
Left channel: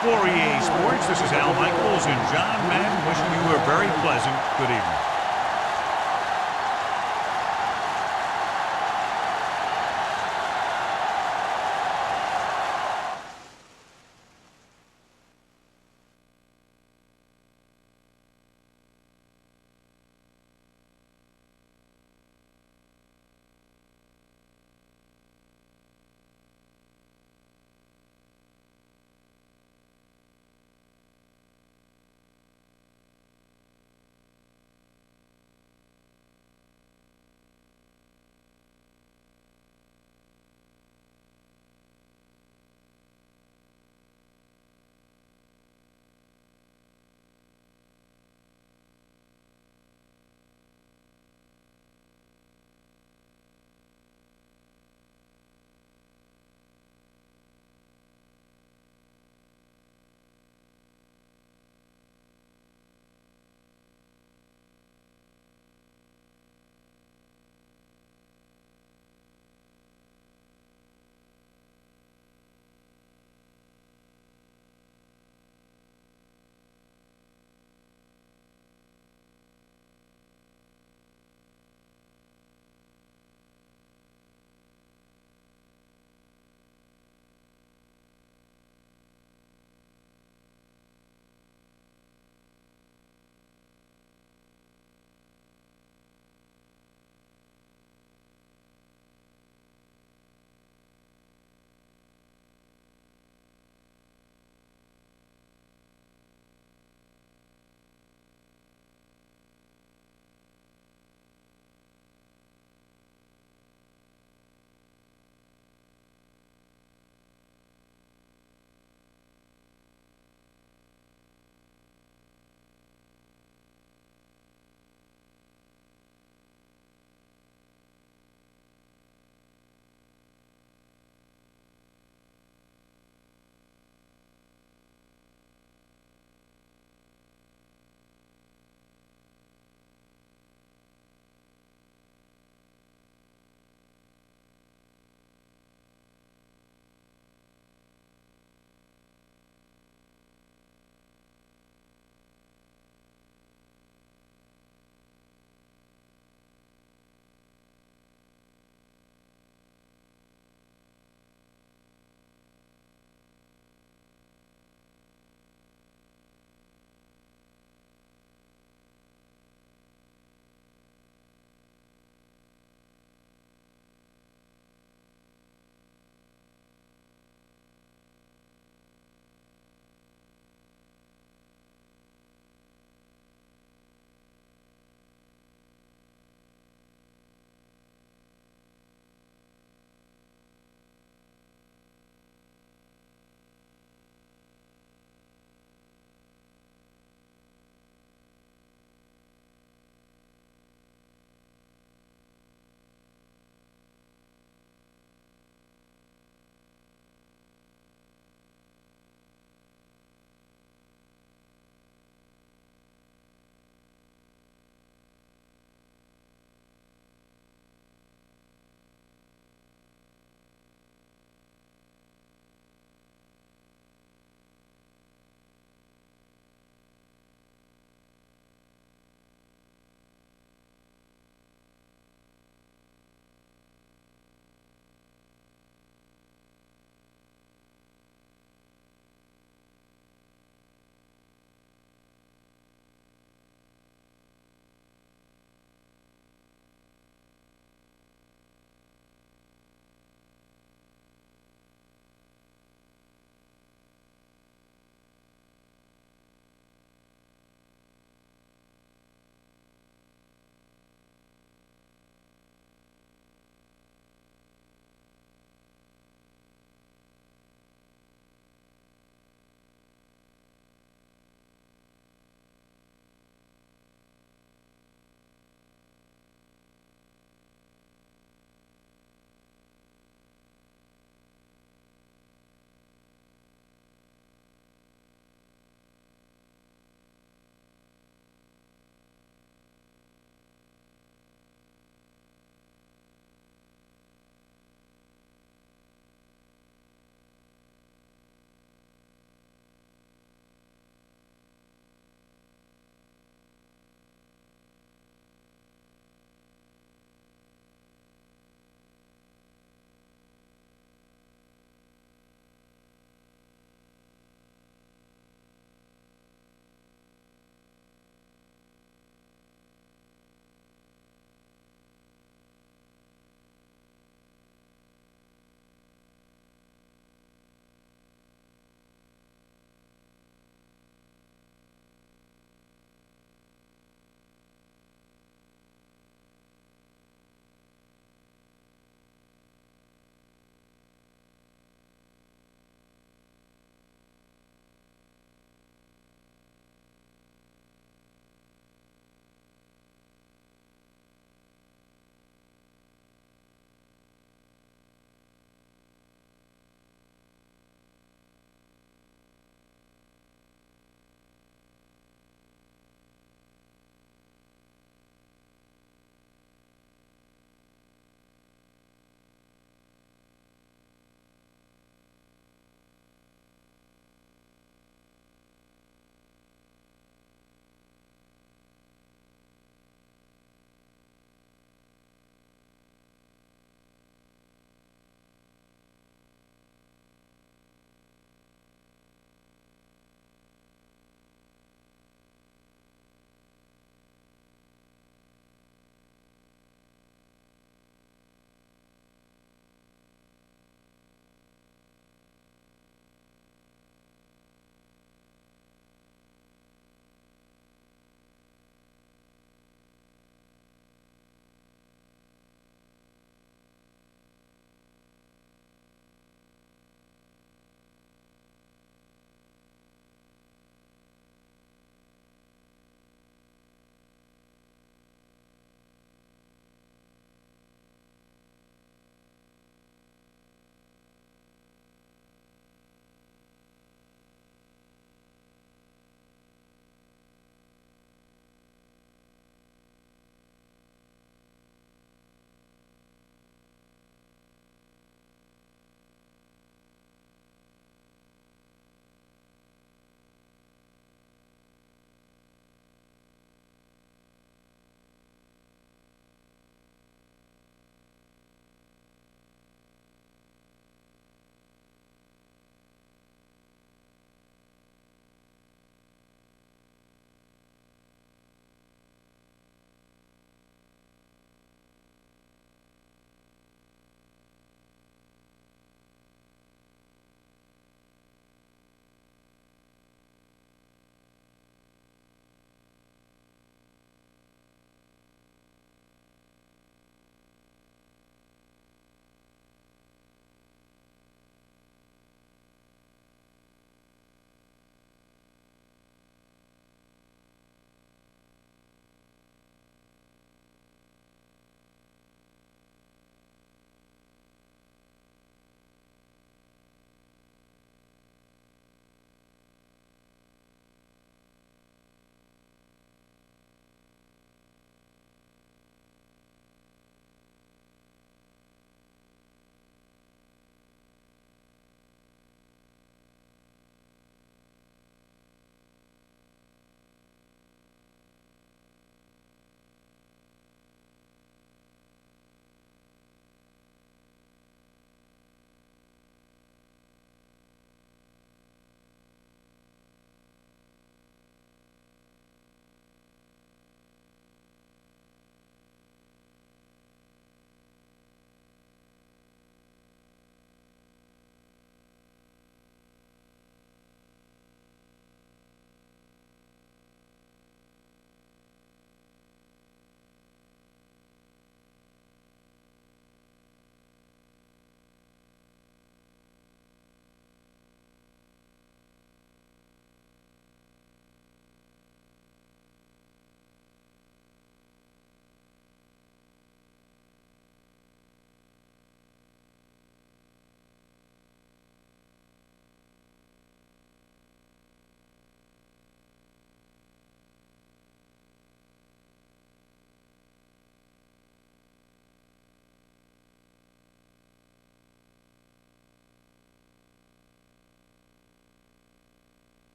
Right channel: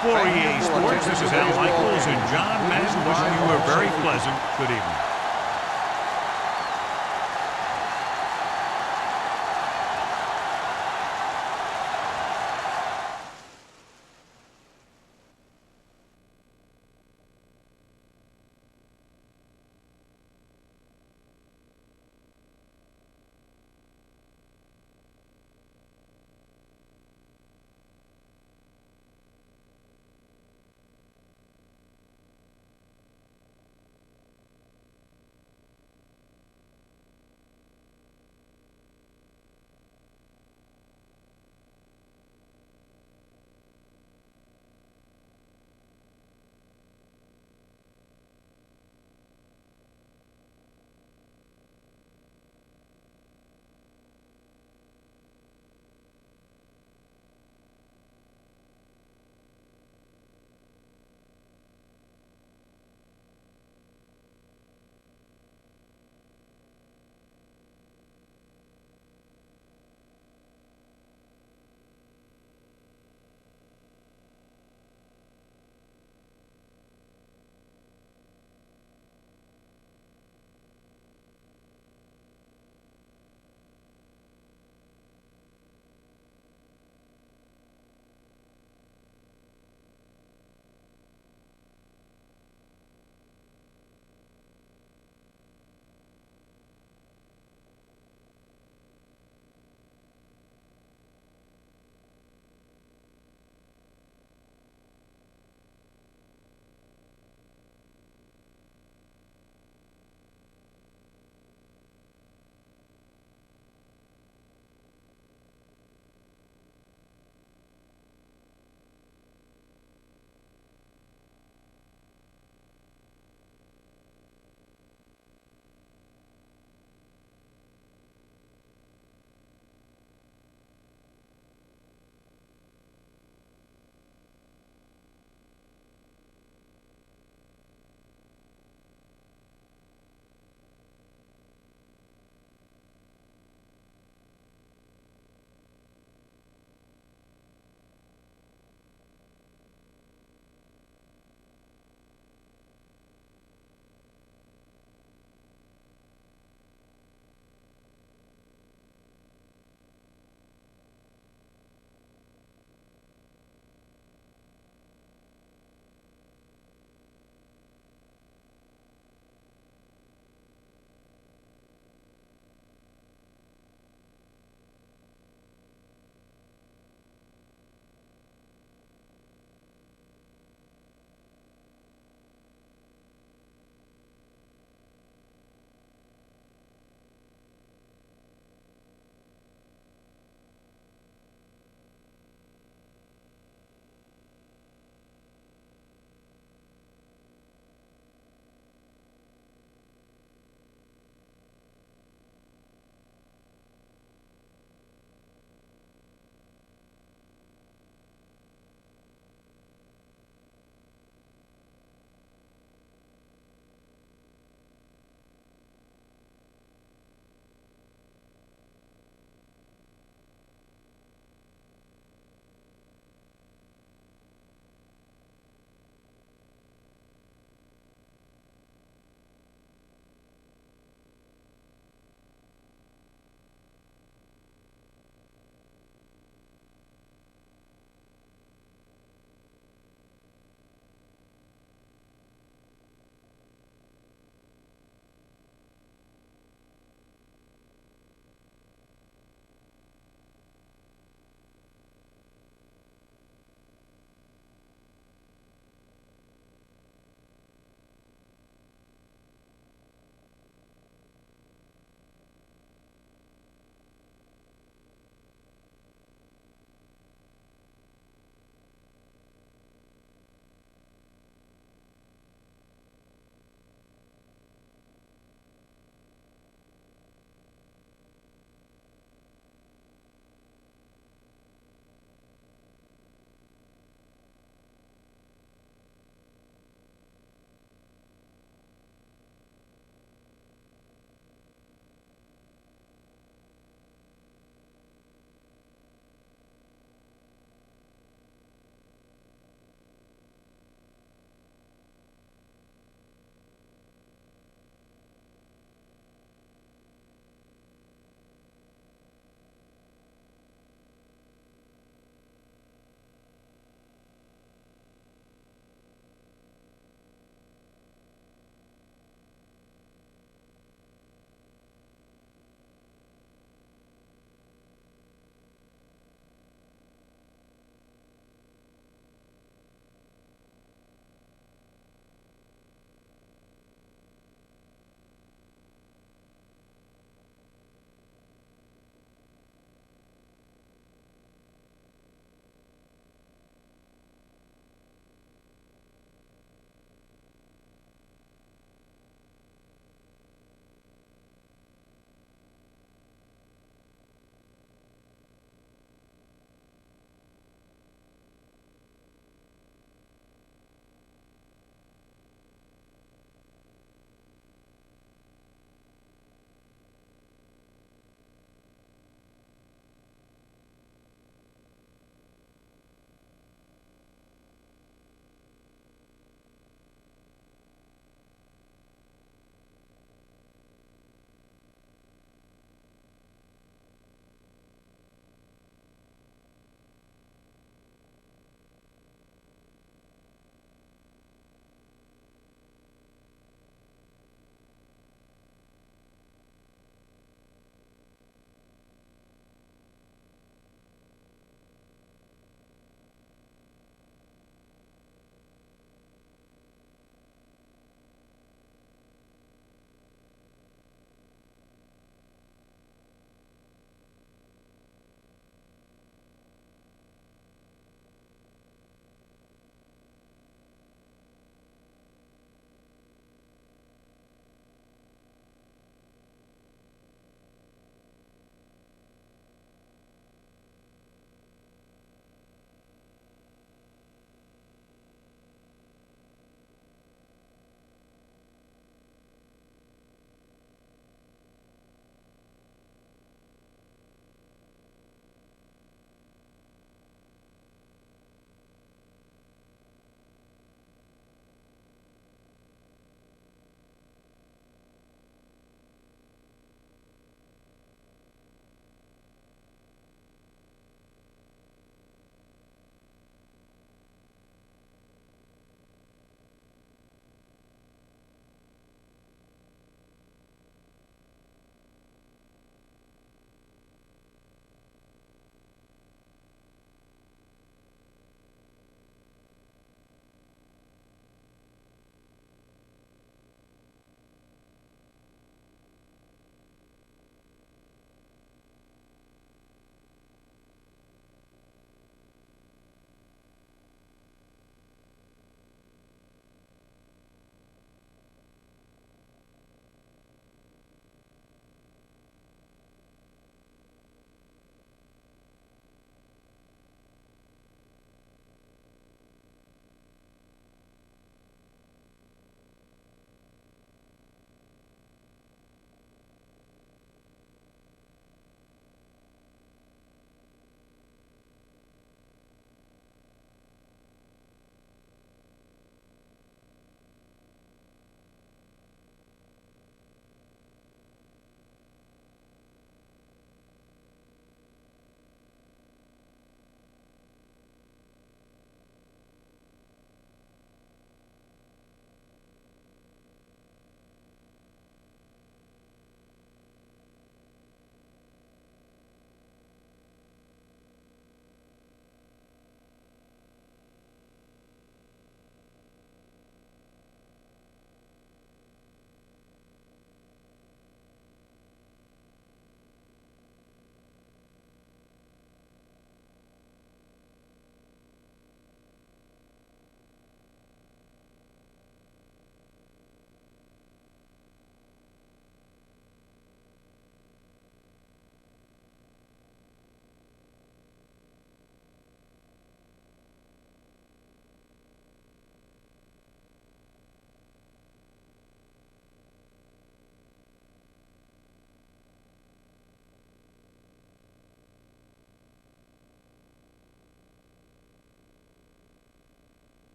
For EA Sports, this is Al Michaels and John Madden wishing you a very pleasant good evening.